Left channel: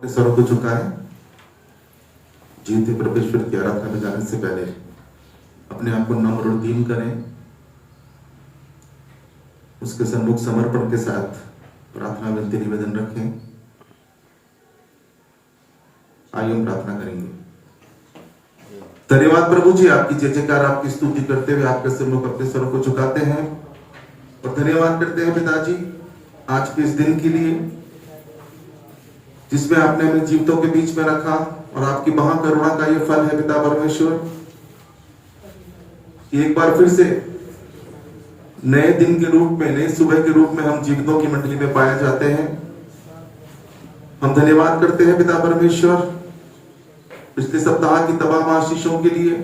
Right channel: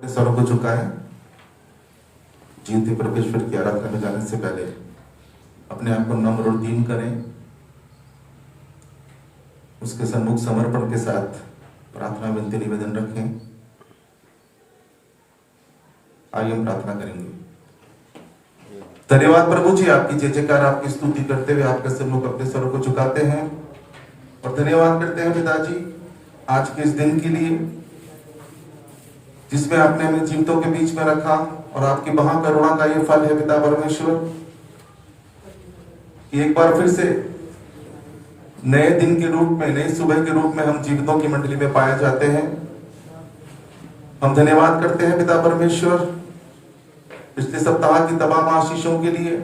सरों को झुकाएं। जीवते परमेश्वर की आराधना में जाने से पहले अपने आप को नम्र और दीन करें। उसके सम्मुख समर्पण के साथ प्रार्थना विनती निवेदन रखें। आइए हम प्रार्थना करेंगे। धन्यवाद प्रभु जी, आपकी जय जयकार, आपकी स्तुति करते हुए आपके सम्मुख अपने सरों को झुकाते हैं और धन्यवाद करते हैं पिताजी आज के इस दिन के लिए जिसमें आपने हमें जीवितों के बीच में रखा और आपकी महाकरुणा का ये फल है पिता परमेश्वर कि एक बार फिर से नए दिन के रूप में, नई सुबह के रूप में हम जीवितों की मंडली में पाए जाते हैं। हम धन्यवाद करते हैं पिता परमेश्वर पिछले सप्ताह की तमाम आशीषों के लिए,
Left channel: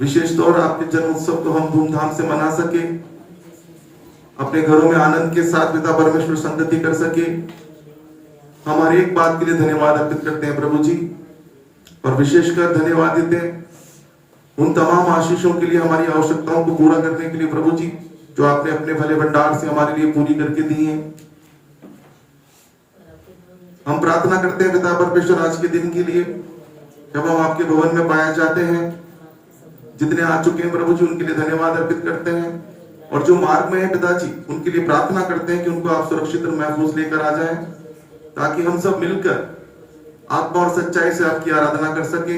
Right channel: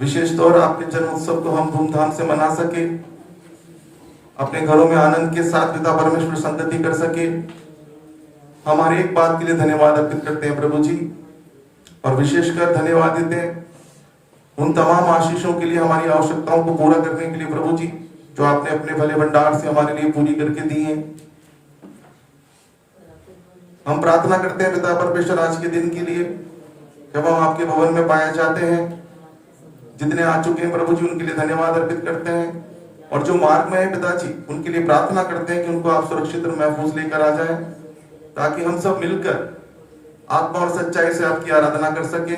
विशेष तौर आपके जन्म उत्सव को हम धूमधाम से मना सके, अपने घरों में आनंद के साथ पिता परमेश्वर संगति कर सके। हमारे एक बात के लिए धन्यवाद अर्पित करते हैं प्रभु जी, और विशेषकर धन्यवाद देते हैं उन तमाम आशीषों के लिए, हमारी आवश्यकताओं को पूरा करने के लिए प्रभु जी, जो आपने अपने भले भंडार से हमारे लिए पूरी करके दी है। हम प्रार्थना करते हैं पिता परमेश्वर आज के दिन के लिए जब हम आपके भवन में पाए जाते हैं। जितने आ चुके हैं प्रभु जी उनके लिए धन्यवाद अर्पित करते हैं, और जो मार्ग में है पिताजी उनके लिए प्रार्थना करते हैं कि उनको आप सुरक्षित और महफूज लेकर आ जाएं, ताकि हम सब मिलकर आत्मा और सच्चाई से आपकी आराधना कर सके।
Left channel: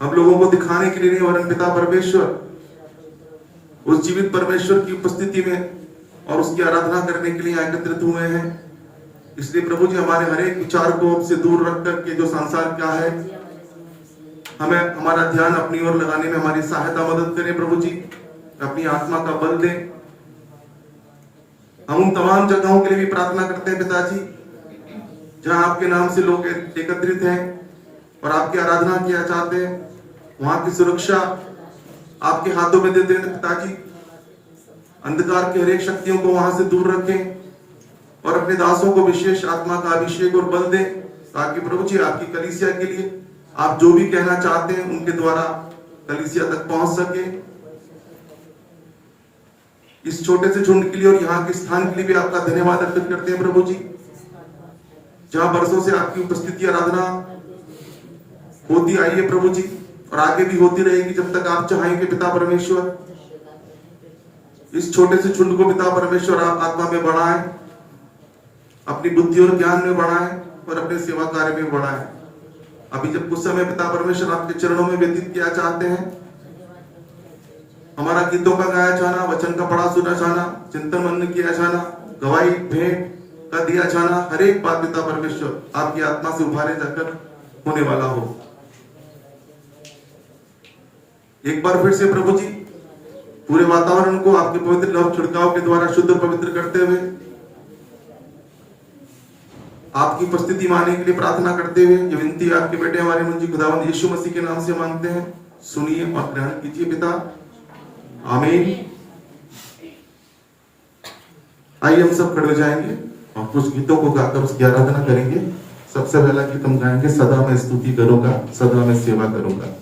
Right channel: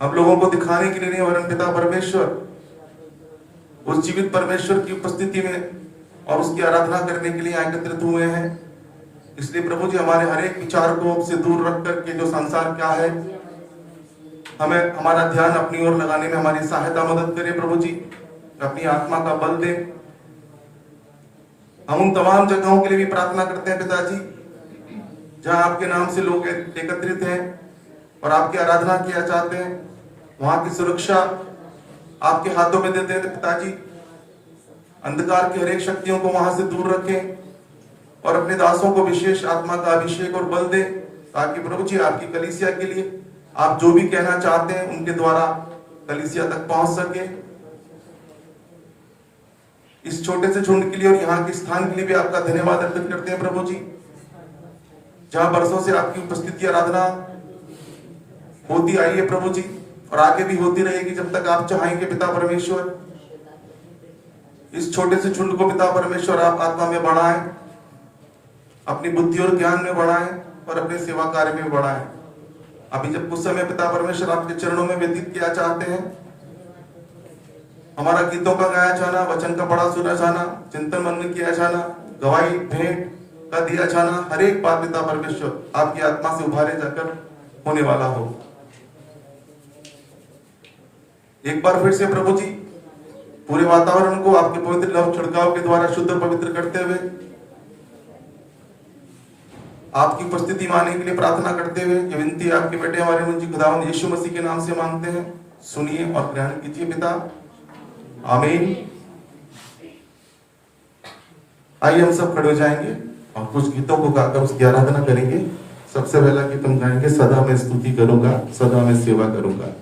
हम लोगों को दिखाने के लिए नहीं, वरन पिता परमेश्वर उस जीवित परमेश्वर की उपस्थिति में और उसकी आराधना करने के लिए एकत्रित हुए हैं। इसलिए प्रभु जी हमारे हर एक विचार को से दूर रख करके जो संसार क्या है, हमें हमारा ध्यान अपनी ओर लगाने में हमारी सहायता मदद करें प्रभु जी, अपनी आत्मा का बल दे। हम उन तमाम जगहों के लिए भी प्रार्थना करते हैं पिताजी जहां आपके नाम से लोग एकत्रित हैं और आपकी आराधना किया चाहते हैं। वहां की सुरक्षा आपके हाथों में दे दें पिताजी। अंधकार की हर एक शक्तियों को वहां से दूर रखें और अपने दासों को विशेष आत्मा का अभिषेक और बल दे, ताकि प्रभु जी आपकी कलीसिया के लिए आप जो भी कहना चाहते हैं उनके द्वारा कलीसिया तक पहुंच सके। इस छोटे से झुंड के लिए और यहाँ के स्थान के लिए भी आपका धन्यवाद अर्पित करते हैं प्रभु जी, जहां बरसों से आपकी उपस्थिति आराधना होती आई है प्रभु जी, और आगे भी होती रहेगी जब तक आप चाहेंगे पिता परमेश्वर। इस छोटे से झुंड को पिता परमेश्वर आप आत्मा में बढ़ाएं, अपनी बुद्धि और ज्ञान में बढ़ाएं और अपने सेवा कार्य में बढ़ाएं। अभी जब कुछ समय पिता परमेश्वर आपके चरणों में व्यतीत किया चाहते हैं, हमारा गीतों का गाया जाना, वचन का पढ़ा सुना जाना, चिंतन मनन किया जाना, गवाही भेंट का दिया जाना, हर एक बात पिता परमेश्वर आपकी आत्मा से उभारे जाकर होने वाला हो। एक बार फिर से प्रभु जी पूरे वातावरण को आपके पवित्र लव छिड़काव के द्वारा शुद्ध और पवित्र करते हुए आपकी उपस्थिति मानने के लिए प्रार्थना करते हुए ये विनती आपके बेटे हमारे मुझे खुदावंद यीशु मसीह के नाम से मांगते हैं, सुनिए और ग्रहण कीजिए पिता, आमीन। आइए हम सब खड़े हो जाएंगे और कुछ गीतों को गाकर उसकी आराधना करेंगे। सबसे पहला गीत हम गाएंगे, सदा मैं स्तुति करूंगा, सदा मैं सेवा करूंगा।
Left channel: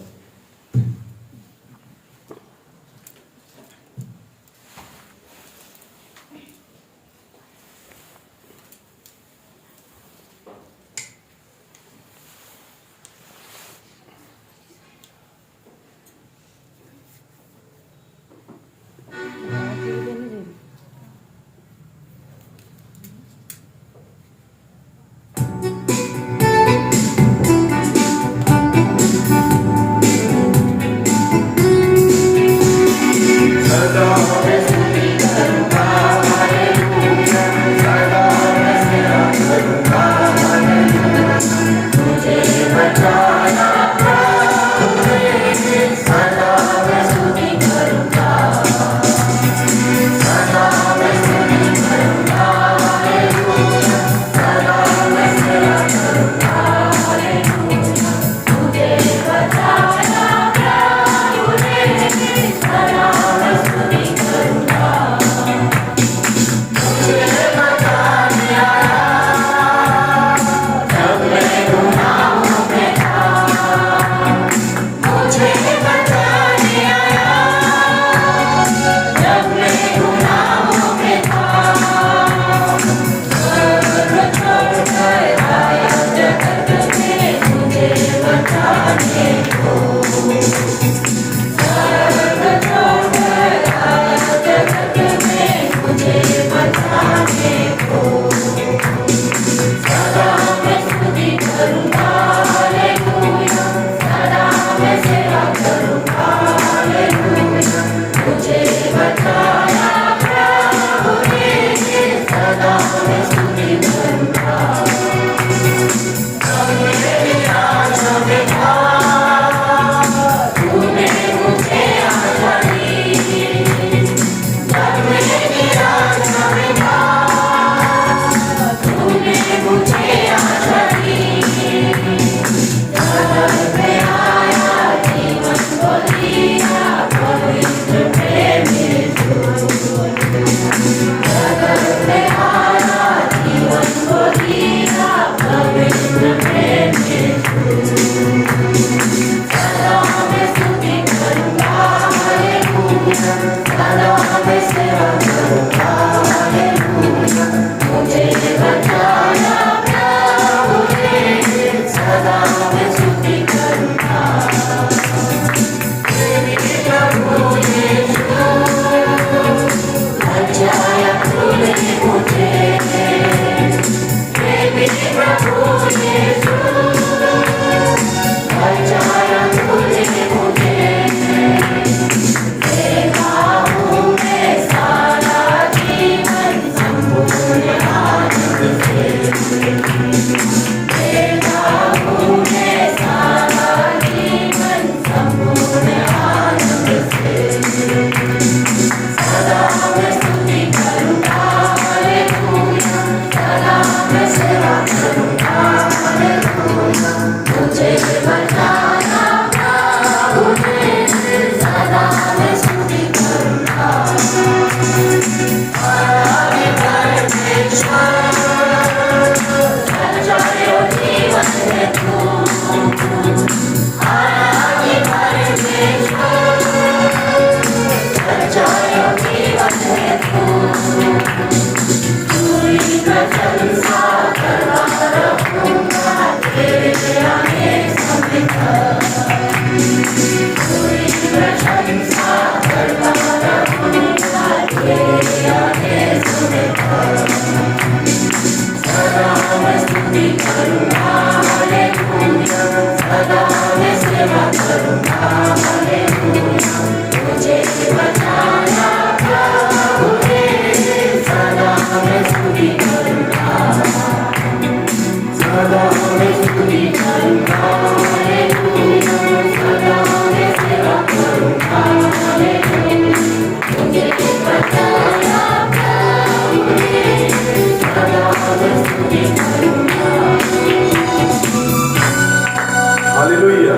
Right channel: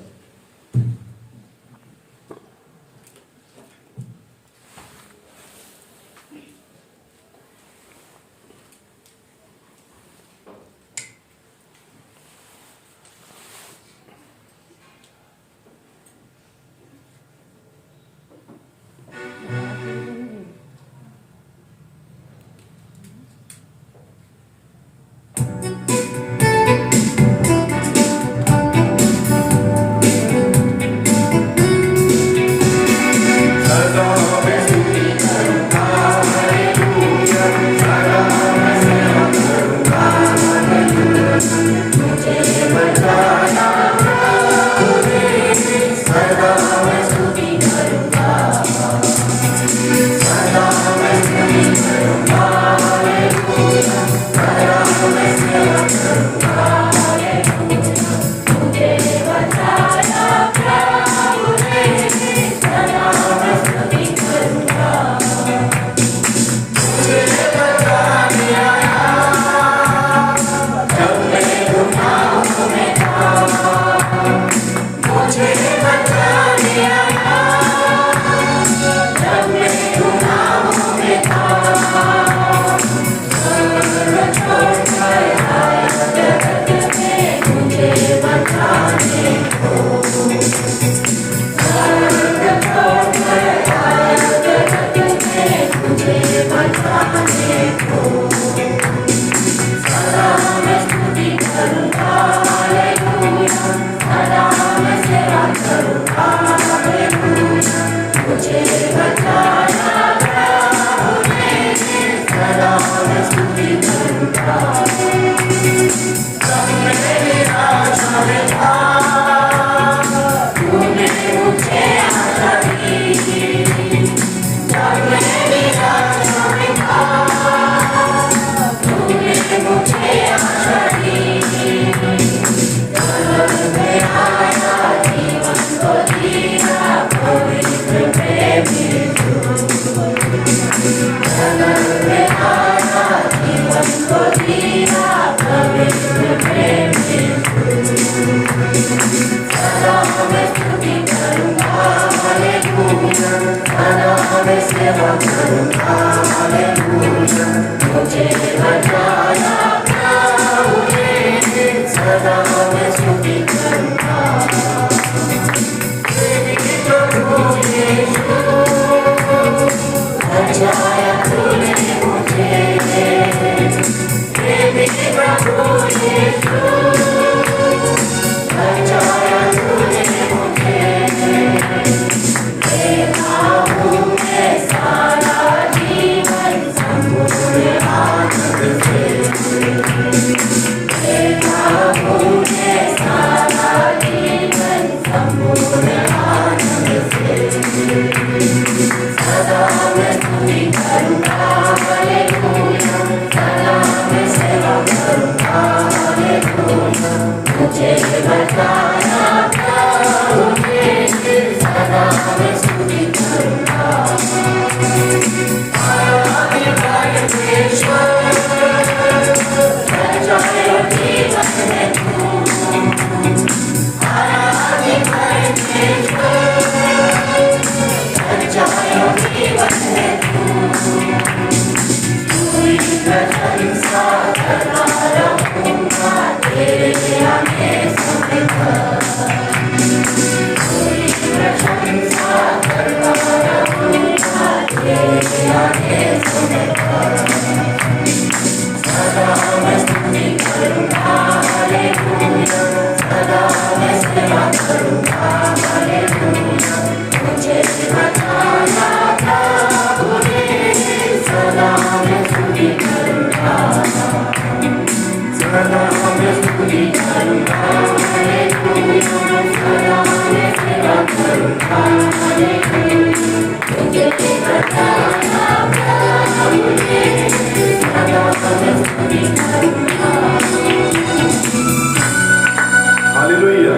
हालेलुया।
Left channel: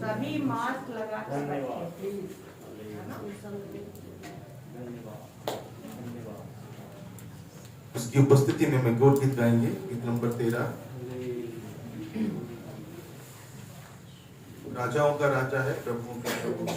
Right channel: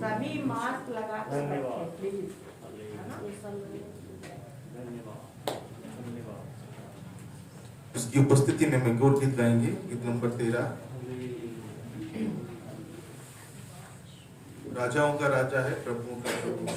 सभी मास्क लगा कर रखें। उसकी उपस्थिति में मैं गौर गीत गाएंगे, गीत नंबर 13। राजाओं का राजा है, प्रभुओं का प्रभु है।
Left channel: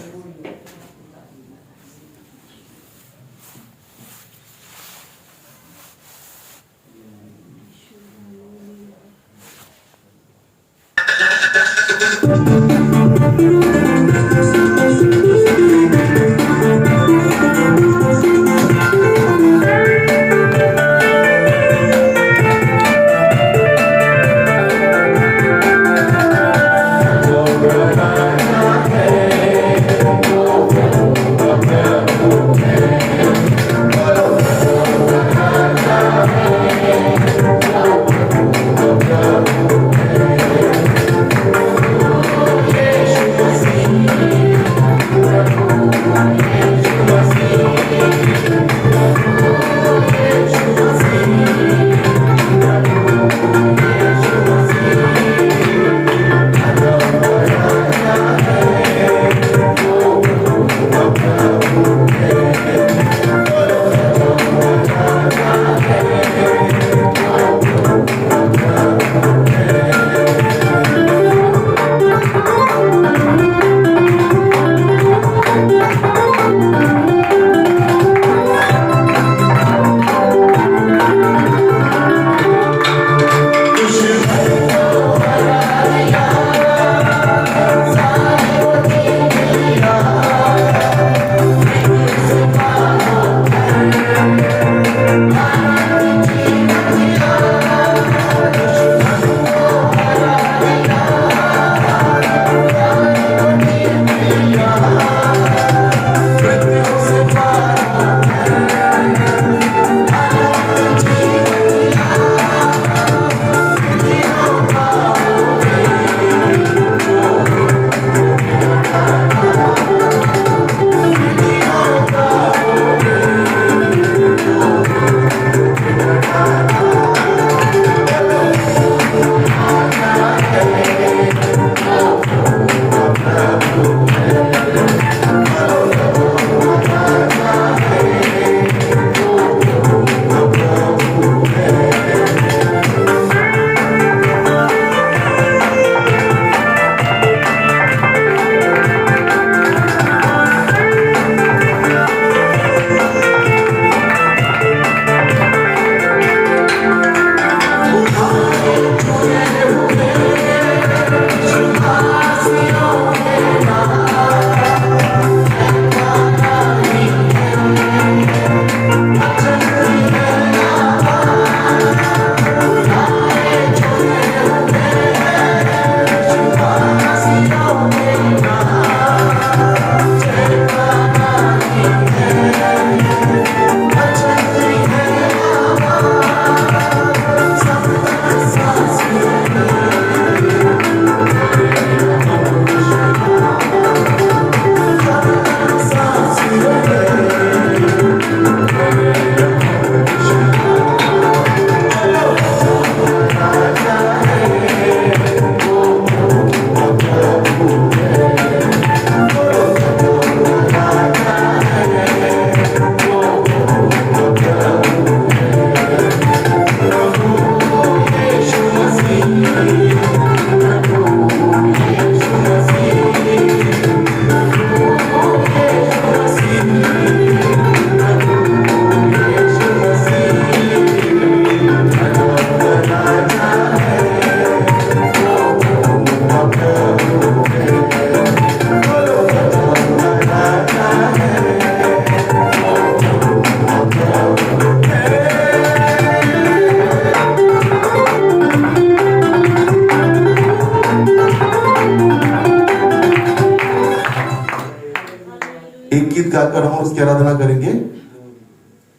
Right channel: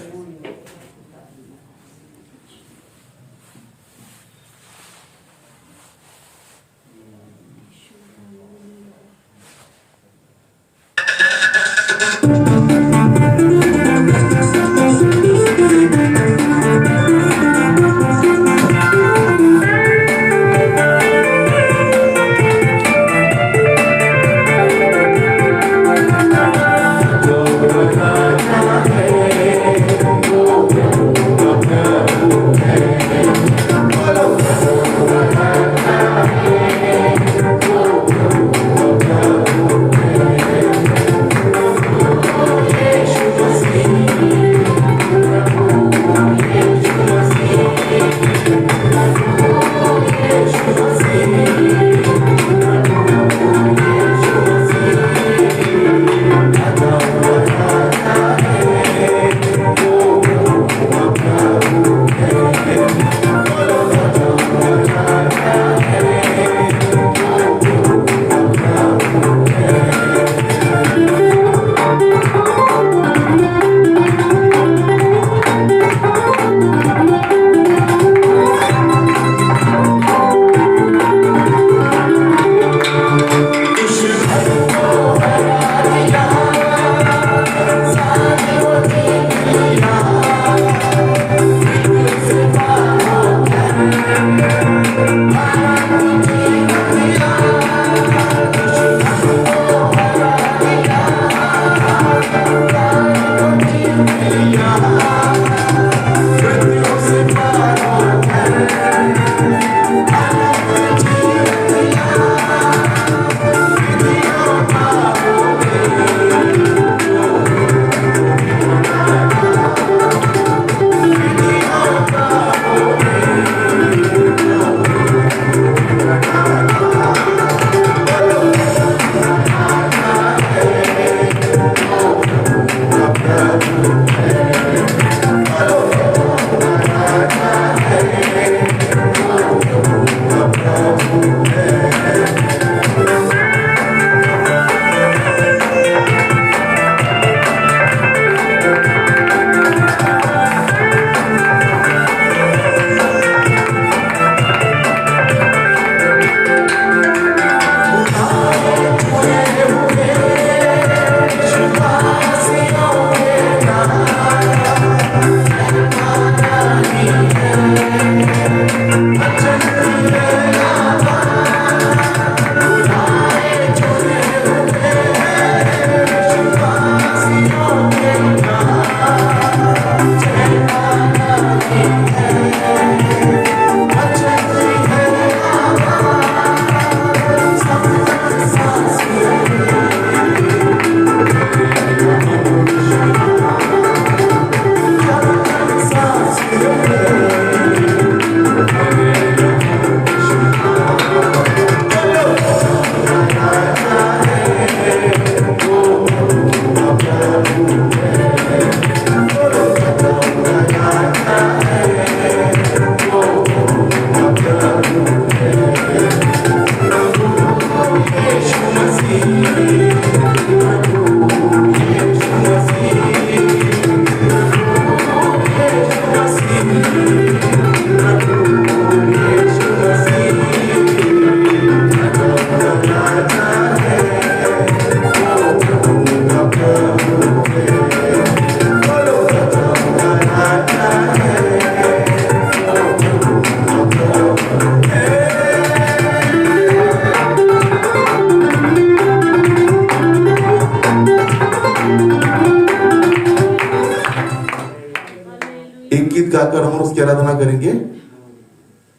एक गीत गाकर हम उसकी आराधना करेंगे।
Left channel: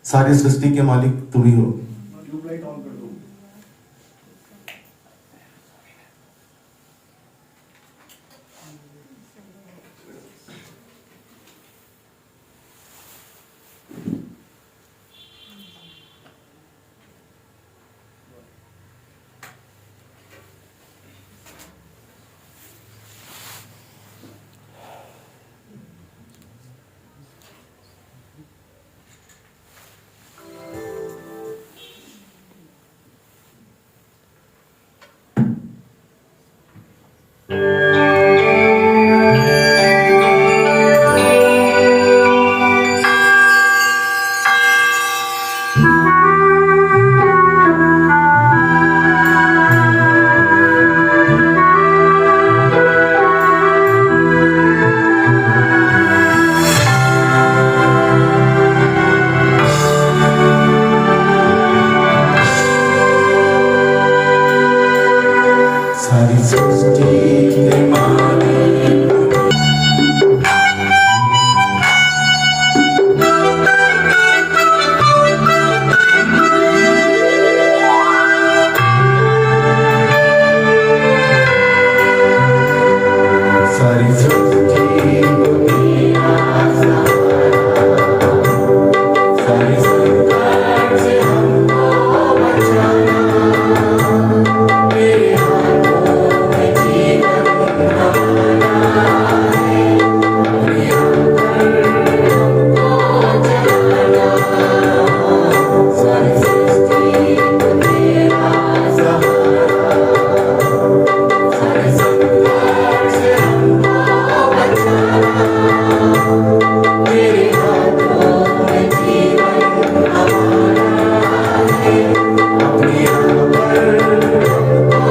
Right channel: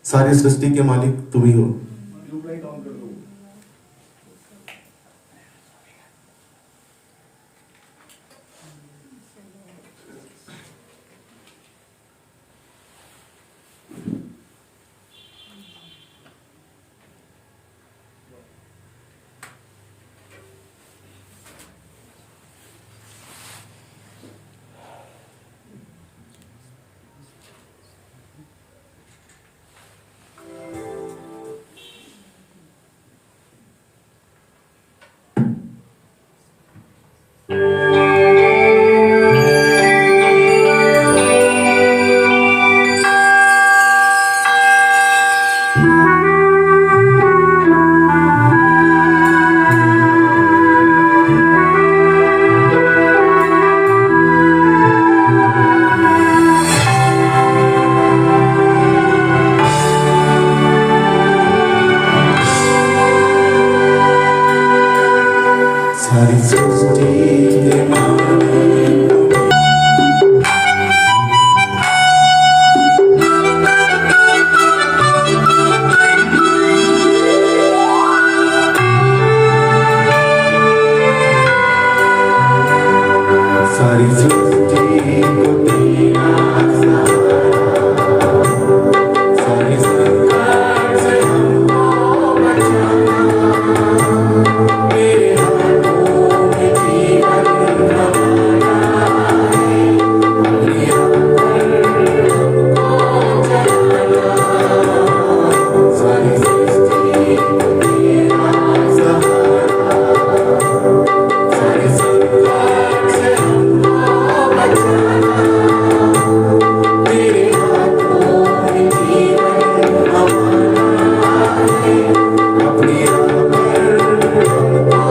सारी सृष्टि के मालिक तू ही हो। सृष्टि के मालिक सारी सृष्टि को तेरा सहारा, सारी संकट से हमको बचाना, तेरे हाथों में जीवन हमारा है, अपनी आंखें हमको जलाना, सारी सृष्टि को तेरा सहारा, सारी संकट से हमको बचाना, तेरे हाथों में जीवन हमारा है, अपनी आंखें हमको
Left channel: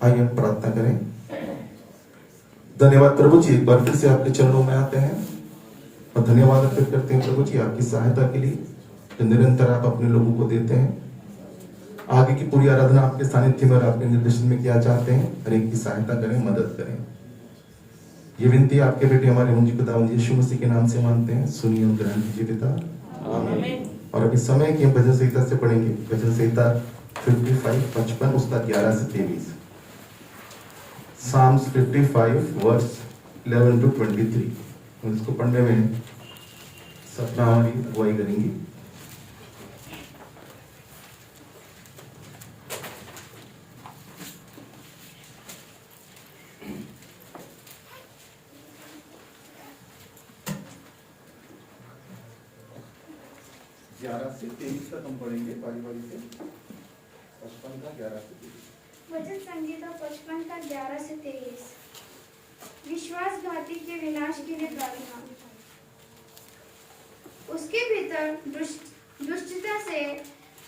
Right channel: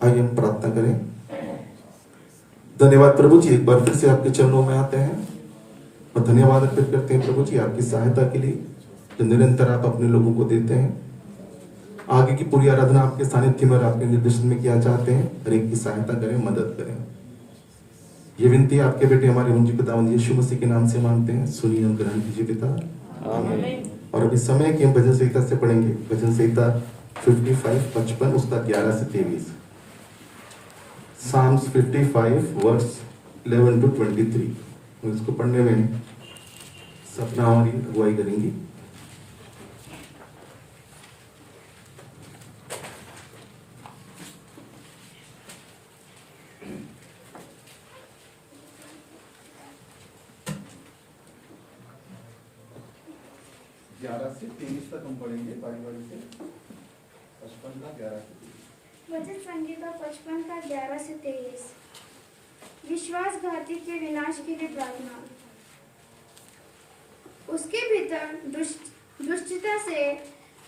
आइए हम प्रार्थना करें। धन्यवाद प्रभु जी, एक बार फिर से आपके चरणों में आते हैं और धन्यवाद अर्पित करते हैं प्रभु जी आपकी सहायता के लिए जो निरंतर आप अपने लोगों को देते हैं। आगे की पूरी आराधना आपके सानिध्य में और आपके निर्देशन में किया चाहते हैं। हर एक की सहायता करें, मदद करें। ये विनती आपके बेटे हमारे मुंजी पिता यीशु मसीह के नाम से मांगते हैं। सुनिए और ग्रहण कीजिए पिता। और अभी समय की हम भजन संहिता से पढ़ेंगे। भजन संहिता 55 उसका 11 से 23। Psalms 55 verse 11 to 23। इसको पढ़ने में सपना हमारी अगुवाई करेंगी। से 23 तक हम पढ़ेंगे बारी बारी से। 55 का 11 से 23। वचन संहिता 55 का 11 से 23। विश्वासघाती के विनाश के लिए प्रार्थना। उसके भीतर दुष्टता से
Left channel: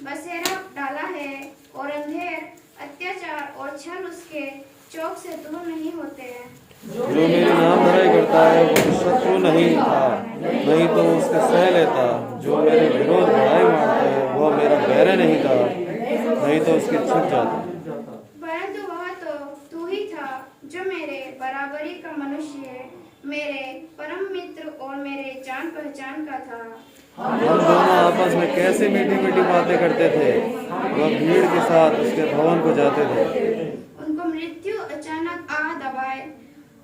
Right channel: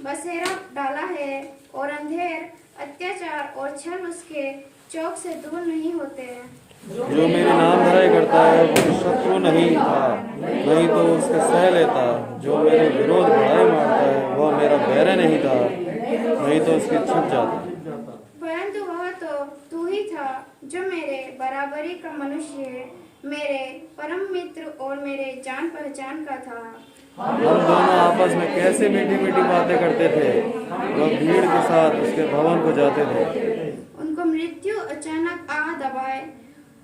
बसेरा डाला है और अंधेर, अत्याचार और छल उसके चौक से दूर नहीं होते हैं। जो मेरे नाम धराई करता है वो शत्रु नहीं था, नहीं तो उसके सह लेता। जो मेरे विरोध बढ़ाई मारता है वह मेरा बैर नहीं था, नहीं तो उसकी छुट जाता। परम मित्र और मेरे जान पहचान का था। हम दोनों आपस में कैसे मीठी मीठी बातें करते थे। वह भीड़ के साथ उसके भवन को जाते थे। उनको मृत्यु अचानक आ दबाए,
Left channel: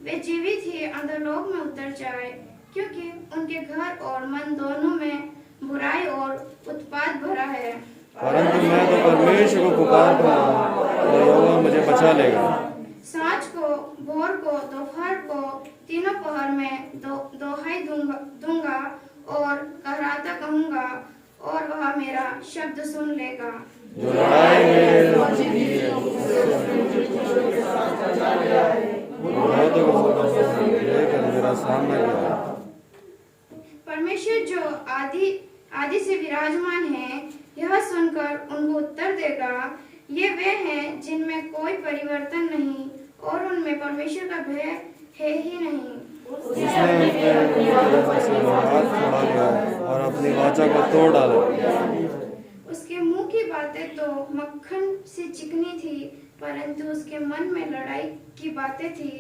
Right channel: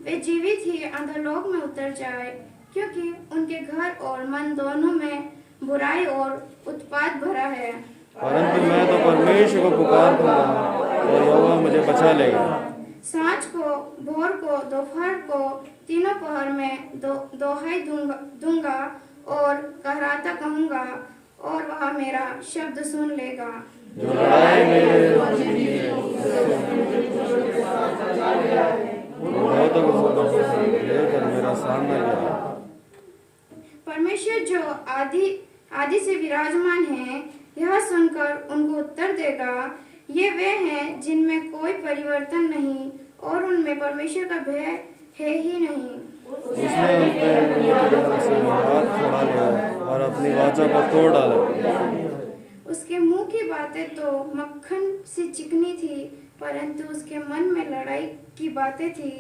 वे जीवित ही अधोलोक में उतर जाए, क्योंकि उनके घर और मन दोनों में बुराई और उत्पात भरा है। परंतु मैं तो परमेश्वर को पुकारूंगा और यहोवा मुझे बचा लेगा। सांझ को, भोर को, दोपहर को, तीनों पहर में दोहाई दूंगा और कहराता कहूंगा, और वह मेरा शब्द सुन लेगा। जो लड़ाई में लेकर मेरा सामना किया। परमेश्वर जो आदि से विराजमान है, यह सुनकर उनको उत्तर देगा। ये वे हैं जिनमें कोई परिवर्तन नहीं और उनमें परमेश्वर का भय है ही नहीं। जिसने अपने हाथ छोड़ा लिया और अपनी वाचा को तोड़ डाला। उसके मुंह की बातें तो मक्खन सी चिकनी थी, परंतु उसके मन में लड़ाई की बातें थी।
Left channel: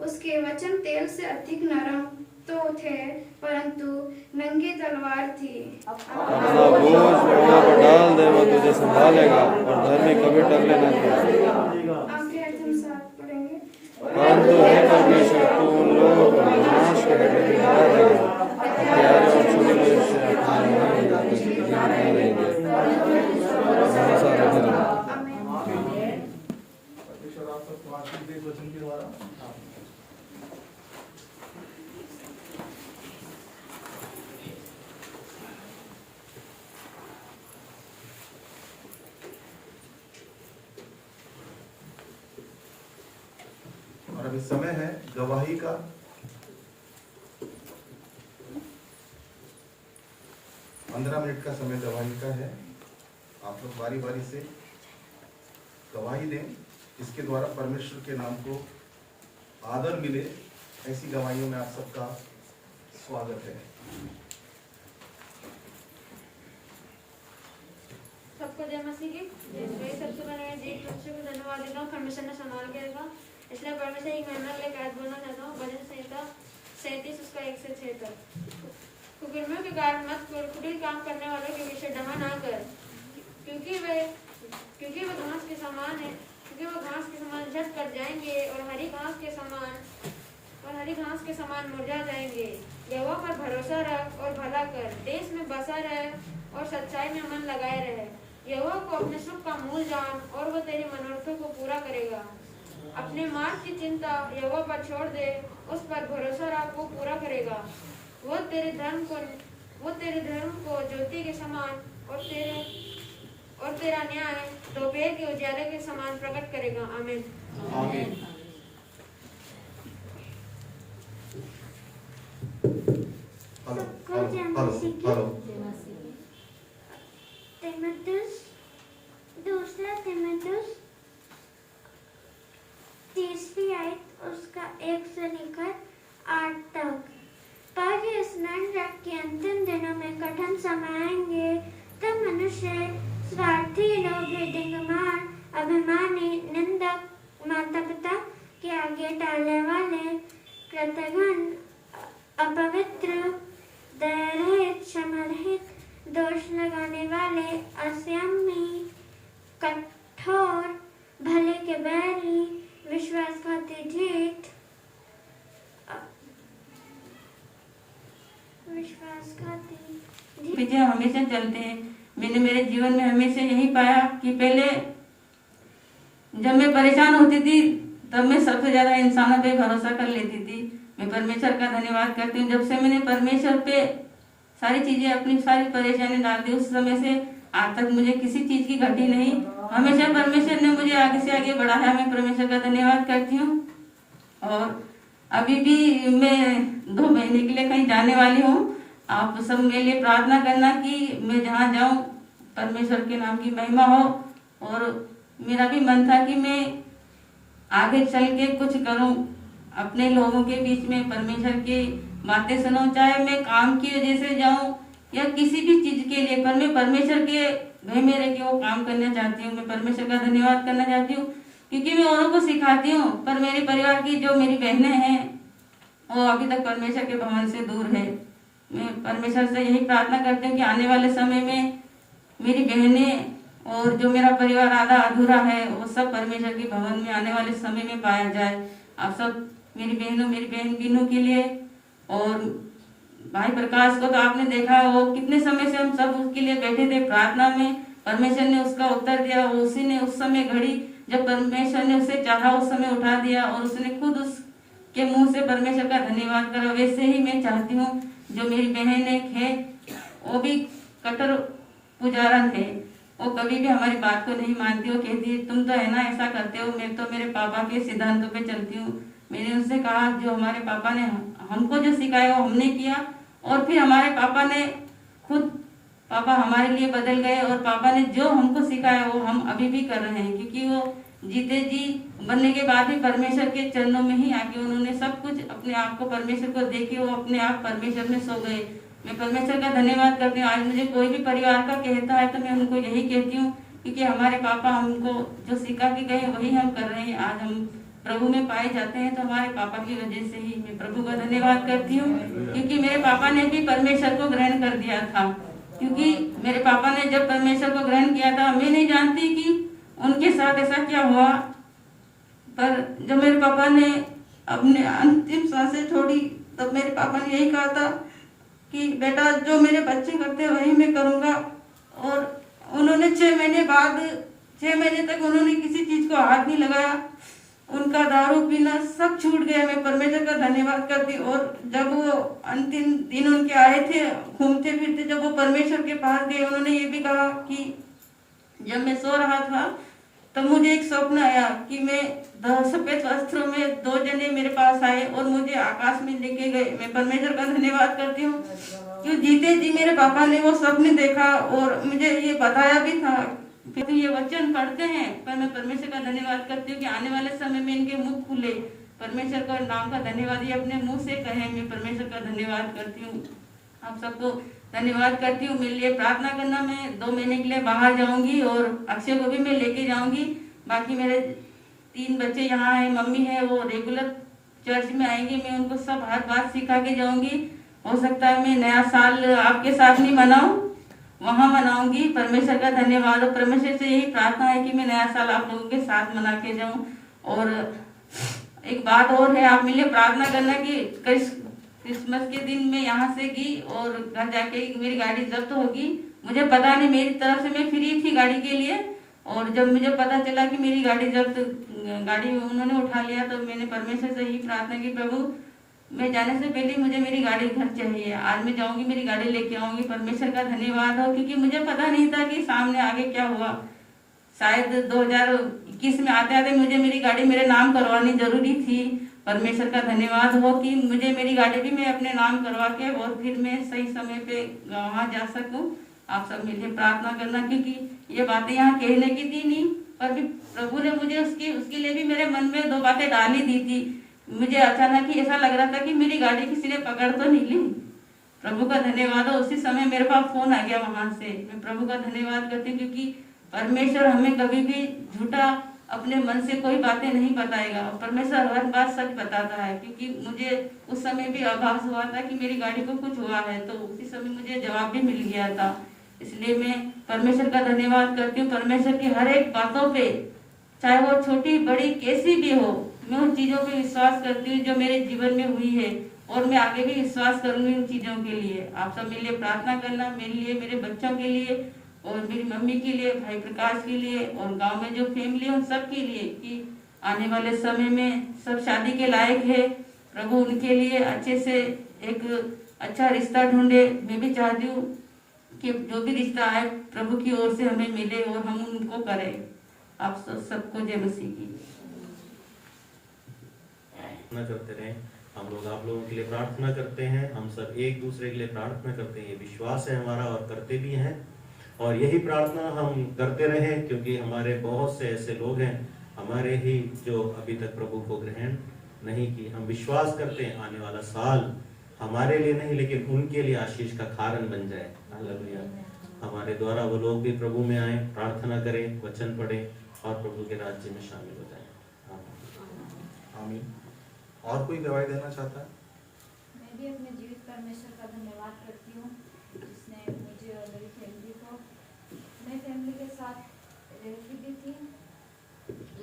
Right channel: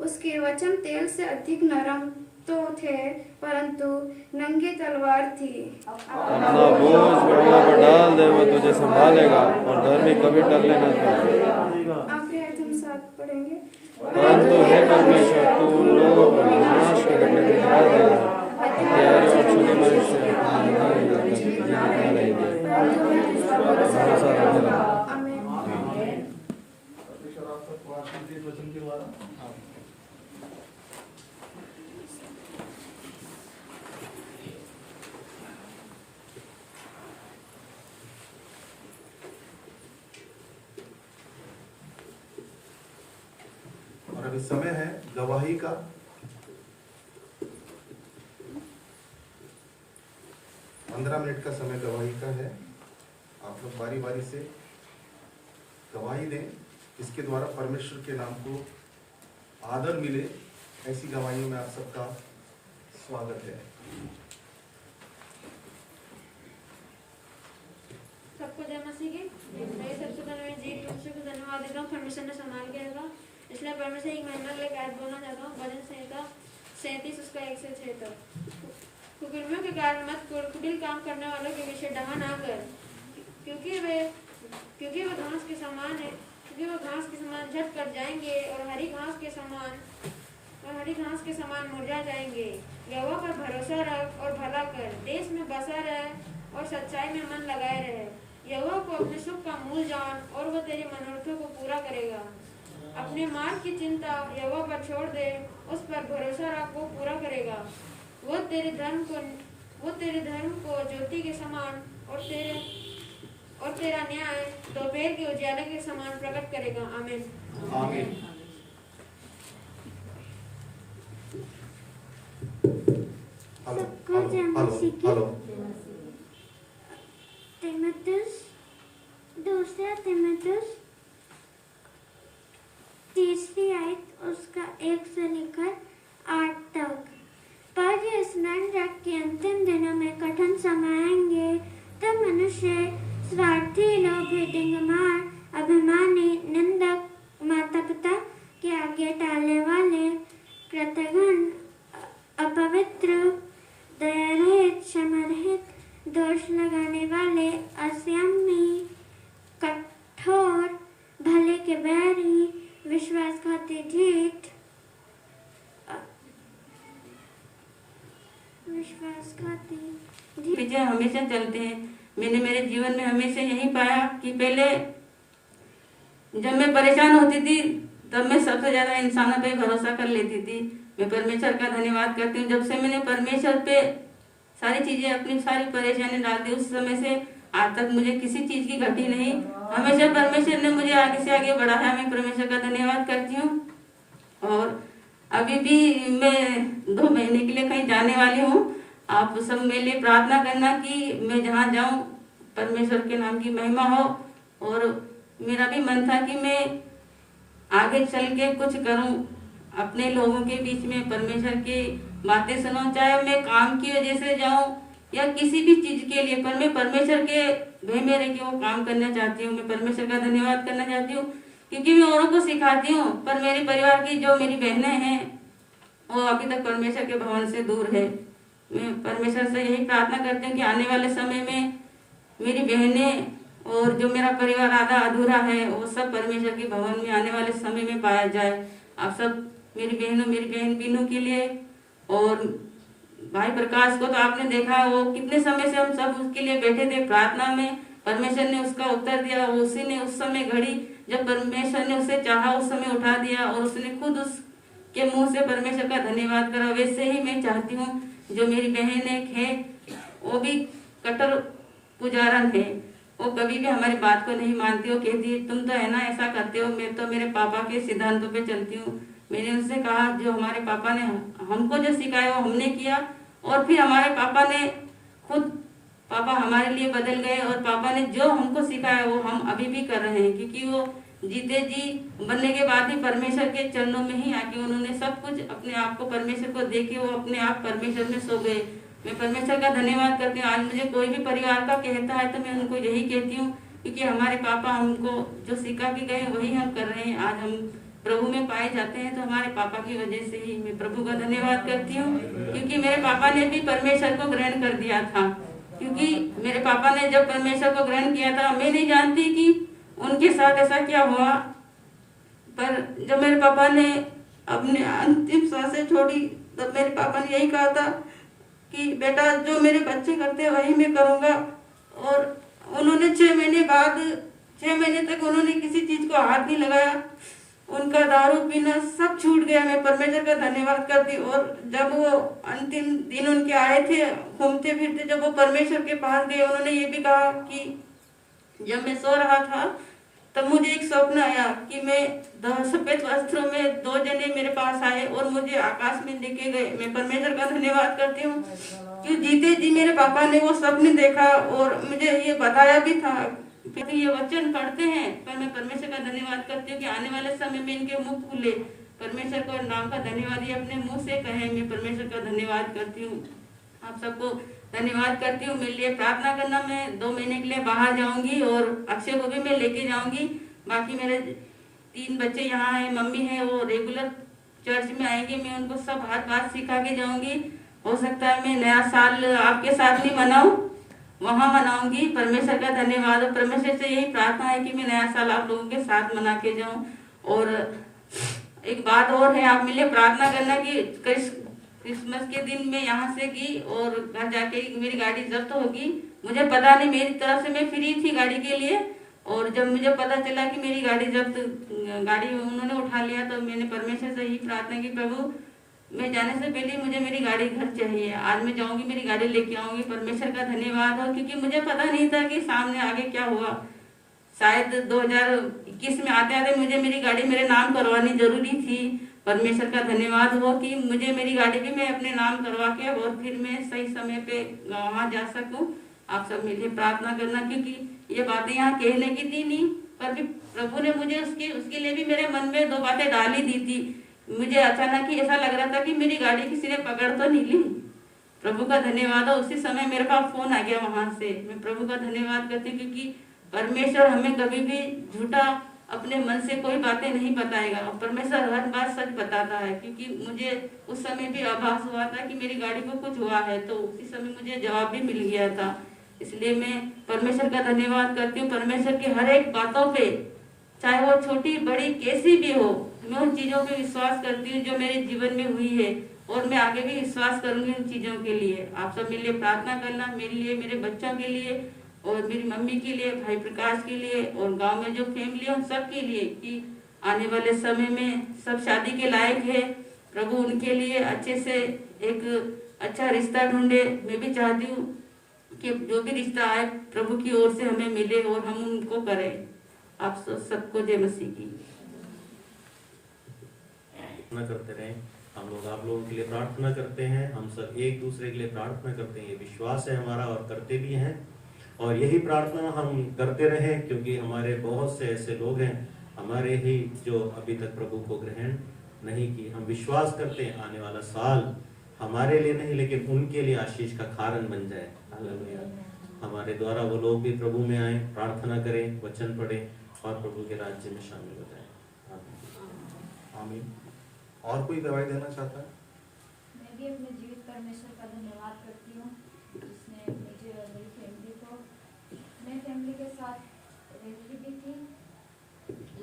उसके वचन तेल से अधिक नरम तो थे, परंतु नंगी तलवार थी। अपना बोझ यहोवा पर डाल दे, वो तुझे संभालेगा और धर्मी कभी टलने न पाए। आखिरी अर्थ हम साथ पढ़ेंगे। परंतु हे परमेश्वर, तू उन लोगों को नाश के गड्ढे में गिरा देगा। हत्यारे और छुरी मनुष्य से रहेंगे। भरोसा रखे रहो। आमीन। परमेश्वर आप सबको आशीष दे इस वचन के द्वारा। और अभी समय है गवाही का। पंद्रह मिनट का समय गवाही का है। आप लोग बारी बारी से गवाही दें, इसके द्वारा परमेश्वर के नाम को आदर मिले। ऐसी गवाहियों में आप सबका स्वागत है। सबको जय मसीह की। मैं सबसे पहले मैं जी परमेश्वर को धन्यवाद देता हूँ, परमेश्वर ने संभाल के रखा। इसलिए परमेश्वर एक महिमा लेकर आज बोलना चाहता हूँ। भजन संहिता 37 उसका 1 से 6 तक। कुकर्मियों के गाट मत कर, कुटिल काम करने वालों के विषय डहा ना कर, क्योंकि वे घास के समान है, क्योंकि वो घास के समान झट कर जाएंगे और हरी घास के समान मुरझा जाएंगे। यहोवा पर भरोसा रख और भला कर, देश में बसा रह और सच्चाई में मन लगाए रहे। यहोवा को अपने सुख का मूल जान और वह तेरी मनोरथों को पूरा करेगा। अपने मार्ग की चिंता यहोवा पर छोड़ दे, उस पर भरोसा रख, वो पूरा करेगा। वो तेरे धर्म को ज्योति के समान और तेरा न्याय दोपहर के उजाले के समान प्रकट करेगा। आमीन। आमीन। Hello hello. दूसरा तीमुथियुस तीसरी आयत उसका 1 से लेकर 8 तक। पर ये स्मरण रख के अंतिम दिनों में कठिन समय आएंगे, तब मनुष्य स्वार्थी लोग, डिंगमार, अभिमानी, निंदक, माता पिता के आगे टालने वाले, कृतघ्न, अपवित्र, दयारहित, क्षमारहित, दोष लगाने वाले, असंयमी, कठोर, भले के बैरी, विश्वासघाती, ढीठ, पीछे हमेशा चलते हैं। मैंने मेरे जीवन में हमेशा यही पाया कि पहले जब मैं परेशान होती थी तब मैं सबसे ज्यादा इंसानों पे भरोसा कर लेती थी। मैं परमेश्वर का धन्यवाद करती हूँ, जब से मैंने परमेश्वर पे सारी चीजें, अपनी सारी परेशानी डाल दी, उस समय से आज तक मुझे किसी चीज की घटी नहीं। हमेशा परमेश्वर ने मुझे आगे से आगे बढ़ाया। मैं परमेश्वर का धन्यवाद करती हूँ। और अभी भी मैं 2 महीने के लिए कहीं जाने वाली हूँ। आप सब मेरे लिए प्रार्थना करना कि मैं जहाँ जाऊँ परमेश्वर के नाम की महिमा हो। और मेरा भी मन था कि मैं आगे चल के कुछ करूँ, अपने लोगों के बीच में परमेश्वर की बातें सुनूं, चाहे मैं काम की वजह से जाऊँ या किसी भी चीज के लिए, पर मैं परमेश्वर के भय में रह के वो काम करना चाहती हूँ। मैं परमेश्वर का धन्यवाद करना चाहती हूँ, क्योंकि मैं औरों को सिखाती हूँ, पर मेरे परिवार की जो मेरी बहनें हैं वो अभी तक परमेश्वर के भवन से दूर है। मैं परमेश्वर से यही प्रार्थना करती हूँ कि आने वाले समय में मेरी बहनें और जो मेरा परिवार आधा अधूरा है वो सब परमेश्वर के भवन में आने वाले समय में पाया जाए। आप सब मेरी बहनों, मेरी बहन बीनू के लिए और भाई प्रकाश को तो आपने देखा, वो कितने समय से हम सब उसके लिए बैठे थे प्रार्थना में। परमेश्वर ने उसका उत्तर दिया, वो उसी ने उस समय घड़ी जब परमेश्वर ने उसे चाहा उस समय उठा दिया और उसने खुद उसके मुंह से परमेश्वर का धन्यवाद करा। वैसे ही मैं चाहती हूँ जो मेरी बहन है वो भी कट्टर पुजारन है, वो कभी भी हमारी बात को नहीं मानती। वो कहती है तुम तो है ना ऐसा करते हो, मैं तो मेरे पापा के सिद्धांतों पे चलती हूँ। मैंने उनसे कहा जो हमारे पापा ने हमको जो सिखाया वो हमने किया और फिर हमारे पापा ने खुद पापा हमारे लिए बदल गए और पापा ने जो हमको सिखाया वो हम अभी भी कर रहे हैं, क्योंकि वो जीते जी बनने के बाद भी परमेश्वर के चरणों में ही आके उन्होंने सब कुछ अपने आप को परमेश्वर को देके वो अपने आप परमेश्वर में सो गए। मैं परमेश्वर का धन्यवाद करती हूँ। आज मुझे कोई भी परिवार का कहता है तो मैं उनको यही कहती हूँ, क्योंकि हमारे पापा हमको जो सिखा के गए वही हम कर रहे हैं। आज हम प्रभु में पाए जाते हैं तो हमारे पापा की वजह से ही। मैं प्रभु का धन्यवाद करती हूँ क्योंकि मेरे पापा ने भी परमेश्वर को ग्रहण कर दिया था। क्योंकि मेरे पापा ने जब परमेश्वर को ग्रहण किया था, मैं नहीं जानती कि उनके साथ ऐसा क्या हुआ, पर जब मेरे पापा ने अपने अंतिम सांसें छोड़ी तब मेरे पापा ने यही कहा था कि बेटा जो मेरे बच्चे करते हैं वही मैं करूंगा। और उन्होंने 6 महीने बाद 6 महीने तक उन्होंने किसी चीज को हाथ नहीं लगाया, उनका दारू पीना सब छूट गया। मैं परमेश्वर का धन्यवाद करती। और जब वो अंतिम दिन उनके आए थे घूमते फिरते, जब वो परमेश्वर के पास गए, उन्होंने ये भी कहा कि जब मैं सो रहा था तब मुझे एक स्वप्न आया कि मैं सफेद वस्त्रों में 2 जने मेरे पास आए और मुझे आकाश में लेके गए। मैं परमेश्वर का धन्यवाद करती हूँ कि जीते जी मेरे पापा ने वो स्वप्न देखा और मुझे ये बताया भी था। क्योंकि ये वचन पढ़ते हैं, पर मैं परमेश्वर का धन्यवाद करती हूँ कि आने वाले समय में इनके मुख खुले, परमेश्वर को नाम का धन्यवाद ये अपने मुंह से कहे। मैं परमेश्वर का धन्यवाद करती हूँ। आप सबको धन्यवाद करती हूँ। मेरे लिए प्रार्थना करना। मैं 2 महीने के लिए बाहर जाऊंगी और अक्षय को भी मैं लेके जाऊंगी। बाकी मेरे 3 बच्चे यहाँ हैं, मम्मी है, वो रेगुलर चर्च में आएंगे। मैं उनको सब हर बात सिखा के जाऊंगी। हो सकता है मैं नया साल आपके साथ नहीं मनाऊं, वहां मनाऊंगी। परमेश्वर का धन्यवाद। और परमेश्वर से यही प्रार्थना है कि मैं नया साल आप लोगों के साथ मना के जाऊं। और एक बात और है, आप मेरे लिए प्रार्थना करना कि क्रिसमस के दिन मैं यहाँ से गई और घर जाके मेरी गाड़ी जब्त होगी। मुझे पता नहीं, मेरी तरफ से मैं फ्री थी गाड़ी के लिए, और जब मुझे पता चला कि मेरी गाड़ी उन्होंने उठा लिया, तो मैंने परमेश्वर से यही प्रार्थना की, प्रभु मैं जाने से पहले मुझे मेरी गाड़ी घर चाहिए। आज मैं जाऊंगी, मेरी गाड़ी लेके आऊंगी। परमेश्वर का धन्यवाद हो, क्योंकि मुझे पता नहीं था कि सामने आगे क्या हुआ। शायद 2021 में आते आते मुझे मेरी गाड़ी मेरे नाम करवानी जरूरी थी। परमेश्वर का धन्यवाद हो कि मुझे मेरी गाड़ी भी मैं अपने नाम करवा के और फिर मैं सही समय पे वहां जा सकूं। आप सब मिलकर प्रार्थना करना, क्योंकि ये बातें यहाँ कहने की थी नहीं, पर भी प्रभु ने मुझे उसके लिए भी मेरे मन में 2 बातें डाली दी थी। मुझे अचानक ही ऐसा लग रहा था कि मेरी गाड़ी किसी ने पकड़ तो नहीं ली। प्रभु का धन्यवाद हो, उसी समय मेरे पास फोन आ गया वहां से। मैं प्रभु का धन्यवाद करती हूँ, क्योंकि परमेश्वर हमें कभी भी झूठा अपने मन से कोई बातें नहीं बताएगा। परमेश्वर हर बात सच बताता है, क्योंकि मुझे उस समय भी आभास हुआ था कि मेरी गाड़ी को कुछ हुआ है, तो उसी समय मुझे जवाब भी मिल गया था। इसलिए मैं परमेश्वर का धन्यवाद करती हूँ। परमेश्वर की हर एक बातों पे, चाहे वो छोटी बड़ी कैसी भी हो, मैं उन चीजों पे विश्वास करती हूँ जो मेरे जीवन में हुई है, और मैं आगे भी विश्वास करूंगी उन चीजों के लिए। आप सब मेरे लिए प्रार्थना करना, मेरे लिए, मेरे बच्चों के लिए, और मेरी मम्मी के लिए, भाई प्रकाश के लिए, और गांव में जो फैमिली है उन सब के लिए, कि आने वाले समय में सब शादी के लायक है। प्रभु उनके लिए अच्छे से एक अच्छा रिश्ता ढूंढे। मैं भी चाहती हूँ कि जो भी रिश्ता आए प्रभु की ओर से हमें मिले और हम उनको करें। आप सबको जय मसीह की। प्रार्थना करते रहें। हम लोग आप लोगों के लिए प्रार्थना करते हैं। हम सब एक दूसरे के लिए प्रार्थना करते हैं। ये विश्वास है हमारा, और करते भी हैं, और यही प्रार्थना हम करते रहें, क्योंकि हमारे बहुत से ऐसे लोग हैं हमारे ही जो अभी तक प्रभु को ग्रहण नहीं की। हम विश्वास करते हैं आने वाला साल हमारे लिए नहीं, लेकिन उनके लिए आशीष का कारण बन जाए। हालेलुया। हमारे द्वारा वो लोग भी प्रभु में आए, प्रार्थना करें, वचन पढ़ें और प्रभु के राज्य में शामिल हो जाएं। आमीन। और कोई गवाही देना चाहता है? मैं भी अपने जीवित परमेश्वर का धन्यवाद करती हूँ जिसने मुझे और मेरी फैमिली को, मैं फैमिली के साथ रहती भी थी,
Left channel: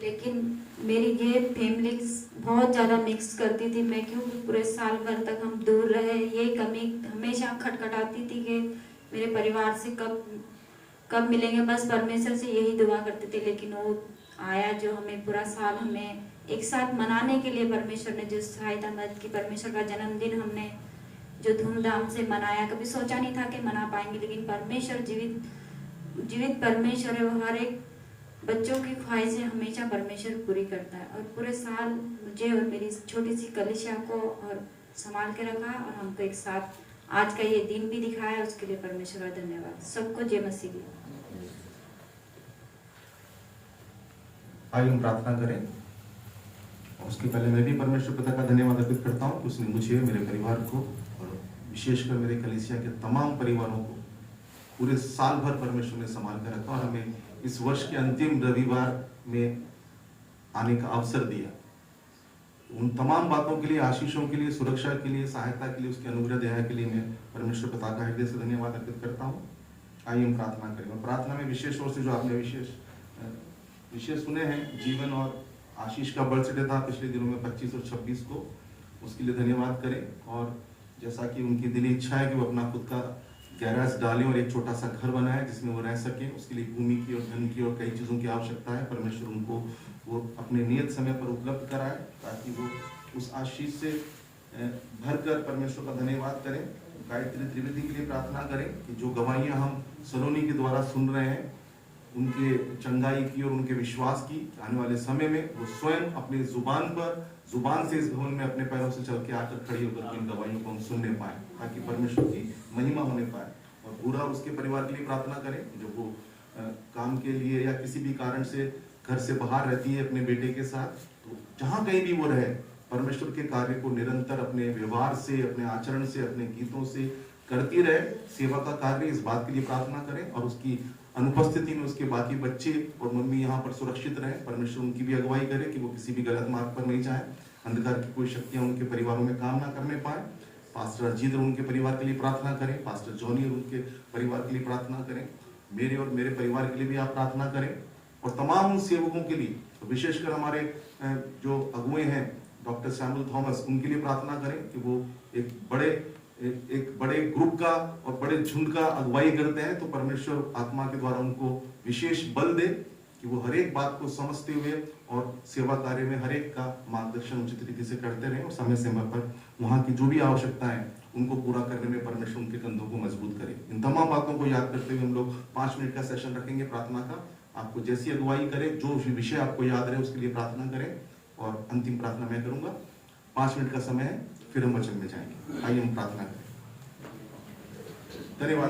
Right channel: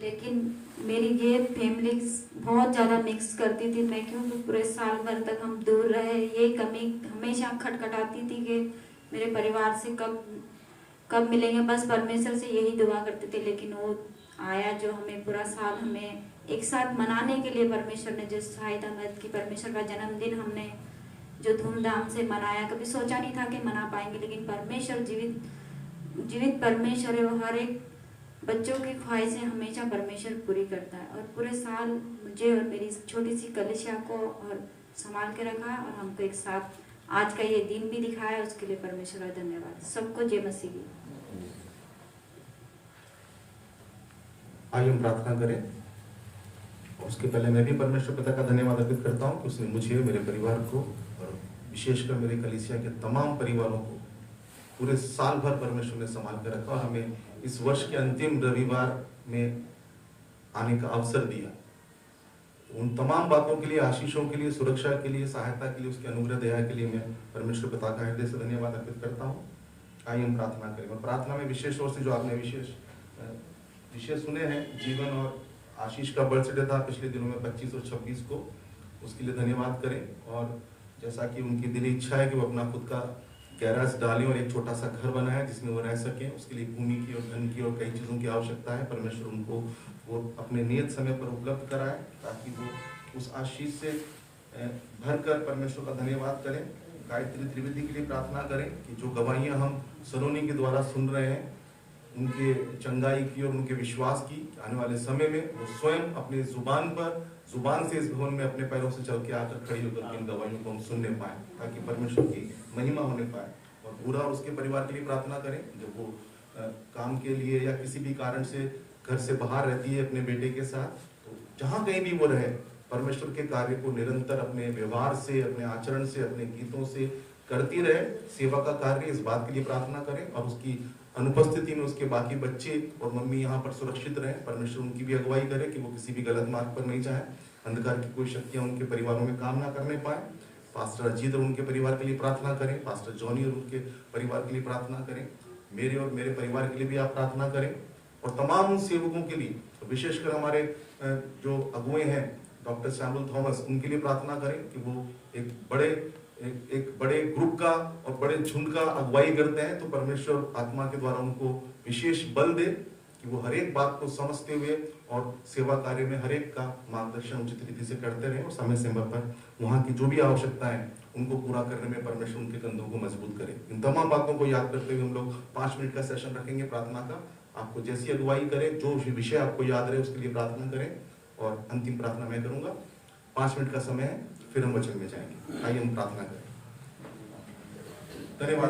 लेकिन मेरी गैर फैमिली बहुत ज़्यादा मिक्स करती थी। मैं क्योंकि पूरे साल भर तक हम दूर रहे, ये कमी हमेशा खटखटाती थी कि मेरे परिवार से कब मिलेंगे। बस परमेश्वर से यही दुआ करते थे, लेकिन वो आया जो हमें पूरा साल हमें एक साथ मनाने के लिए परमेश्वर ने जो सहायता मदद की। परमेश्वर का जन्मदिन हमने जो धूमधाम से मनाया, कभी सोचा नहीं था कि मना पाएंगे, लेकिन परमेश्वर जीवित परमेश्वर है। वो हर एक बच्चों की ख्वाहिशें हमेशा परमेश्वर पूरी करता है, और पूरे साल मुझे और मेरी छोटी सी कलिसिया को और संभाल के रखा और हमको एक साथ आज का ये दिन भी दिखाया, उसके लिए परमेश्वर का धन्यवाद। सबको जय मसीह की। आइए हम प्रार्थना करें। उसके पहले मैं भी परमेश्वर पिता का धन्यवाद अर्पित करता हूँ कि उसने मुझे, मेरे परिवार को और विशेषकर मेरे कलीसिया के तमाम परिवारों को पूरे साल भर परमेश्वर ने संभाल कर रखा और हमें इस वर्ष के अंतिम रविवार में आने का अवसर दिया। उन तमाम बातों के लिए, आशीषों के लिए, सुरक्षा के लिए, सहायता के लिए, उसके अनुग्रह दया के लिए मैं परमेश्वर पिता का हृदय से धन्यवाद अर्पित करता हूँ। आइए हम प्रार्थना करें। प्रार्थना में विशेष तौर से जो आपने विषय सुने हैं, जीवन और आशीष का बर्थडे था पिछले दिनों में 25 और 26 को, उसके लिए धन्यवाद करें। और जैसा कि उनकी दिली इच्छा है कि वो अपना खुद का गैराज डालें और एक छोटा सा घर बनाए जिसमें वो रह सकें, उसके लिए भूमि की और धन की और कई चीज़ों की आवश्यकता है। परमेश्वर उनको वो अपने नियत समय पर उपलब्ध कराए ताकि वो उस आशीष से भरकर परमेश्वर का धन्यवाद करें। गायत्री त्रिवेदी के लिए प्रार्थना करें कि जो गवाहियाँ हम सलोनी के द्वारा सुन रहे हैं, उनके चंगाई की और उनके विश्वास की, आने वाले समय में वो स्वयं अपने जुबान से इस भवन में अपने पैरों से चल के आकर खड़ी होकर इन गवाहियों को हम सुनने पाए, ताकि परमेश्वर की महिमा होने पाए। और पूरा उसके परिवार के लिए प्रार्थना करें जब वो काम के लिए या किसी भी कारण से घर से बाहर रहती है अपने बेटे के साथ, तो जहां कहीं भी वो रहे, परमेश्वर के कार्य को निरंतर अपने व्यवहार से, अपने आचरण से, अपने गीतों से करती रहे, सेवा का कार्य। इस बात के लिए प्रार्थना करें और उसकी अनुपस्थिति में उसके बाकी बच्चे और मम्मी यहाँ पर सुरक्षित रहे। परमेश्वर उनकी भी अगुवाई करे कि वो किसी भी गलत मार्ग पर नहीं जाए, अंधकार की कोई शक्तियां उनके परिवारों में काम ना करने पाए। पास्टर अजीत और उनके परिवार के लिए प्रार्थना करें, पास्टर जॉनी और उनके परिवार के लिए प्रार्थना करें, मेरे और मेरे परिवार के लिए भी आप प्रार्थना करें, और तमाम उन सेवकों के लिए, विशेषकर हमारे जो अगुए हैं डॉक्टर सैमुअल थॉमस, उनके लिए प्रार्थना करें कि वो एक बड़े ग्रुप का और बड़े झुंड का अगुवाई करते हैं, तो परमेश्वर आत्मा के द्वारा उनको विशेष बल दे कि वो हर एक बात को समझते हुए और सेवा कार्य में हर एक का मार्गदर्शन उचित रीति से करते रहे और समय समय पर वहाँ की जो भी आवश्यकता है उनको पूरा करने में परमेश्वर उनके कंधों को मजबूत करे। इन तमाम बातों को याद करते हुए हम लोग 5 मिनट का सेशन रखेंगे प्रार्थना का। आपको जैसी अगुवाई करे, जो विषय आपको याद रहे उसके लिए प्रार्थना करें, और अंतिम प्रार्थना मैं करूंगा। 5 मिनट का समय है, फिर हम वचन में जाएंगे। आइए हम प्रार्थना करें। धन्यवाद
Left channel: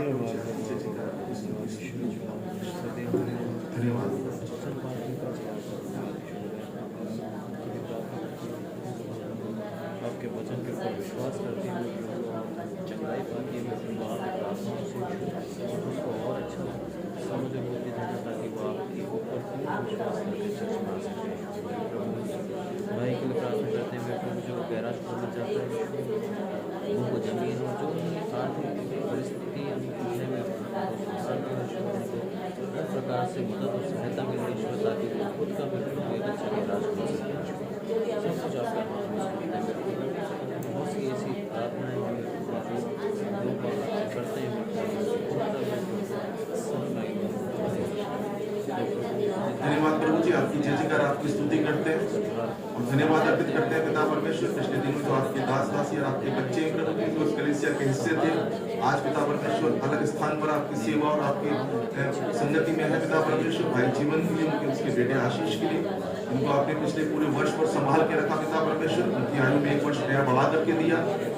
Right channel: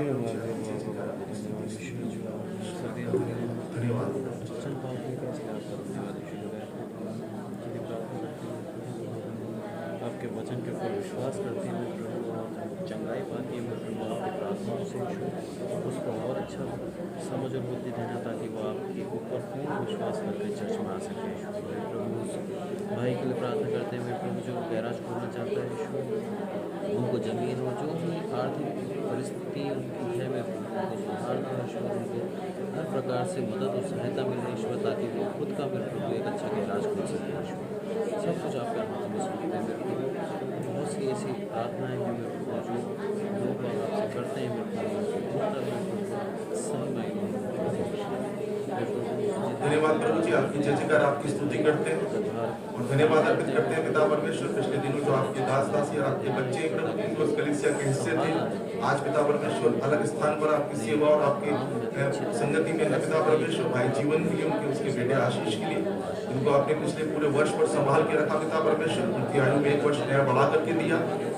धन्यवाद। आपके वचन पर विश्वास करते हुए चंगाई पाती है प्रार्थनाओं से उसको और अच्छा समझ और बुद्धि देना, ताकि वो आपके ऊपर पूर्ण विश्वास करके चर्च में आ सके। भाई के लिए प्रार्थना करते हुए प्रभु जी को गैराज खोलना चाहते हैं, उनको जमीन और जो भी आर्थिक परिस्थिति है हर प्रकार से मदद और सहायता मिल रही है, ताकि वो खुद का भी एक अच्छा गैराज खोल सके। सब कुछ आपका हाथ में समर्पित करते हैं। बहुत सी ऐसी प्रार्थनाएं जो करते हैं, धन्यवाद प्रभु जी, आपकी जय जयकार, आपकी स्तुति करते हैं और धन्यवाद अर्पित करते हैं पिता परमेश्वर। पिछले दिनों जो आपके दास दासी और आपके बच्चे प्रभु उस कलीसिया के हिस्से थे, आज पिता परमेश्वर अलग स्थान पर आपकी सेवा और आपकी संगति में है पिता परमेश्वर। भाई जीवन के लिए, उनके उसके बेटे आशीष के लिए, इनको आपने पिछले पूरे वर्ष पर संभाल के रखा पिता परमेश्वर। उनकी आयु में 1 वर्ष नया बढ़ा करके दिया,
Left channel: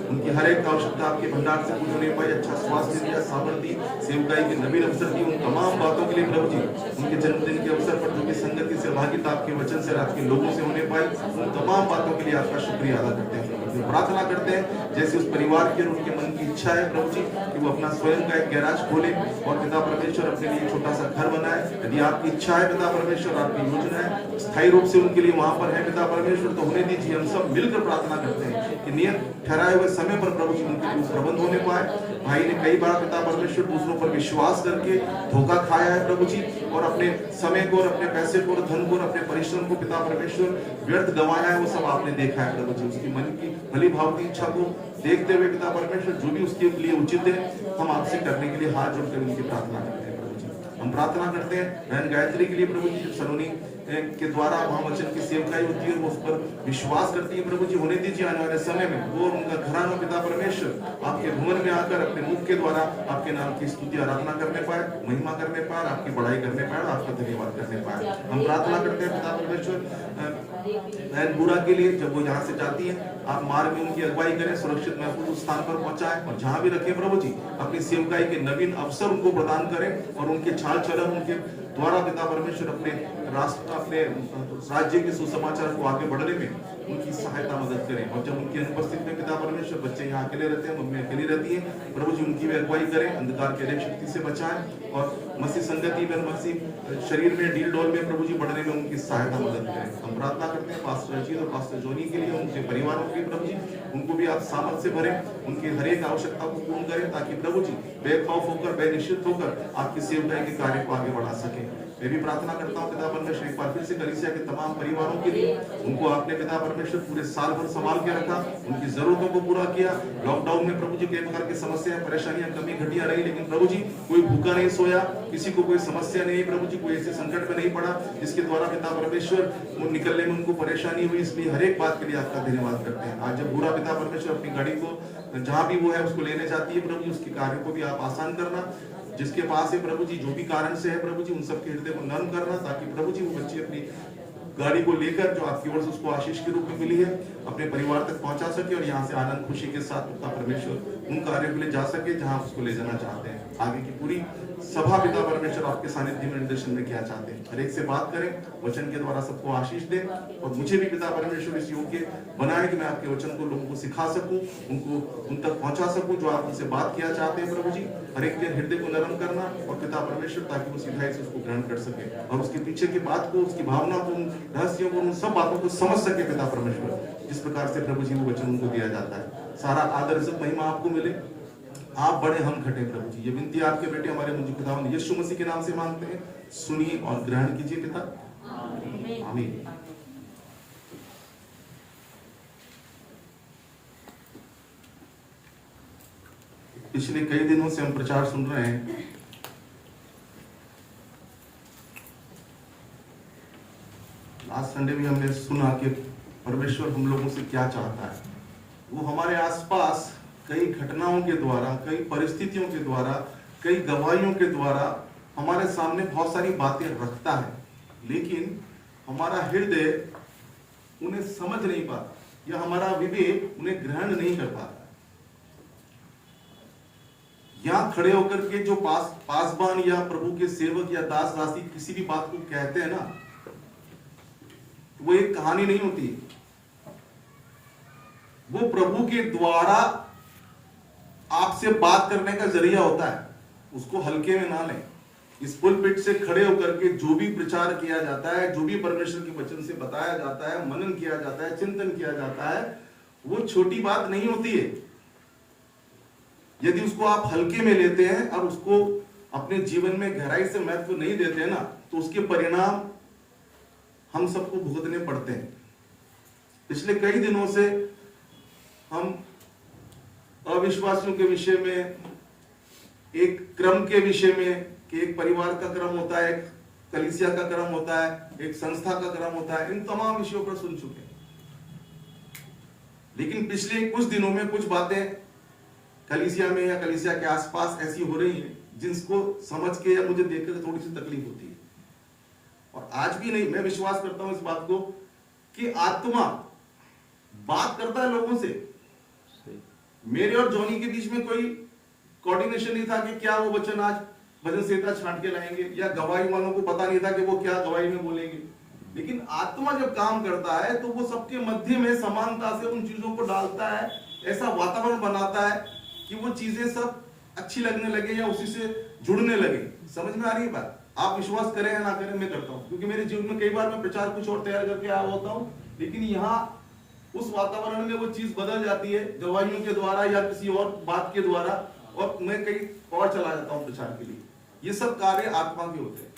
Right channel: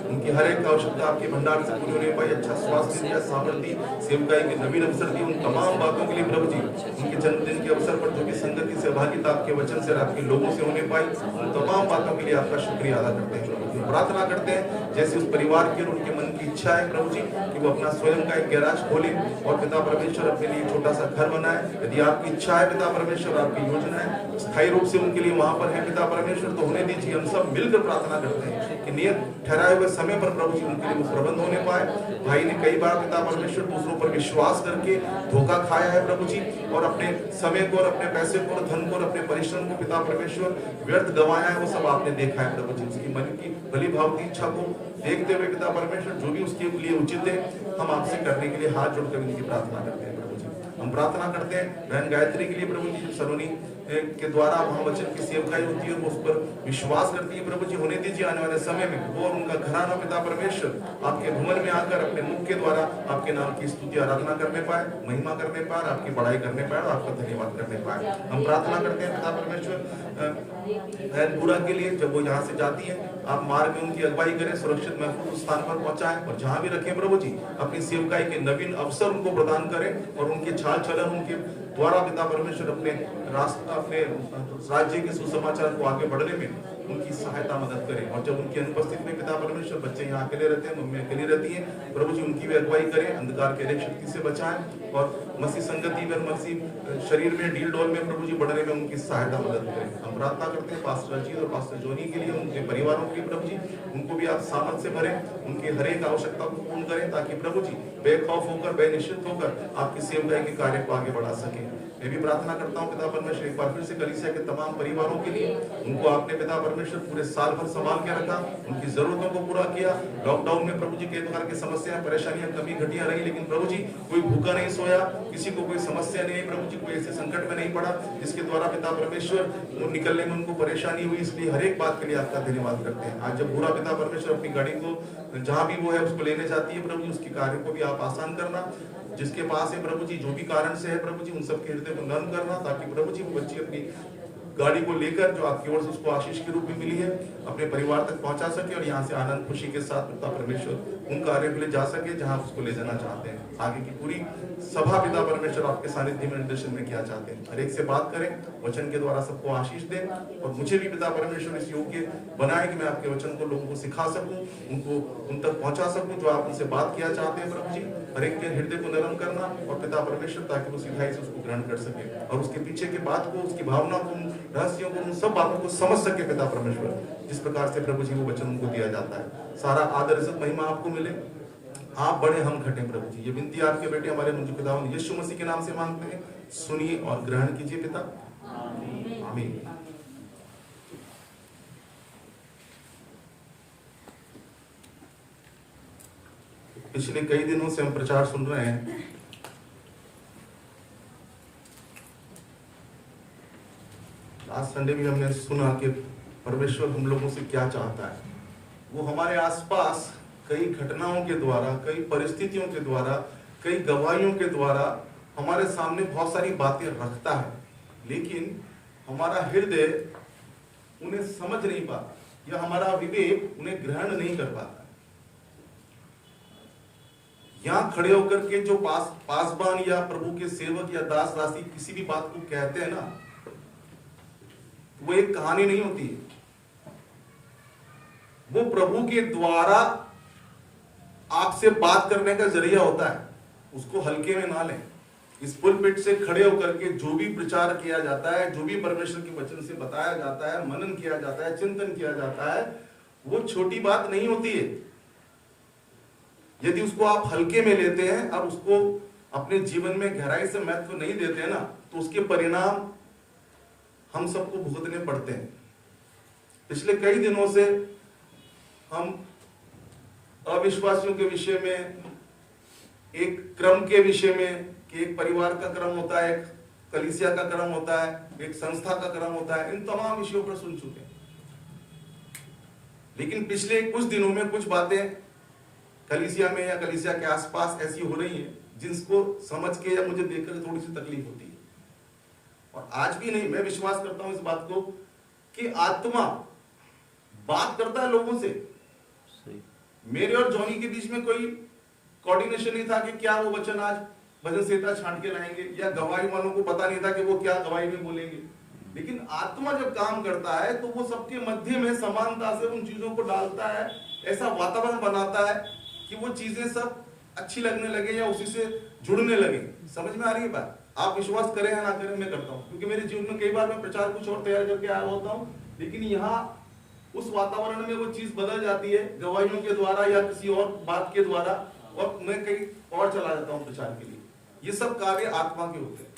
उनकी हर एक आवश्यकता आपके भंडार से पूरी होने पाई, अच्छा स्वास्थ्य दिया, सामर्थ्य, सेवकाई के नवीन अवसर दिए। उन तमाम बातों के लिए प्रभु जी, उनके जन्मदिन के अवसर पर जो कि संगति सहभागिता आपके वचन से, आपके लोगों से होने पाई, उन तमाम बातों के लिए आपका शुक्रिया अदा करते हैं। प्रार्थना करते हैं जैसे उस परिवार की और उनके मन की इच्छा है प्रभु जी, कि वो अपना स्वयं का एक गैराज खोले और पिता परमेश्वर अपने लिए छोटा सा घर बनाए। यदि आपकी इच्छा है पिता परमेश्वर, आपकी योजना है स्थायी रूप से उनके लिए वहां पर है पिता परमेश्वर, तो होने दीजिए। हम सब मिलकर प्रार्थना करते हैं कि नियत ठहराए हुए समय पर प्रभु जी उनके लिए प्रबंध होने पाए। भाई ने कई बार पिता परमेश्वर दूसरों पर विश्वास करके धोखा खाया है प्रभु जी, और अपने समय को और अपने पैसे को और धन को और अपने परिश्रम को पिता परमेश्वर व्यर्थ गंवाया है, वो सब आपने देखा है प्रभु जी। उसकी मन की भली भावती इच्छा को देखते हुए पिता परमेश्वर जो भी उसके लिए उचित है हम आपसे करने के लिए हाथ जोड़कर उनकी प्रार्थना करते हैं प्रभु जी। हम प्रार्थना करते हैं बहन गायत्री के लिए प्रभु जी, सलोनी के द्वारा वहां वचन की सेवकाई होती है और वो उस पर विश्वास करती है प्रभु जी। होने दीजिए आने वाले समय में वो और उनका घराना पिता परमेश्वर आपके भवन में आकर अपने मुख के द्वारा आपके नाम की स्तुति आराधना करने पाए, महिमा करने पाए, आपकी बड़ाई करने पाए, आपका धन्यवाद करने पाए। हम प्रार्थना करते हैं पिता परमेश्वर बहन बुरा के लिए, जब वो यहाँ से जाती है आप मार्ग में उनकी अगुवाई करें, सुरक्षित महफूज स्थान पर पहुंचाएं और जहां भी रखें प्रभु जी अपनी सेवकाई के नवीन अवसर उनको प्रदान करें और उनके चाल चलन उनके द्वारा पिता परमेश्वर अपने राष्ट्र अपने राज्य के सुसमाचार को आगे बढ़ने में उनकी सहायता मदद करें। और जब उनकी अनुपस्थिति में पिता परमेश्वर बच्चे यहाँ अकेले रहते हैं, मम्मी अकेली रहती है, प्रभु जी उनकी भी अगुवाई करें, अंधकार के शक्ति से बचाएं और मसीह संगति में मसीह शरीर में ढील डोल में प्रभु जी बढ़ने में उनकी सहायता मदद करें। हम प्रार्थना करते हैं पास्टर रंजीत और पास्टर जोनी के लिए, उनके परिवारों के प्रभु जी उनको भी आप सामर्थ से भरें, उनके हर एक आवश्यकता को पूर्ण करें ताकि प्रभु जी बेखौफ होकर बेनिश्चित होकर आपकी सेवकाई के कार्य को आगे बढ़ा सके। मैं भी प्रार्थना करता हूँ पिता परमेश्वर एक बार फिर से कलीसिया के तमाम परिवारों के लिए, उनको आपने पिता परमेश्वर पूरे साल भर संभाल के रखा, उनकी जरूरतों को पूरा किया। लॉकडाउन में प्रभु जी कई प्रकार की समस्याएं परेशानियां कमी घटिया रही, लेकिन प्रभु जी कोई भूखा नहीं सोया, किसी को कोई समस्या नहीं, प्रभु जी कोई ऐसे संकट में नहीं पड़ा जिसके द्वारा पिता परमेश्वर वो निकलने में उनको परेशानी हुई। इसलिए हर एक बात के लिए आपका धन्यवाद करते हैं। आज जब बुरा पिता परमेश्वर अपनी गाड़ी को जहां भी वो है उसको लेने जाती है प्रभु जी, उसके कार्य को भी आप आसान करना। जिसके पास है प्रभु जी जो भी कारण से है प्रभु जी उन सबके हृदय को नर्म करना ताकि प्रभु जी वो बच्ची अपनी गाड़ी को लेकर जो आपकी ओर से उसको आशीष के रूप में मिली है अपने परिवार तक पहुंचा सके और यहाँ से आनंद खुशी के साथ पिता परमेश्वर उन कार्यों के लिए जा सके जहाँ उसको ले जाना चाहते हैं। आगे की पूरी सभा पिता परमेश्वर आपके सानिध्य में निर्देशन में क्या चाहते हैं, हर एक से बात करें, वचन के द्वारा सबको आशीष दें और मुझे भी पिता परमेश्वर इस योग्य बनाए कि मैं आपके वचन को लोगों को सिखा सकूं, उनको उन तक पहुंचा सकूं जो आप उनसे बात किया चाहते हैं प्रभु जी। हर एक के हृदय को नरम करना और पिता परमेश्वर ताकि वो सिधाई से उसको ग्रहण कर सके और उसके पीछे की बात को, उसकी भावना को, रहस्यों को, उन सब बातों को समझ सके पिता परमेश्वर, जिस प्रकार से प्रभु जी वो वचन उनको दिया जाता है। सारा आदर इज्जत महिमा आपको मिले, आप बड़े हम घटे प्रभु जी। ये विनती आपके बेटे हमारे मुझे खुदावंद यीशु मसीह के नाम से मांगते हैं, सुनिए और ग्रहण कीजिए पिता, आमीन। पिछले कई दिनों से हम प्रचार सुन रहे हैं, आज संडे भी हमने सुना कि परमेश्वर हम लोगों से क्या चाहता है। वो हमारे आसपास कई घटनाओं के द्वारा, कई परिस्थितियों के द्वारा, कई गवाहियों के द्वारा हमारे सामने बहुत सारी बातें रखता है, लेकिन हमारा हृदय उन्हें समझ नहीं पाता या हमारा विवेक उन्हें ग्रहण नहीं कर पाता। यहाँ खड़े होकर के जो पासबान या प्रभु के सेवक या दास दासी किसी भी बात को कहते हैं ना, वो एक कहानी नहीं होती है, वो प्रभु के द्वारा आपसे बात करने का जरिया होता है। उसको हल्के में ना लें। इस पुलपिट से खड़े होकर के जो भी प्रचार किया जाता है, जो भी परमेश्वर के वचन से बताया जाता है, मनन किया जाता है, चिंतन किया जाता है, वो छोटी बात नहीं होती है। यदि उसको आप हल्के में लेते हैं और उसको अपने जीवन में गहराई से महत्व नहीं देते हैं ना, तो उसके परिणाम हम सबको भुगतने पड़ते हैं। पिछले कई दिनों से हम अविश्वासियों के विषय में, एक क्रम के विषय में कि एक परिवार का क्रम होता है, एक कलीसिया का क्रम होता है, एक संस्था का क्रम होता है, इन तमाम विषयों पर सुन चुके हैं। लेकिन पिछले कुछ दिनों में कुछ बातें कलीसिया में या कलीसिया के आसपास ऐसी हो रही है जिसको समझ के या मुझे देखकर थोड़ी सी तकलीफ होती है। और आज भी नहीं, मैं विश्वास करता हूं इस बात को कि आत्मा बात करता है लोगों से। मेरे और जॉनी के बीच में कोई कोऑर्डिनेशन नहीं था कि क्या वो वचन आज भजन संहिता छांट के लाएंगे, या गवाही वालों को पता नहीं था कि वो क्या गवाही में बोलेंगे। लेकिन आत्मा जब काम करता है तो वो सबके मध्य में समानता से उन चीजों को डालता है, ऐसा वातावरण बनाता है कि वो चीजें सब अच्छी लगने लगे या उसी से जुड़ने लगे। समझ में आ रही है बात? आप विश्वास करें या ना करें, मैं करता हूं, क्योंकि मेरे जीवन में कई बार मैं प्रचार कुछ और तैयार करके आया होता हूं, लेकिन यहाँ उस वातावरण में वो चीज बदल जाती है गवाहियों के द्वारा या किसी और बात के द्वारा, और मैं कहीं और चला जाता हूं प्रचार के लिए। ये सब कार्य आत्मा के होते हैं।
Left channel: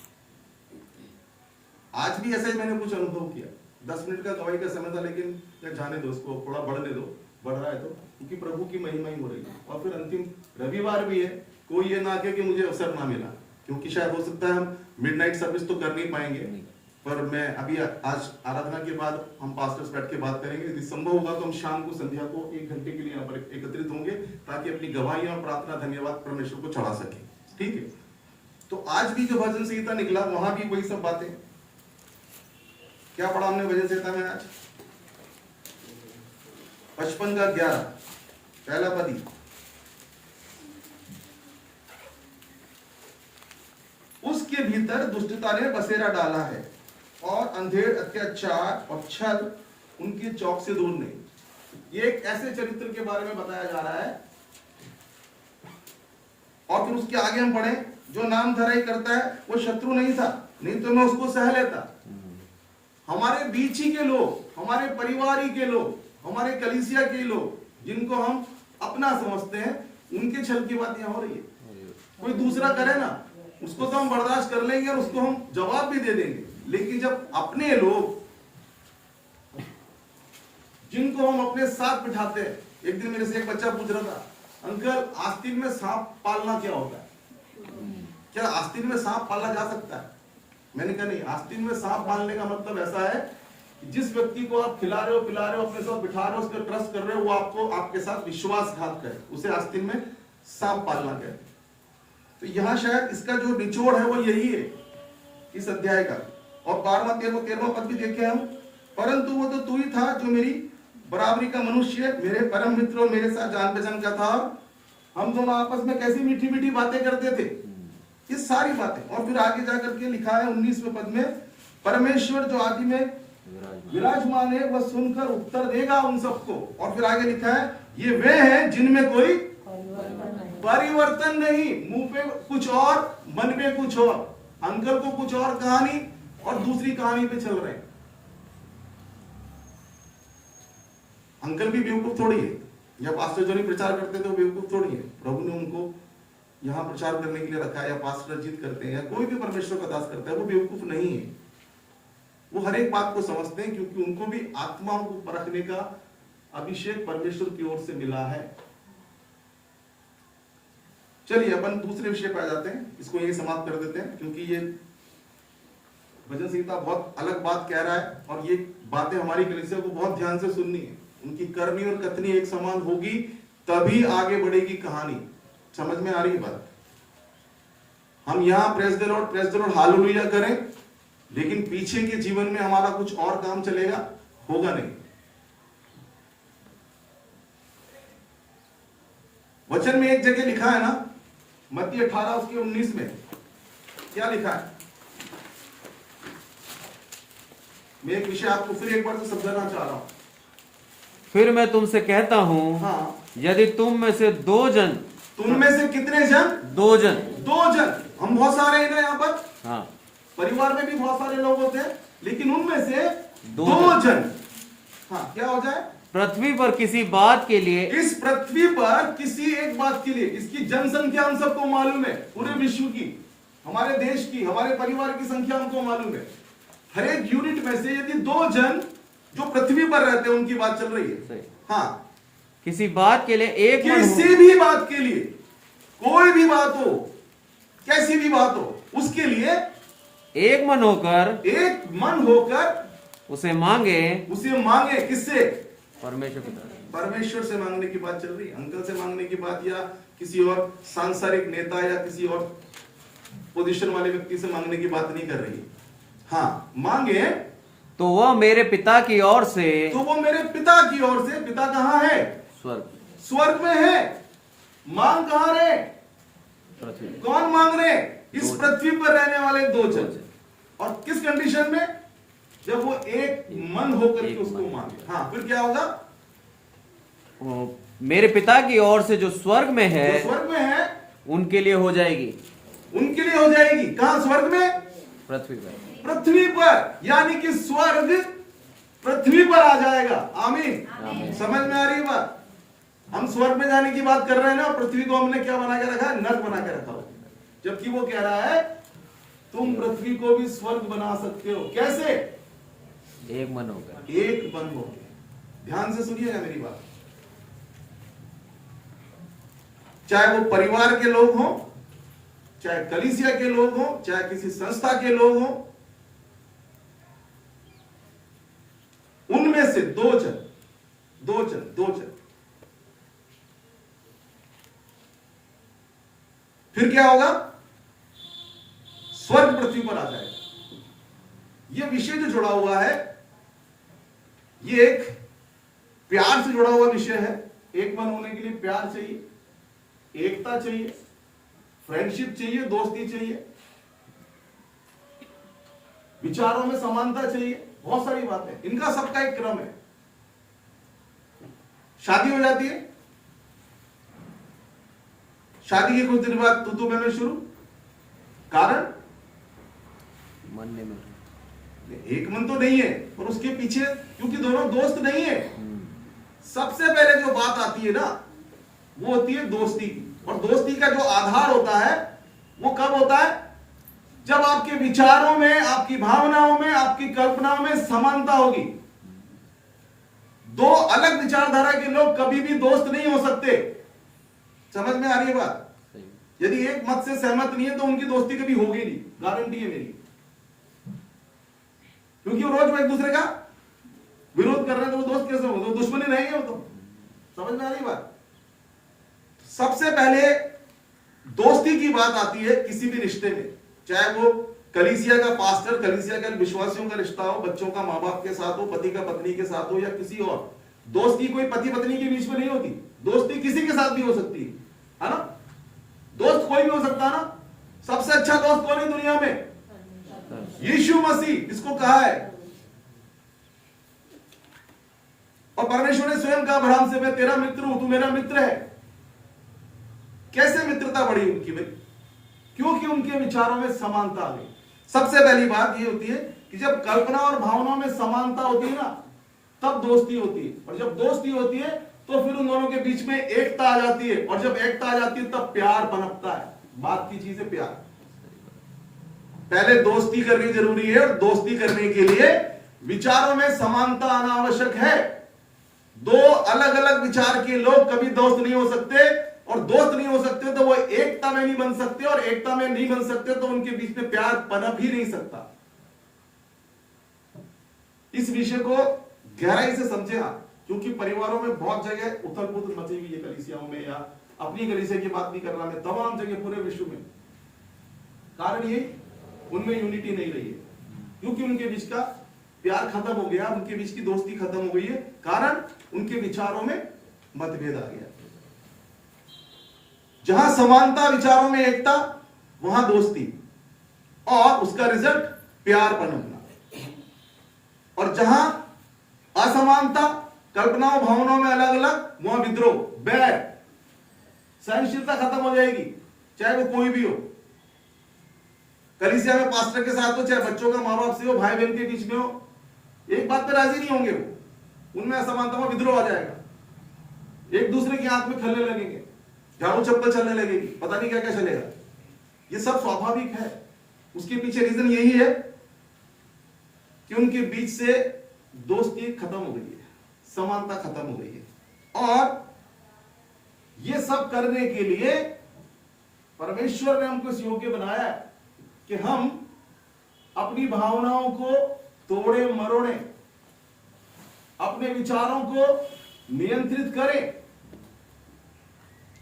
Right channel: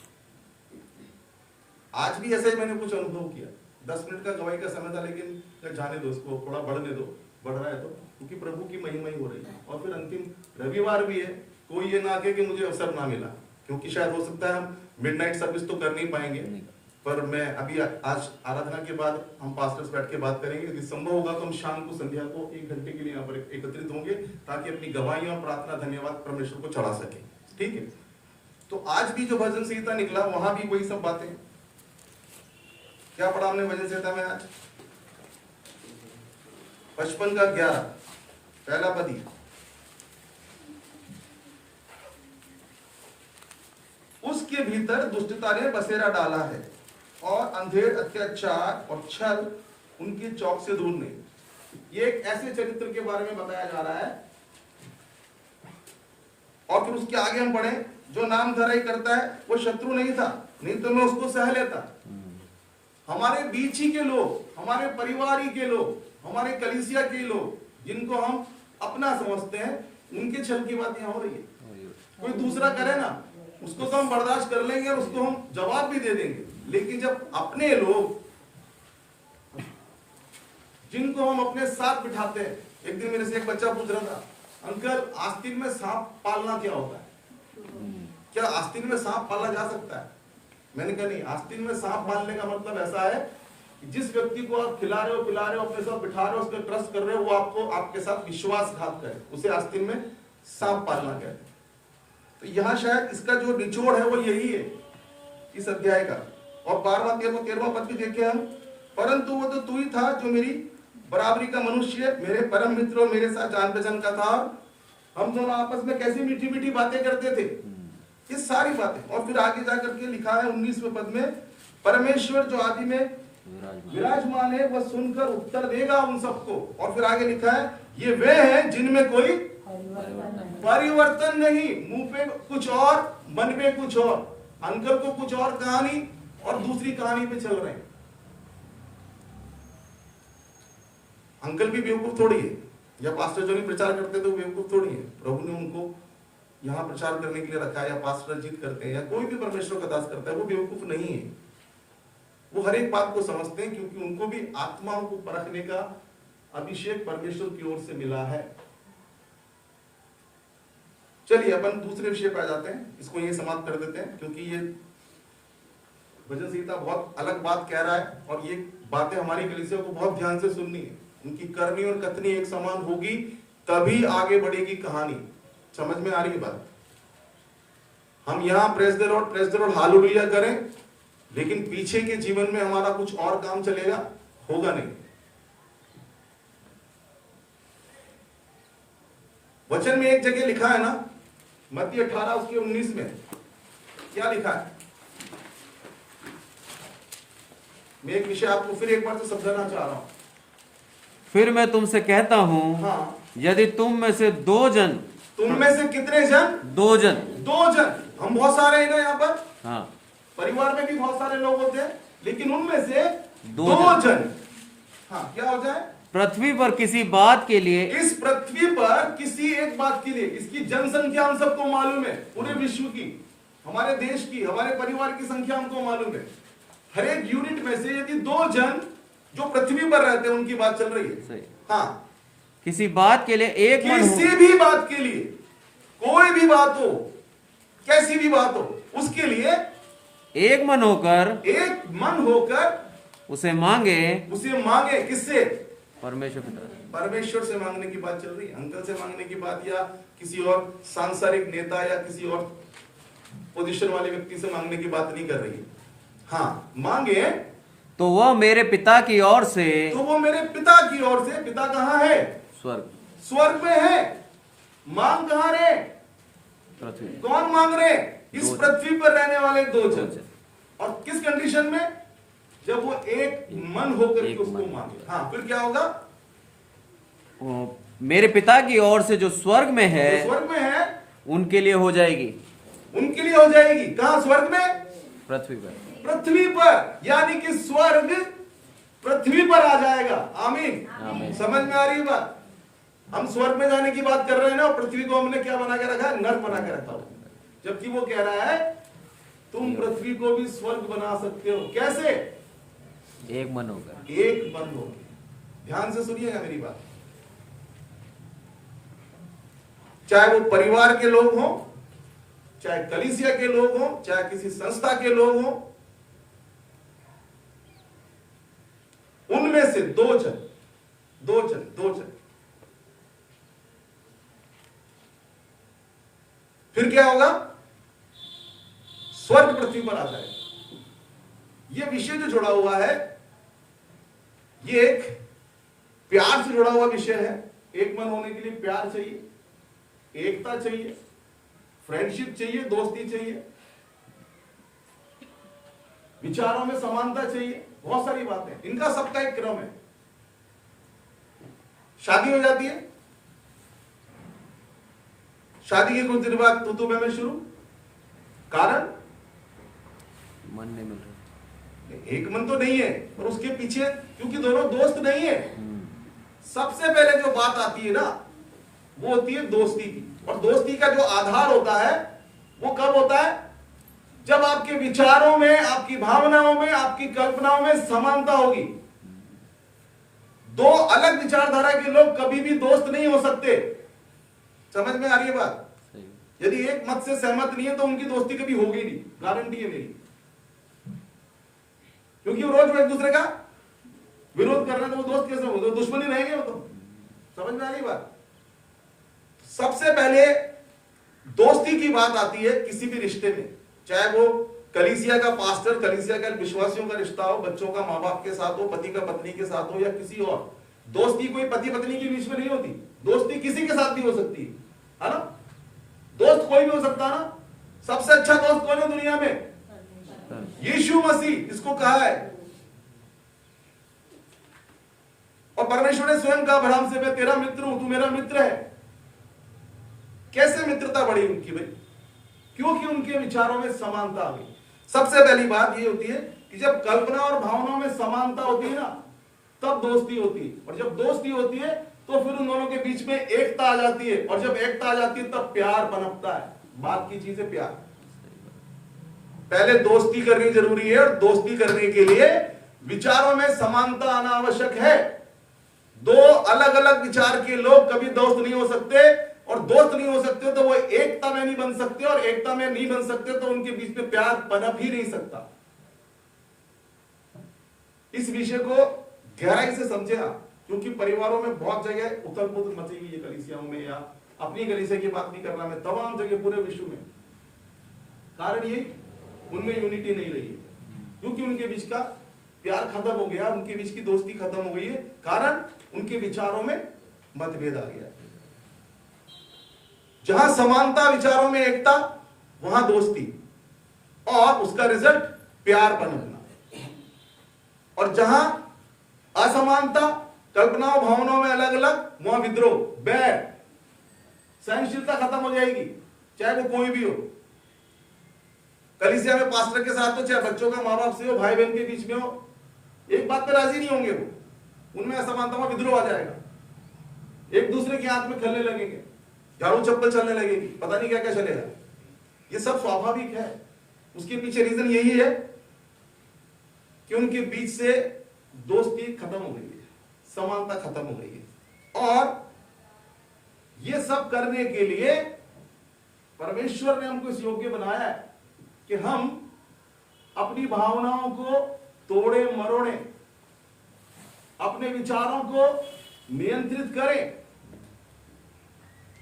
आज भी ऐसे ही मैंने कुछ अनुभव किया। 10 मिनट का गवाही का समय था, लेकिन जाने दो उसको, थोड़ा बढ़ने दो, बढ़ रहा है तो, क्योंकि प्रभु की महिमा ही हो रही है। और फिर अंतिम रविवार भी है, कोई ये ना कहे कि मुझे अवसर ना मिला, क्योंकि शायद हो सकता है हम मिडनाइट सर्विस तो कर नहीं पाएंगे, पर मैं अभी आज आराधना के बाद हम पास्टर्स बैठ के बात करेंगे। यदि संभव होगा तो हम शाम को संध्या को 1 घंटे के लिए यहाँ पर एकत्रित होंगे, ताकि अपनी गवाहियां और प्रार्थना धन्यवाद परमेश्वर को चढ़ा सके। ठीक है? तो आज भी जो भजन संहिता निकला, वहां भी वही सब बातें। क्या पढ़ा हमने भजन संहिता में आज? 55 का 11 पहला पद ही, उसके भीतर दुष्टता ने बसेरा डाला है और अंधेर, अत्याचार और छल उनकी चौक से दूर नहीं। ये एक ऐसे चरित्र के बारे में बताया जा रहा है। और फिर उसके आगे हम पढ़े, जो नाम धराई करता है वो शत्रु नहीं था, नहीं तो मैं उसको सह लेता। हमारे बीच ही के लोग, हमारे परिवार ही के लोग, हमारे कलीसिया के लोग, जिनको हम अपना समझते हैं, उनके छल की बात यहाँ हो रही है। कोई दूसरा करे ना, उसको तो हम बर्दाश्त कर लेंगे और उसको हम जवाब भी दे देंगे, लेकिन जब अपने लोग, जिनको हम अपने साथ बिठाते हैं। एक दिन मेरे से एक बच्चा पूछ रहा था, अंकल आस्तीन में सांप पालना क्या होता है? क्या आस्तीन में सांप पाला जा सकता है? मैंने कहा नहीं, आस्तीन में सांप पालने का मतलब ऐसा है कि जिस व्यक्ति को आप खिला रहे हो, पिला रहे हो, अपने साथ बिठा रहे हो, उस पर ट्रस्ट कर रहे हो, वो आपको आपके साथ विश्वासघात करे, उसे आस्तीन में सांप पालना कहते हैं। तो यहाँ शायद इसका जो निचोड़ है वो यही है इस अध्याय का। और 12वां 13वां पद भी देखे हम, परंतु वो तो तू ही था जो मेरी बराबरी का मनुष्य, मेरे परम मित्र और मेरे साथ जान पहचान का था। हम दोनों आपस में कैसी मीठी मीठी बातें करते थे, ये सारी बातें। और फिर आगे जाकर के लिखा है 19वें पद में, परमेश्वर जो आदि में विराजमान है वह सुनकर उत्तर देगा उन सबको। और फिर आगे लिखा है, ये वे हैं जिनमें कोई परिवर्तन नहीं, मुंह पे कुछ और, मन पे कुछ और, अंकल को कुछ और कहानी और दूसरी कहानी पे चल रहे हैं। अंकल भी बेवकूफ थोड़ी है, जब पास्टर जो नहीं प्रचार करते तो बेवकूफ थोड़ी है। प्रभु ने उनको यहाँ प्रचार करने के लिए रखा है, या पास्टर जीत करते हैं, या कोई भी परमेश्वर का दास करता है, वो बेवकूफ नहीं है। वो हर एक बात को समझते हैं, क्योंकि उनको भी आत्माओं को परखने का अभिषेक परमेश्वर की ओर से मिला है। चलिए अपन दूसरे विषय पर आ जाते हैं, इसको यही समाप्त कर देते हैं, क्योंकि ये भजन संहिता बहुत अलग बात कह रहा है, और ये बातें हमारी कलीसिया को बहुत ध्यान से सुननी है। उनकी करनी और कथनी एक समान होगी, तभी आगे बढ़ेगी कहानी। समझ में आ रही बात? हम यहाँ प्रेज द लॉर्ड हालेलुया करें, लेकिन पीछे के जीवन में हमारा कुछ और काम चलेगा, होगा नहीं। वचन में एक जगह लिखा है ना, मत्ती 18 उसके 19 में क्या लिखा है? मैं एक विषय आपको फिर एक बार तो समझाना चाह रहा हूं। फिर मैं तुमसे कहता हूँ, हाँ, यदि तुम में से 2 जन, तुम में से कितने जन? 2 जन, 2 जन। हम बहुत सारे हैं ना यहाँ पर, हाँ, परिवार में भी बहुत सारे लोग होते हैं, लेकिन उनमें से 2 जन, हाँ, क्या हो जाए? पृथ्वी पर किसी बात के लिए, इस पृथ्वी पर किसी एक बात के लिए, इसकी जनसंख्या हम सबको मालूम है, पूरे विश्व की, हमारे देश की, हमारे परिवार की संख्या हमको मालूम है। हर एक यूनिट में से यदि 2 जन जो पृथ्वी पर रहते हैं उनकी बात चल रही है, हाँ, किसी बात के लिए एक मन हो, किसी भी बात के लिए, कोई भी बात हो, कैसी भी बात हो, उसके लिए एक मन होकर उसे मांगे। किससे? परमेश्वर से मांगने की बात चल रही है। अंकल से मांगने की बात, या किसी और सांसारिक नेता या किसी और पोजीशन वाले व्यक्ति से मांगने की बात नहीं कर रही है। हाँ, मांगे तो वह मेरे पिता की ओर से, पिता कहाँ है? स्वर्ग में है। मांग कहाँ रहे? पृथ्वी। कौन मांग रहे? इस पृथ्वी पर रहने वाले 2 जन। और किस कंडीशन में? जब वो एक मन होकर के उसको मांगे। हाँ, फिर क्या होगा? मेरे पिता की ओर से जो स्वर्ग में है, उनके लिए हो जाएगी। उनके लिए हो जाएगी। कहां? स्वर्ग में, पृथ्वी पर। पृथ्वी पर, यानी कि स्वर्ग पृथ्वी पर आ जाएगा। आमीन। आमीन। समझ में आ रही है बात? हम स्वर्ग में जाने की बात कर रहे हैं ना, और पृथ्वी को हमने क्या बना के रखा है? नर्क बना के रखा हो। जबकि वो कह रहा है तुम पृथ्वी को भी स्वर्ग बना सकते हो। कैसे? एक मन होकर। एक मन हो। ध्यान से सुनिएगा मेरी बात। चाहे वो परिवार के लोग हों, चाहे कलीसिया के लोग हों, चाहे किसी संस्था के लोग हों, उनमें से दो जन फिर क्या होगा? स्वर्ग पृथ्वी पर आ जाएगा। यह विषय जो जुड़ा हुआ है, यह एक प्यार से जुड़ा हुआ विषय है। एक मन होने के लिए प्यार चाहिए, एकता चाहिए, फ्रेंडशिप चाहिए, दोस्ती चाहिए, विचारों में समानता चाहिए, बहुत सारी बातें। इनका सबका एक क्रम है। शादी हो जाती है, शादी के कुछ दिन बाद तू मैं शुरू। कारण मन नहीं मिल रहा। एक मन तो नहीं है, पर उसके पीछे क्योंकि दोनों दोस्त नहीं है। सबसे पहले जो बात आती है ना, वो होती है दोस्ती की। और दोस्ती का जो आधार होता है वो कब होता है? जब आपके विचारों में, आपकी भावनाओं में, आपकी कल्पनाओं में समानता होगी। दो अलग विचारधारा के लोग कभी भी दोस्त नहीं हो सकते। समझ में आ रही है बात? यदि एक मत से सहमत नहीं है तो उनकी दोस्ती कभी होगी नहीं, गारंटी है मेरी। क्योंकि वो रोज एक दूसरे का विरोध कर रहे हैं, तो वो दोस्त कैसे होंगे? तो दुश्मनी रहेंगे वो तो। समझ में आ रही बात? सबसे पहले दोस्ती की बात आती है किसी भी रिश्ते में, चाहे वो कलीसिया का पास्टर, कलीसिया का विश्वासियों का रिश्ता हो, बच्चों का माँ बाप के साथ हो, पति का पत्नी के साथ हो, या किसी और। दोस्ती कोई पति पत्नी के बीच में नहीं होती। दोस्ती किसी के साथ भी हो सकती है ना? दोस्त कोई भी हो सकता है ना। सबसे अच्छा दोस्त कौन है दुनिया में? यीशु मसीह, इसको कहा है। और परमेश्वर ने स्वयं कहा अब्राहम से, मैं तेरा मित्र हूं, तू मेरा मित्र है। कैसे मित्रता बढ़ी उनकी भाई? क्योंकि उनके विचारों में समानता आ गई। सबसे पहली बात यह होती है कि जब कल्पना और भावनाओं में समानता होती है ना, तब दोस्ती होती है। और जब दोस्ती होती है तो फिर उन दोनों के बीच में एकता आ जाती है। और जब एकता आ जाती है तब प्यार पनपता है। बात की चीज है प्यार। पहले दोस्ती करनी जरूरी है, और दोस्ती करने के लिए विचारों में समानता आना आवश्यक है। दो अलग अलग विचार के लोग कभी दोस्त नहीं हो सकते, और दोस्त नहीं हो सकते तो वो एकता में नहीं बन सकते, और एकता में नहीं बन सकते तो उनके बीच में प्यार पनप ही नहीं सकता। इस विषय को गहराई से समझे आप, क्योंकि परिवारों में बहुत जगह उथल पुथल मची हुई है, कलीसियाओं में, या अपनी कलीसिया की बात नहीं कर रहा मैं, तमाम जगह पूरे विश्व में। कारण ये उनमें यूनिटी नहीं रही है, क्योंकि उनके बीच का प्यार खत्म हो गया, उनके बीच की दोस्ती खत्म हो गई है। कारण उनके विचारों में मतभेद आ गया। जहां समानता विचारों में, एकता, वहां दोस्ती, और उसका रिजल्ट प्यार पनपना। और जहां असमानता, कल्पनाओं भावनाओं में अलग अलग, वहां विद्रोह, बैर, सहनशीलता खत्म हो जाएगी, चाहे वो कोई भी हो। कलीसिया में पास्टर के साथ हो, चाहे बच्चों का माँ बाप से हो, भाई बहन के बीच में हो, एक बात पे राजी नहीं होंगे वो, उनमें असमानता में विद्रोह आ जाएगा। एक दूसरे की आंख में खलने लगेंगे, झाड़ू चप्पल चलने लगेगी, पता नहीं क्या क्या चलेगा। ये सब स्वाभाविक है। उसके पीछे रीजन यही है कि उनके बीच से दोस्ती खत्म हो गई है, समानता खत्म हो गई है। और ये सब करने के लिए परमेश्वर ने हमको इस योग्य बनाया है कि हम अपनी भावनाओं को तोड़े मरोड़े, अपने विचारों को नियंत्रित करें,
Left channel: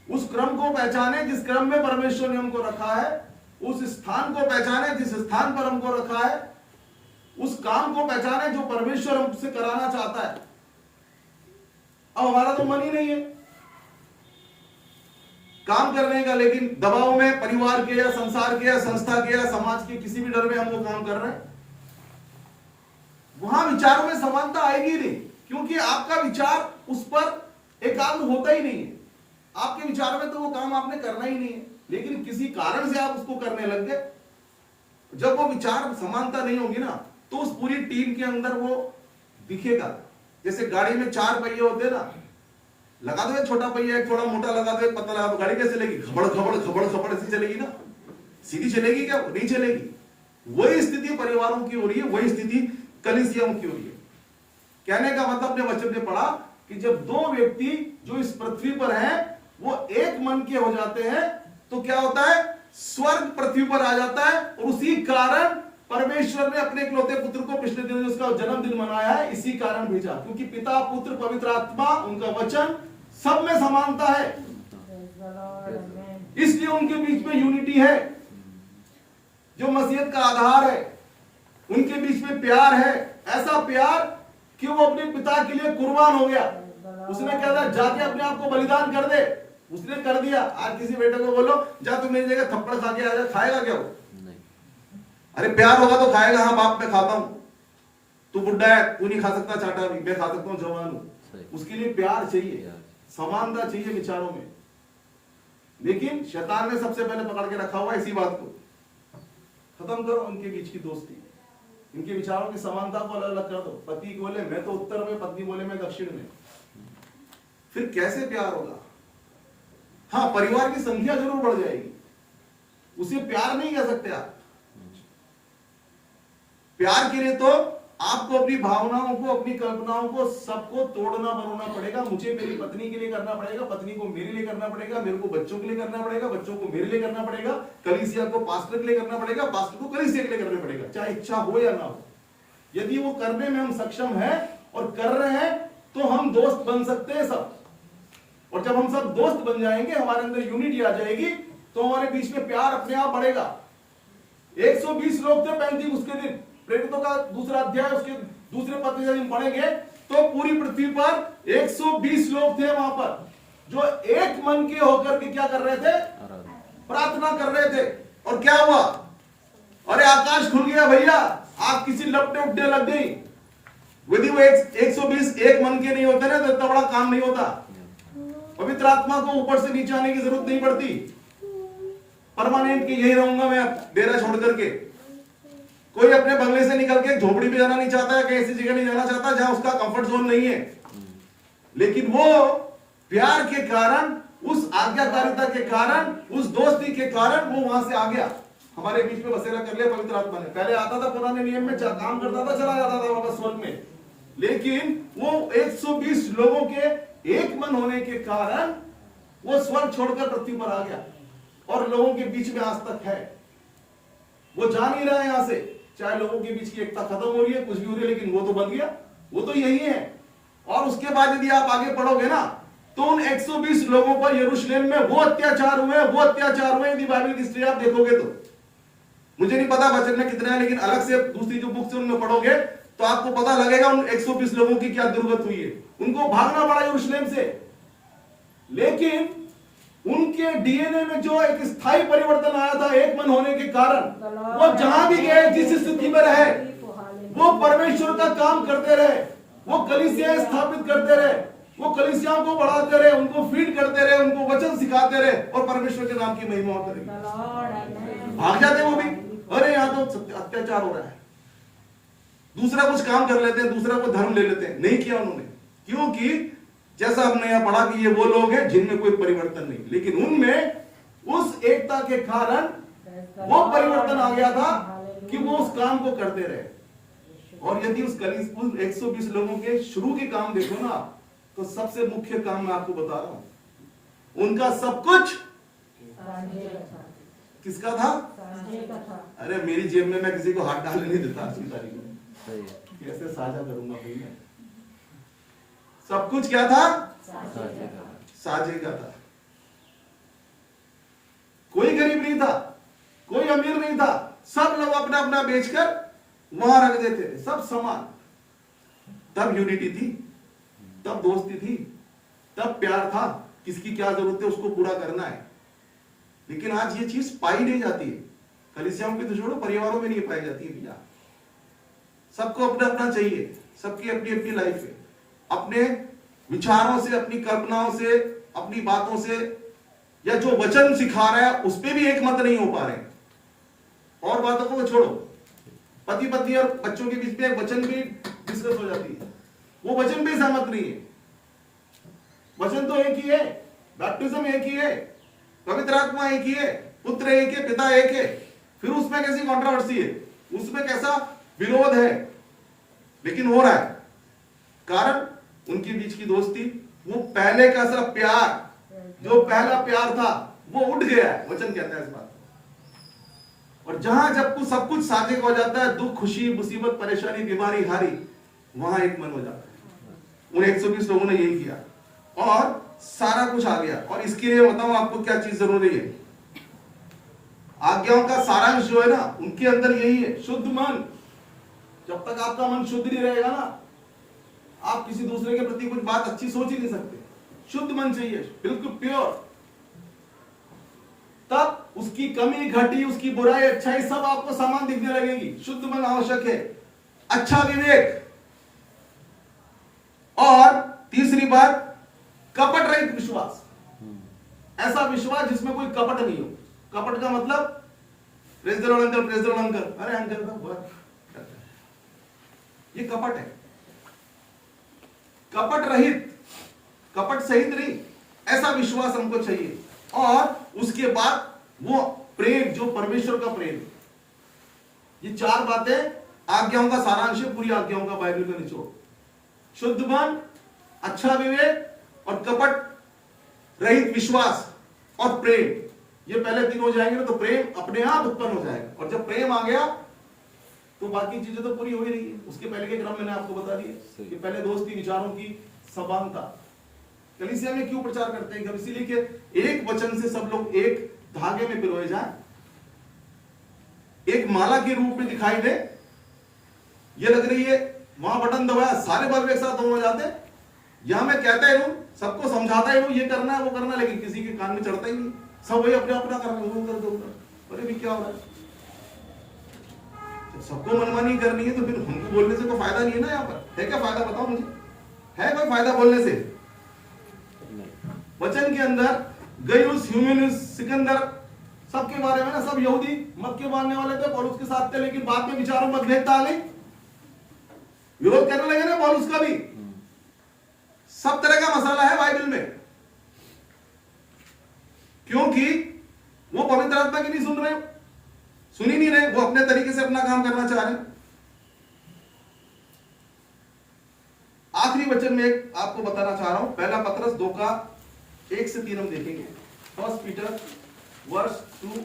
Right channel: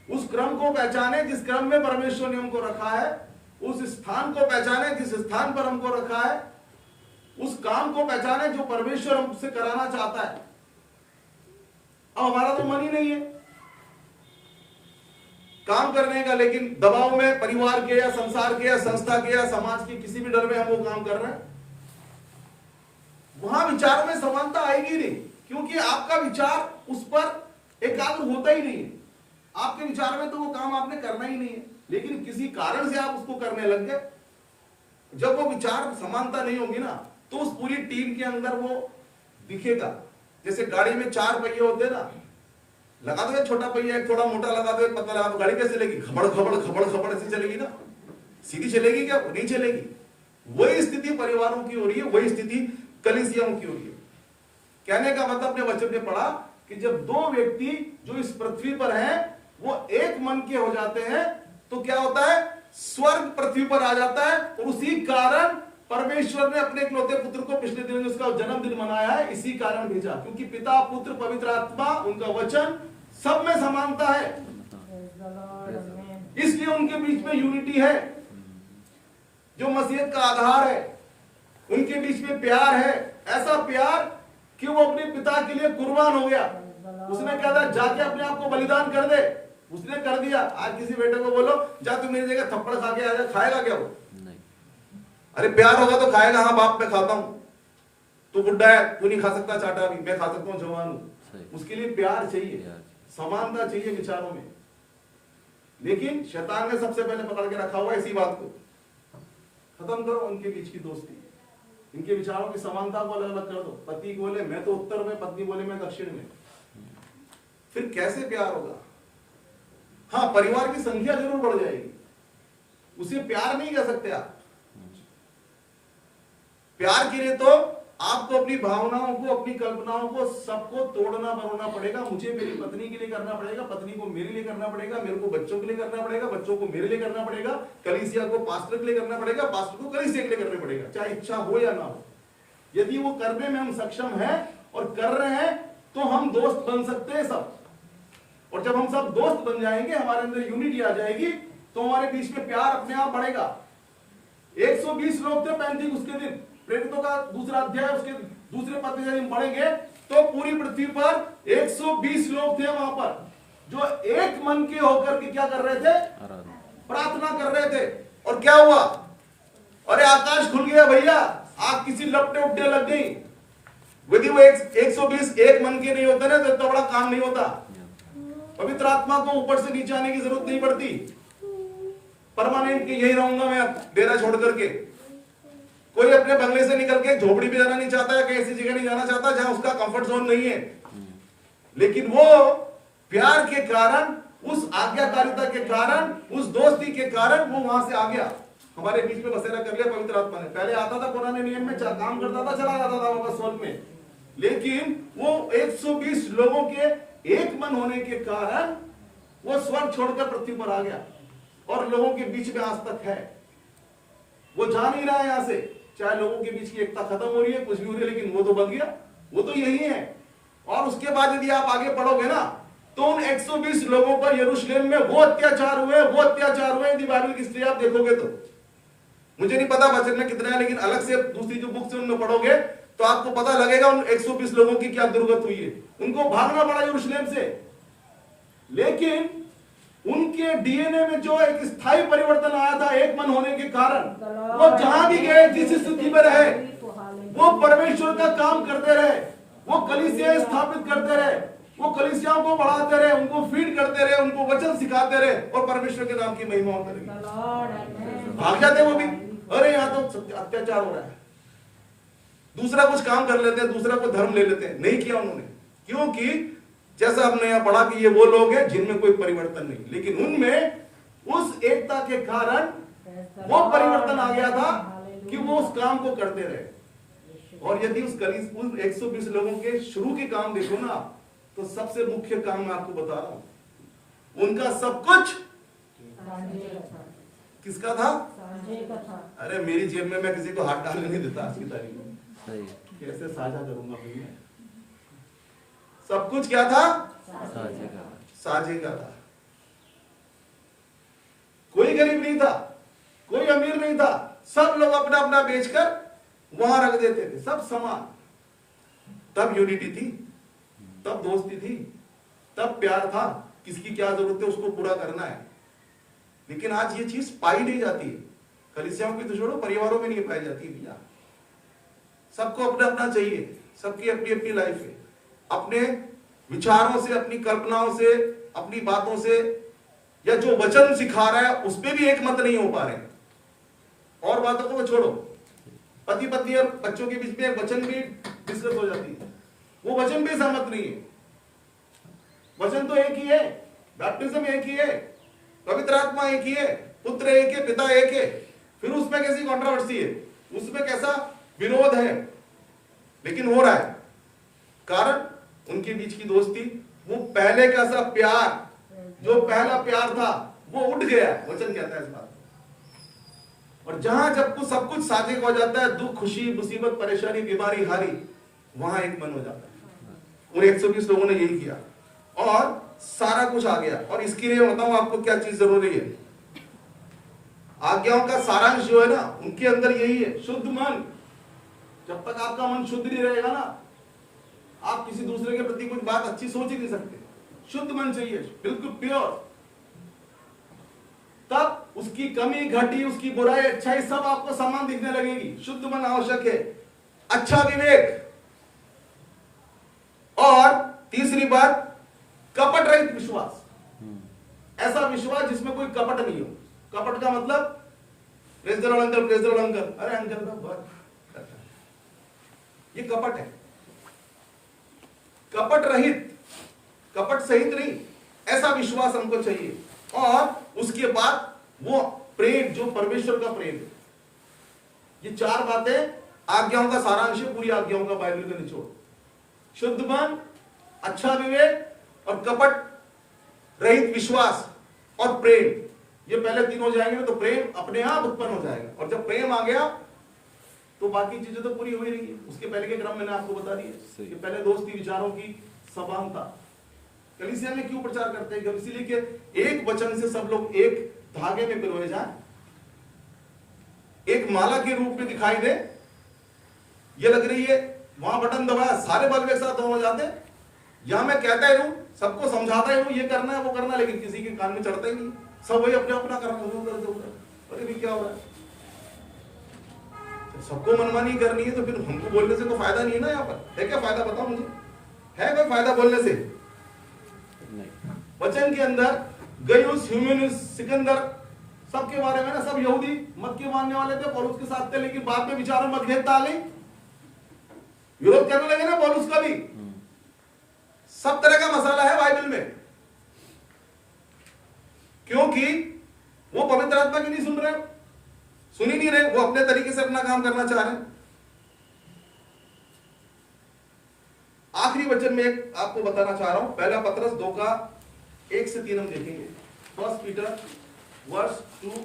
उस क्रम को पहचाने जिस क्रम में परमेश्वर ने हमको रखा है, उस स्थान को पहचाने जिस स्थान पर हमको रखा है, उस काम को पहचाने जो परमेश्वर हमसे कराना चाहता है। अब हमारा तो मन ही नहीं है काम करने का, लेकिन दबाव में परिवार के या संसार के या संस्था के या समाज के किसी भी डर में हम वो काम कर रहे हैं। वहां विचारों में समानता आएगी नहीं, क्योंकि आपका विचार उस पर एकाग्र होता ही नहीं है। आपके विचार में तो वो काम आपने करना ही नहीं है। लेकिन किसी कारण से आप उसको करने लग गए। जब वो विचार समानता नहीं होगी ना, तो उस पूरी टीम के अंदर वो दिखेगा। जैसे गाड़ी में 4 पहिए होते हैं ना, लगा दो एक छोटा पहिया, एक थोड़ा मोटा लगा दो, एक पतला लगा दो, गाड़ी कैसे चलेगी? खबड़ खबड़ खबड़ खबड़ ऐसे चलेगी ना, सीधी चलेगी क्या? नहीं चलेगी। वही स्थिति परिवारों की हो रही है, वही स्थिति कलीसियाओं की हो रही है। कहने का मतलब अपने वचन में पढ़ा कि जब 2 व्यक्ति जो इस पृथ्वी पर हैं वो एक मन के हो जाते हैं, तो क्या होता है? स्वर्ग पृथ्वी पर आ जाता है। और उसी कारण परमेश्वर ने अपने इकलौते पुत्र को पिछले दिनों उसका जन्मदिन मनाया है, इसी कारण भेजा, क्योंकि पिता, पुत्र, पवित्र आत्मा, उनका वचन सब में समानता है, इसलिए उनके बीच में यूनिटी है, जो मसीहत का आधार है। उनके बीच में प्यार है, ऐसा प्यार कि वो अपने पिता के लिए कुर्बान हो गया। उसने क्या था? जाके अपने आप को बलिदान कर दे, उसने कर दिया। आज किसी बेटे को बोलो जा तू मेरी जगह थप्पड़ खा के आ जा, खाएगा क्या वो? अरे प्यार होगा तो खाएगा। हाँ बाप मैं खाता हूं, तू बुढ़ा है तू नहीं खा सकता चाटा भी, मैं खा सकता हूँ जवान हूं। उसके लिए प्यार चाहिए, समानता चाहिए विचारों में। लेकिन शैतान ने सबसे पहले पकड़ के रखा हुआ इसी बात को। खत्म करो उनके बीच की दोस्ती, इनके विचारों की समानता को अलग अलग कर दो। पति बोले मैं तो उत्तर में, पत्नी बोले मैं दक्षिण में, फिर कैसे प्यार होगा? हाँ परिवार की संख्या जरूर बढ़ जाएगी, उसे प्यार नहीं कह सकते आप। प्यार के लिए तो आपको अपनी भावनाओं को, अपनी कल्पनाओं को, सबको तोड़ना मरोड़ना पड़ेगा। मुझे मेरी पत्नी के लिए करना पड़ेगा, पत्नी को मेरे लिए करना पड़ेगा, मेरे को बच्चों के लिए करना पड़ेगा, बच्चों को मेरे लिए करना पड़ेगा, कलीसिया को पास्टर के लिए करना पड़ेगा, पास्टर को कलीसिया के लिए करना पड़ेगा, चाहे इच्छा हो या ना हो। यदि वो करने में हम सक्षम हैं और कर रहे हैं तो हम दोस्त बन सकते हैं सब। और जब हम सब दोस्त बन जाएंगे, हमारे अंदर यूनिटी आ जाएगी, तो हमारे बीच में प्यार अपने आप बढ़ेगा। 120 लोग थे पेंतीकोस्त के दिन, प्रेरितों का दूसरा अध्याय उसके दूसरे पद में पढ़ेंगे तो पूरी पृथ्वी पर 120 लोग थे वहां पर, जो एक मन के होकर के क्या कर रहे थे? प्रार्थना कर रहे थे। और क्या हुआ? अरे आकाश खुल गया भैया, आप किसी लपटे उपटे लग गई। यदि वो 120 एक मन के नहीं होते ना तो इतना बड़ा काम नहीं होता। पवित्र आत्मा को ऊपर से नीचे आने की जरूरत नहीं पड़ती। परमानेंट के यही रहूंगा मैं डेरा छोड़ करके। कोई अपने बंगले से निकल के झोपड़ी पे जाना नहीं चाहता है, कहीं ऐसी जगह नहीं जाना चाहता जहां उसका कंफर्ट जोन नहीं है। लेकिन वो प्यार के कारण, उस आज्ञाकारिता के कारण, उस दोस्ती के कारण वो वहां से आ गया, हमारे बीच में बसेरा कर लिया पवित्र आत्मा ने। पहले आता था पुराने नियम में, काम करता था, चला जाता था वापस स्वर्ग में। लेकिन वो 120 लोगों के एक मन होने के कारण वो स्वर्ग छोड़कर पृथ्वी पर आ गया और लोगों के बीच में आज तक है। वो जा नहीं रहा है यहां से, चाहे लोगों के बीच की एकता खत्म हो रही है, कुछ भी हो रही है, लेकिन वो तो बन गया, वो तो यही है। और उसके बाद यदि आप आगे पढ़ोगे ना तो उन 120 लोगों पर यरूशलेम में वो अत्याचार हुए। यदि बाइबल की हिस्ट्री आप देखोगे तो, मुझे नहीं पता वचन में कितने हैं, लेकिन अलग से दूसरी जो बुक से उनमें पढ़ोगे तो आपको पता लगेगा उन 120 लोगों की क्या दुर्गत हुई है। उनको भागना पड़ा यरूशलेम से, लेकिन उनके डीएनए में जो एक स्थायी परिवर्तन आया था एक मन होने के कारण, वो जहां भी गए, जिस स्थिति में रहे, वो परमेश्वर का काम करते रहे, वो कलीसिया स्थापित करते रहे, वो कलीसियाओं को बढ़ाते रहे, उनको फीड करते रहे, उनको वचन सिखाते रहे और परमेश्वर के नाम की महिमा होती रही। भाग जाते वो भी, अरे यहां तो अत्याचार हो रहा है, दूसरा कुछ काम कर लेते हैं, दूसरा को धर्म ले लेते हैं। नहीं किया उन्होंने, क्योंकि जैसा हमने यहां पढ़ा कि ये वो लोग हैं जिनमें कोई परिवर्तन नहीं, लेकिन उनमें उस एकता के कारण वो परिवर्तन आ गया था कि वो उस काम को करते रहे। और यदि उस 120 लोगों के शुरू के काम देखो ना, तो सबसे मुख्य काम मैं आपको बता रहा हूं, उनका सब कुछ किसका था? अरे मेरी जेब में मैं किसी को हाथ डालने नहीं देता आज की तारीख में, कैसे साझा करूंगा भाई मैं? सब कुछ क्या था? साझे का था। कोई गरीब नहीं था, कोई अमीर नहीं था, सब लोग अपना अपना बेचकर वहां रख देते थे, सब समान। तब यूनिटी थी, तब दोस्ती थी, तब प्यार था, किसकी क्या जरूरत है उसको पूरा करना है। लेकिन आज ये चीज पाई नहीं जाती है, कलीसियाओं की तो छोड़ो, परिवारों में नहीं पाई जाती है भैया। सबको अपना अपना चाहिए, सबकी अपनी अपनी लाइफ है, अपने विचारों से, अपनी कल्पनाओं से, अपनी बातों से या जो वचन सिखा रहा है उस पर भी एक मत नहीं हो पा रहे हैं। और बातों को छोड़ो, पति पत्नी और बच्चों के बीच में एक वचन भी डिस्कस हो जाती है, वो वचन भी सहमत नहीं है। वचन तो एक ही है, बैप्टिज्म एक ही है, पवित्र आत्मा एक ही है, पुत्र एक है, पिता एक है, फिर उसमें कैसी कंट्रोवर्सी है, उसमें कैसा विरोध है, लेकिन हो रहा है। कारण उनके बीच की दोस्ती, वो पहले का सा प्यार, जो पहला प्यार था वो उठ गया है, वचन कहता है इस बात। और जहां जब कुछ सब कुछ साझे हो जाता है, दुख खुशी मुसीबत परेशानी बीमारी हारी, वहां एक मन हो जाता है। उन 120 लोगों ने यही किया और सारा कुछ आ गया। और इसके लिए बताऊं आपको क्या चीज जरूरी है। आज्ञाओं का सारांश जो है ना, उनके अंदर यही है, शुद्ध मन। जब तक आपका मन शुद्ध नहीं रहेगा ना, आप किसी दूसरे के प्रति कुछ बात अच्छी सोच ही नहीं सकते। शुद्ध मन चाहिए, बिल्कुल प्योर। तब उसकी कमी घटी, उसकी बुराई अच्छाई सब आपको समान दिखने लगेगी। शुद्ध मन आवश्यक है, अच्छा विवेक। और तीसरी बात, कपट रहित विश्वास। ऐसा विश्वास जिसमें कोई कपट नहीं हो। कपट का मतलब praise the Lord uncle, praise the Lord uncle, अरे अंकल का बहुत, ये कपट है। कपट रहित, कपट सहित नहीं, ऐसा विश्वास हमको चाहिए। और उसके बाद वो प्रेम, जो परमेश्वर का प्रेम है। ये चार बातें आज्ञाओं का सारांश है, पूरी आज्ञाओं का बाइबल में निचोड़। शुद्ध मन, अच्छा विवेक और कपट रहित विश्वास और प्रेम। ये पहले तीन हो जाएंगे ना, तो प्रेम अपने आप उत्पन्न हो जाएगा। और जब प्रेम आ गया तो बाकी चीजें तो पूरी हो ही रही है। उसके पहले के क्रम मैंने आपको बता दिए कि पहले दोस्ती, विचारों की समानता। कलीसिया में क्यों प्रचार करते हैं? इसीलिए कि एक वचन से सब लोग एक धागे में पिरोए जाए, एक माला के रूप में दिखाई दे। ये लग रही है, वहां बटन दबाया सारे बल्ब एक साथ हो जाते। यहां मैं कहता ही रहूं, सबको समझाता ही रहूं, ये करना है वो करना, लेकिन किसी के कान में चढ़ता ही नहीं। सब वही अपने अपना कर रहे हैं। अरे भी क्या हो रहा है? सबको मनमानी करनी है तो फिर हमको बोलने से तो फायदा नहीं है ना। यहाँ पर है क्या फायदा? बताओ मुझे, है कोई फायदा बोलने से? वचन के अंदर गयुस, ह्यूमेनिस, सिकंदर, सबके बारे में ना, सब यहूदी मत के मानने वाले थे, पौलुस के साथ थे, लेकिन बाद में विचारों में मतभेद डाले, विरोध करने लगे ना पौलुस का भी। सब तरह का मसाला है बाइबल में, क्योंकि वो पवित्र आत्मा की नहीं सुन रहे, सुन ही नहीं रहे, वो अपने तरीके से अपना काम करना चाह रहे हैं। आखिरी वचन में एक आपको बताना चाह रहा हूं, पहला पतरस 2 का 1 से 3 हम देखेंगे। 1 पीटर वर्स 2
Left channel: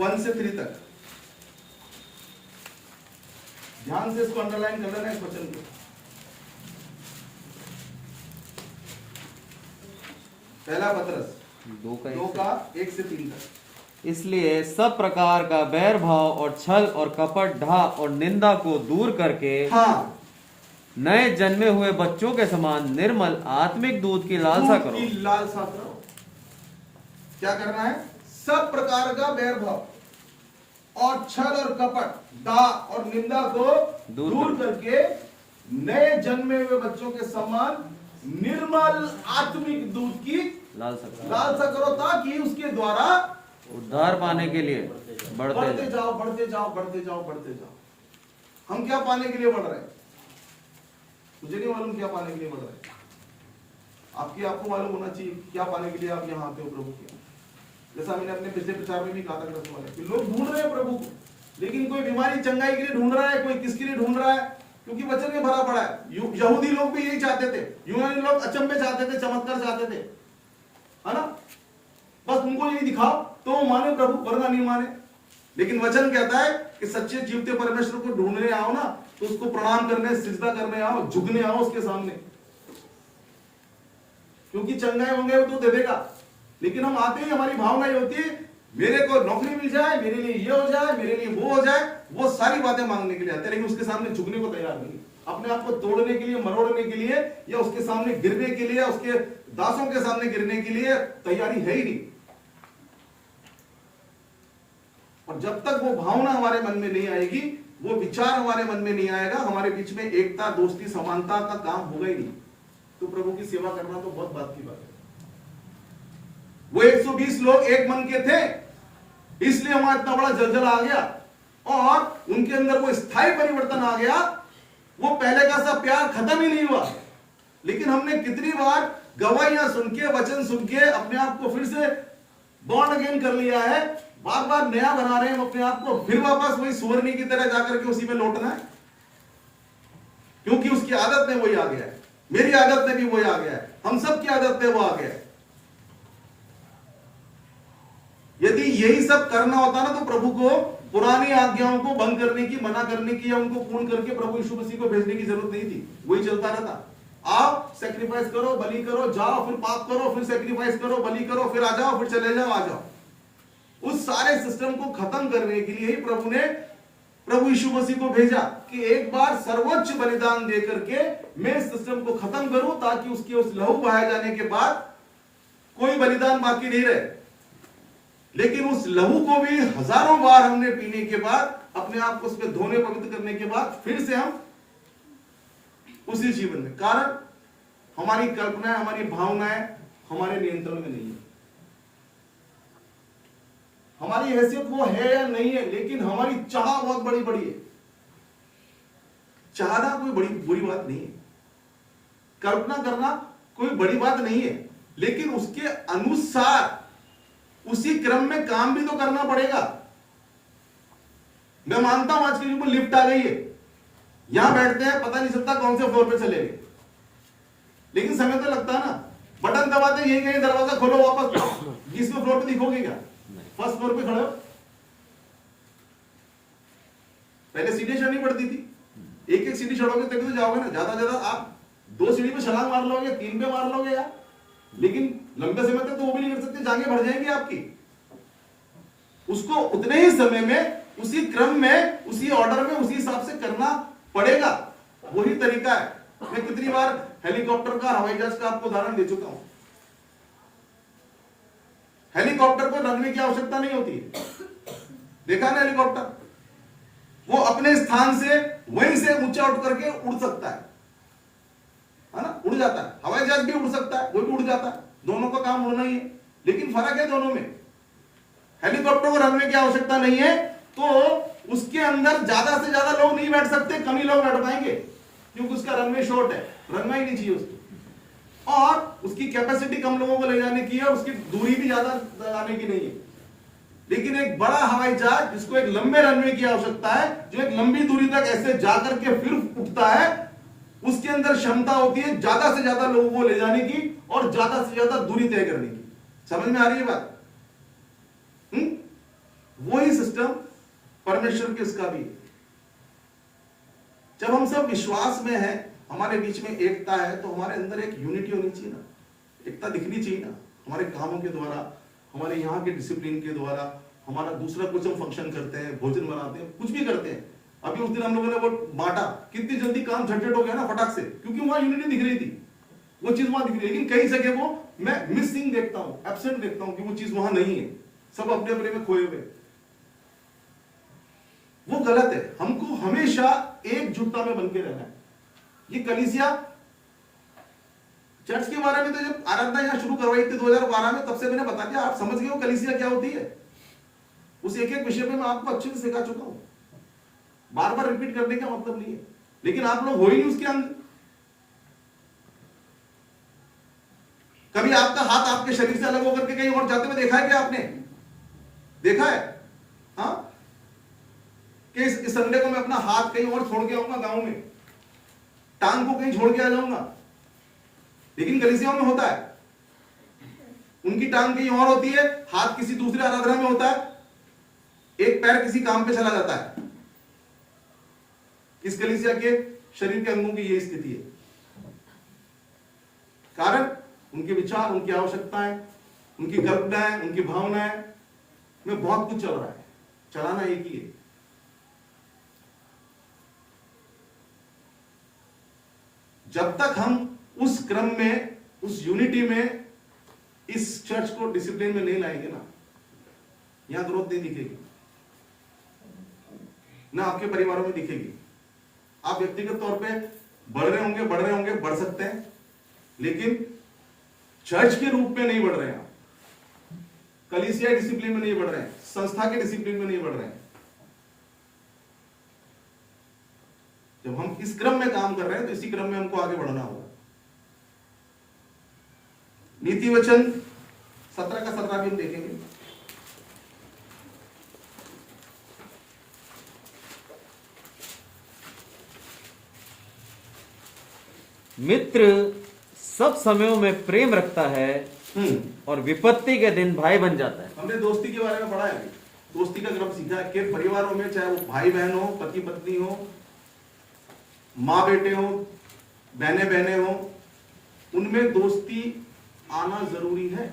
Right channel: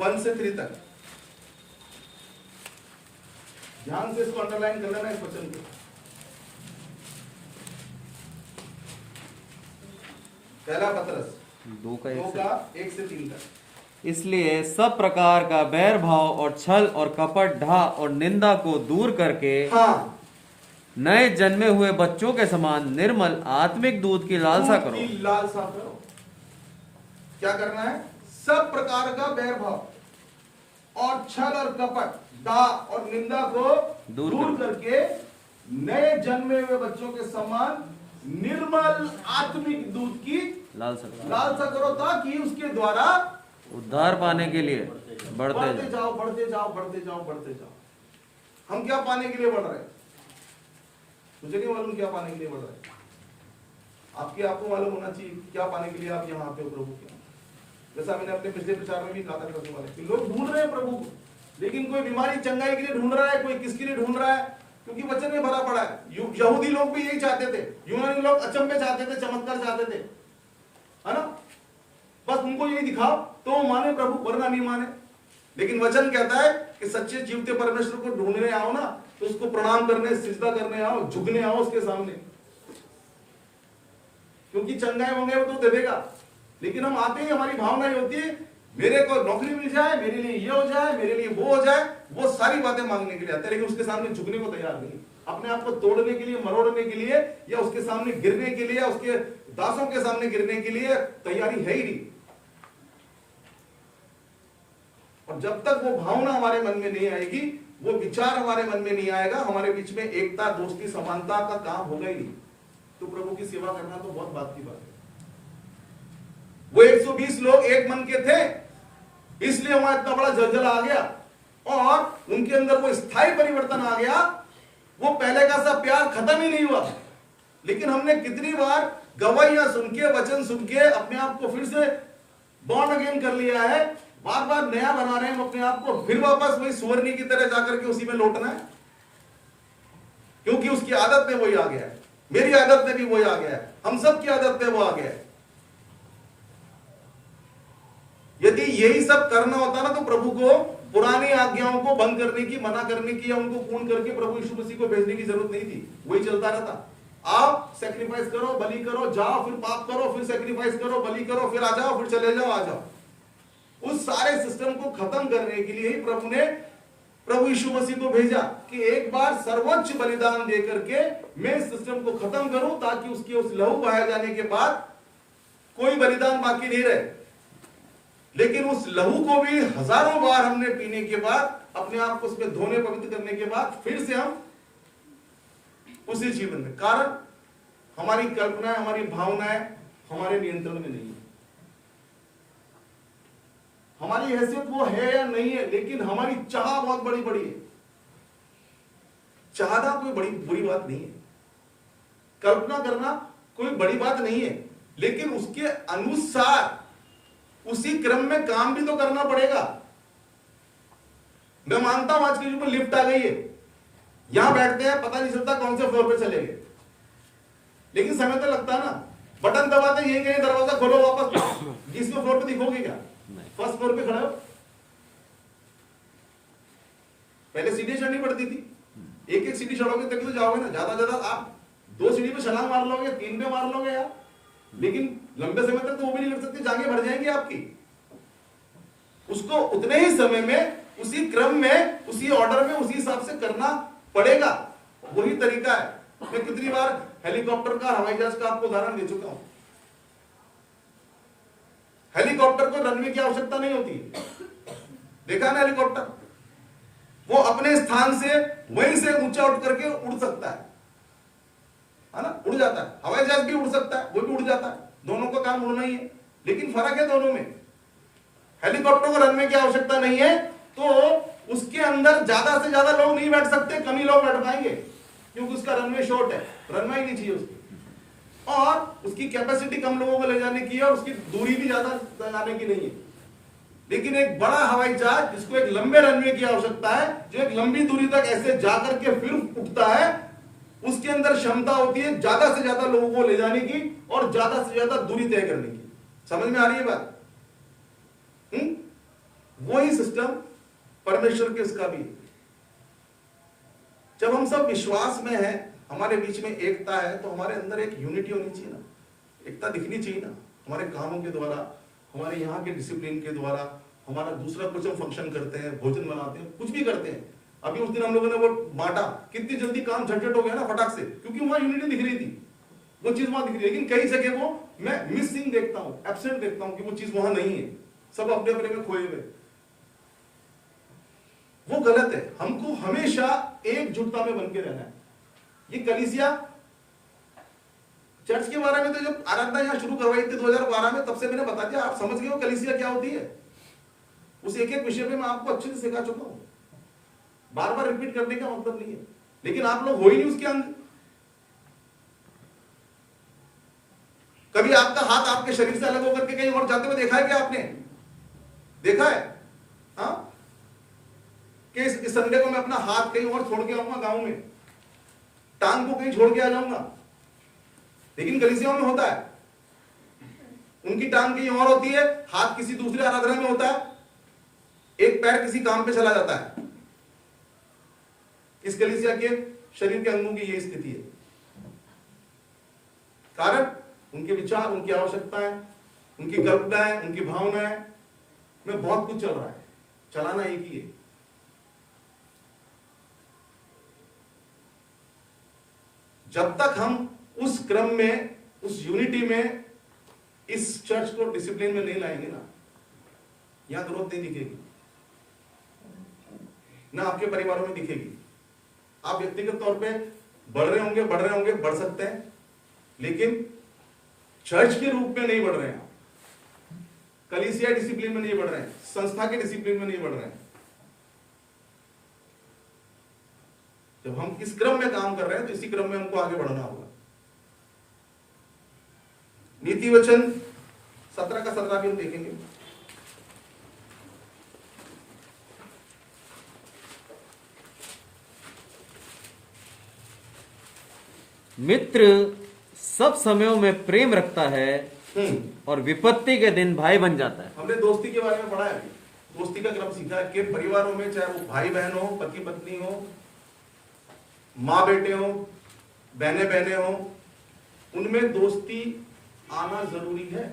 1 से 3 तक। ध्यान से इसको अंडरलाइन कर लेना, इस वचन को। पहला पतरस 2 का 1 से 3 तक। इसलिए सब प्रकार का बैर भाव और छल और कपट, ढा और निंदा को दूर करके नए जन्मे हुए बच्चों के समान निर्मल आत्मिक दूध की लालसा करो। लालसा करो। क्या करना है? सब प्रकार का बैर भाव और छल और कपट, डा और निंदा को दूर करके नए जन्मे हुए बच्चों के समान निर्मल आत्मिक दूध की लालसा करो, ताकि उसके द्वारा उद्धार पाने के लिए बढ़ते जाओ, बढ़ते जाओ, बढ़ते जाओ, बढ़ते जाओ। हम क्या पाने के लिए बढ़ रहे हैं? मुझे नहीं मालूम क्या पाने के लिए बढ़ रहे हैं। आपको मालूम होना चाहिए क्या पाने के लिए आप यहाँ आते हो प्रभु के। जैसा मैंने अपने पिछले प्रचार में भी कहा था करने वाले, लोग ढूंढ रहे हैं प्रभु को, लेकिन कोई बीमारी चंगाई के लिए ढूंढ रहा है, कोई किसके लिए ढूंढ रहा है, क्योंकि वचन में भरा पड़ा है। यहूदी लोग भी यही चाहते थे, यूनानी लोग अचंभे चाहते थे, चमत्कार चाहते थे, है ना। बस उनको यही दिखाओ तो वो माने प्रभु, वरना नहीं माने। लेकिन वचन कहता है कि सच्चे जीवते परमेश्वर को ढूंढने आओ ना, तो उसको प्रणाम करने, सिजदा करने आओ, झुकने आओ उसके सामने, क्योंकि चंगाई मंगाई वो तो दे देगा। लेकिन हम आते ही हमारी भावना ये होती है, मेरे को नौकरी मिल जाए, मेरे लिए ये हो जाए, मेरे लिए वो हो जाए, वो सारी बातें मांगने के लिए आते हैं, लेकिन उसके सामने झुकने को तैयार नहीं। अपने आप को तोड़ने के लिए, मरोड़ने के लिए, या उसके सामने गिरने के लिए, उसके दासों के सामने गिरने के लिए तैयारी है ही नहीं। और जब तक वो भावना हमारे मन में नहीं आएगी, वो विचार हमारे मन में नहीं आएगा, हमारे बीच में एकता, दोस्ती, समानता का काम होगा ही नहीं। तो प्रभु की सेवा करना तो बहुत बात की बात है। वो 120 लोग एक मन के थे, इसलिए वहां इतना बड़ा जलजला आ गया और उनके अंदर वो स्थायी परिवर्तन आ गया। वो पहले का सा प्यार खत्म ही नहीं हुआ। लेकिन हमने कितनी बार गवाहियां सुन के, वचन सुन के अपने आप को फिर से बॉर्न अगेन कर लिया है, बार बार नया बना रहे हैं अपने आप को, फिर वापस वही सुवर्णी की तरह जाकर के उसी में लौटना है, क्योंकि उसकी आदत में वही आ गया है, मेरी आदत में भी वही आ गया है, हम सब की आदत में वो आ गया है। यदि यही सब करना होता ना तो प्रभु को पुरानी आज्ञाओं को भंग करने की, मना करने की या उनको पूर्ण करके प्रभु यीशु मसीह को भेजने की जरूरत नहीं थी। वही चलता रहता, आओ सैक्रिफाइस करो, बलि करो, जाओ, फिर पाप करो, फिर सैक्रिफाइस करो, बलि करो, फिर आ जाओ, फिर चले जाओ, आ जाओ। उस सारे सिस्टम को खत्म करने के लिए ही प्रभु ने प्रभु यीशु मसीह को भेजा कि एक बार सर्वोच्च बलिदान देकर के मैं इस सिस्टम को खत्म करूं, ताकि उसके उस लहू बहाए जाने के बाद कोई बलिदान बाकी नहीं रहे। लेकिन उस लहू को भी हजारों बार हमने पीने के बाद, अपने आप को उसमें धोने पवित्र करने के बाद फिर से हम उसी जीवन में, कारण हमारी कल्पनाएं, हमारी भावनाएं हमारे नियंत्रण में नहीं है। हमारी हैसियत वो है या नहीं है, लेकिन हमारी चाह बहुत बड़ी बड़ी है। चाहना कोई बड़ी बुरी बात नहीं है, कल्पना करना कोई बड़ी बात नहीं है, लेकिन उसके अनुसार उसी क्रम में काम भी तो करना पड़ेगा। मैं मानता हूं आज के युग में लिफ्ट आ गई है, यहां बैठते हैं, पता नहीं चलता कौन से फ्लोर पे चले गए, लेकिन समय तो लगता है ना। बटन दबाते यही कहीं दरवाजा खोलो, वापस 20वें फ्लोर पे दिखोगे क्या? फर्स्ट फ्लोर पे खड़े हो। पहले सीढ़ी चढ़नी पड़ती थी, एक एक सीढ़ी चढ़ोगे तभी तो जाओगे ना। ज्यादा आप 2 सीढ़ी पे छलांग मार लोगे, 3 पे मार लोगे यार, लेकिन लंबे समय तक तो वो भी नहीं कर सकते, जांघें भर जाएंगी आपकी। उसको उतने ही समय में, उसी क्रम में, उसी ऑर्डर में, उसी हिसाब से करना पड़ेगा। वही तरीका है। मैं कितनी बार हेलीकॉप्टर का, हवाई जहाज का आपको उदाहरण दे चुका हूं। हेलीकॉप्टर को रनवे की आवश्यकता नहीं होती है, देखा ना हेलीकॉप्टर, वो अपने स्थान से वहीं से ऊंचा उठ करके उड़ सकता है ना, उड़ जाता है। हवाई जहाज भी उड़ सकता है, वो भी उड़ जाता है, दोनों का काम उड़ना ही है, लेकिन फर्क है दोनों में। हेलीकॉप्टर को रनवे की आवश्यकता नहीं है, तो उसके अंदर ज्यादा से ज्यादा लोग नहीं बैठ सकते, कम ही लोग बैठ पाएंगे, क्योंकि उसका रनवे शॉर्ट है, रनवे ही नहीं चाहिए उसकी, और उसकी कैपेसिटी कम लोगों को ले जाने की है, और उसकी दूरी भी ज्यादा लगाने की नहीं है। लेकिन एक बड़ा हवाई जहाज जिसको एक लंबे रनवे की आवश्यकता है, जो एक लंबी दूरी तक ऐसे जाकर के फिर उठता है, उसके अंदर क्षमता होती है ज्यादा से ज्यादा लोगों को ले जाने की और ज्यादा से ज्यादा दूरी तय करने की। समझ में आ रही है बात? वही सिस्टम परमेश्वर के इसका भी। जब हम सब विश्वास में हैं, हमारे बीच में एकता है, तो हमारे अंदर एक यूनिटी होनी चाहिए ना, एकता दिखनी चाहिए ना, हमारे कामों के द्वारा, हमारे यहाँ के डिसिप्लिन के द्वारा, हमारा दूसरा कुछ हम फंक्शन करते हैं, भोजन बनाते हैं, कुछ भी करते हैं। अभी उस दिन हम लोगों ने वो बांटा, कितनी जल्दी काम झटझट हो गया ना फटाक से, क्योंकि वहां यूनिटी दिख रही थी, वो चीज वहां दिख रही है। लेकिन कई जगह वो मैं मिसिंग देखता हूं, एब्सेंट देखता हूं, कि वो चीज वहां नहीं है, सब अपने अपने में खोए हुए। वो गलत है। हमको हमेशा एकजुटता में बन के रहना है। ये कलीसिया चर्च के बारे में तो जब आराधना यहां शुरू करवाई थी 2012 में, तब से मैंने बता दिया, आप समझ गए हो कलीसिया क्या होती है। उस एक एक विषय में मैं आपको अच्छे से सिखा चुका हूं, बार बार रिपीट करने का मतलब नहीं है, लेकिन आप लोग हो ही नहीं उसके अंदर। कभी आपका हाथ आपके शरीर से अलग होकर के कहीं और जाते हुए देखा है क्या आपने? देखा है? हाँ, कि इस संडे को मैं अपना हाथ कहीं और छोड़ के आऊंगा गांव में, टांग को कहीं छोड़ के आ जाऊंगा। लेकिन कलीसियाओं में होता है, उनकी टांग कहीं और होती है, हाथ किसी दूसरे आराधना में होता है, एक पैर किसी काम पे चला जाता है। इस कलीसिया के शरीर के अंगों की यही स्थिति है। कारण उनके विचार, उनकी आवश्यकताएं, उनकी कल्पनाएं, उनकी भावनाएं में बहुत कुछ चल रहा है, चलाना एक ही है। जब तक हम उस क्रम में, उस यूनिटी में, इस चर्च को डिसिप्लिन में नहीं लाएंगे ना, यहां ग्रोथ नहीं दिखेगी, ना आपके परिवारों में दिखेगी। आप व्यक्तिगत तौर पे बढ़ रहे होंगे, बढ़ सकते हैं, लेकिन चर्च के रूप में नहीं बढ़ रहे हैं। कलीसिया डिसिप्लिन में नहीं बढ़ रहे हैं, संस्था के डिसिप्लिन में नहीं बढ़ रहे हैं। जब हम इस क्रम में काम कर रहे हैं तो इसी क्रम में हमको आगे बढ़ना होगा। नीति वचन 17 का 17 भी हम देखेंगे। मित्र सब समयों में प्रेम रखता है और विपत्ति के दिन भाई बन जाता है। हमने दोस्ती के बारे में पढ़ा है अभी, दोस्ती का क्रम सीखा है कि परिवारों में चाहे वो भाई बहन हो, पति पत्नी हो, माँ बेटे हो, बहने बहने हो, उनमें दोस्ती आना जरूरी है।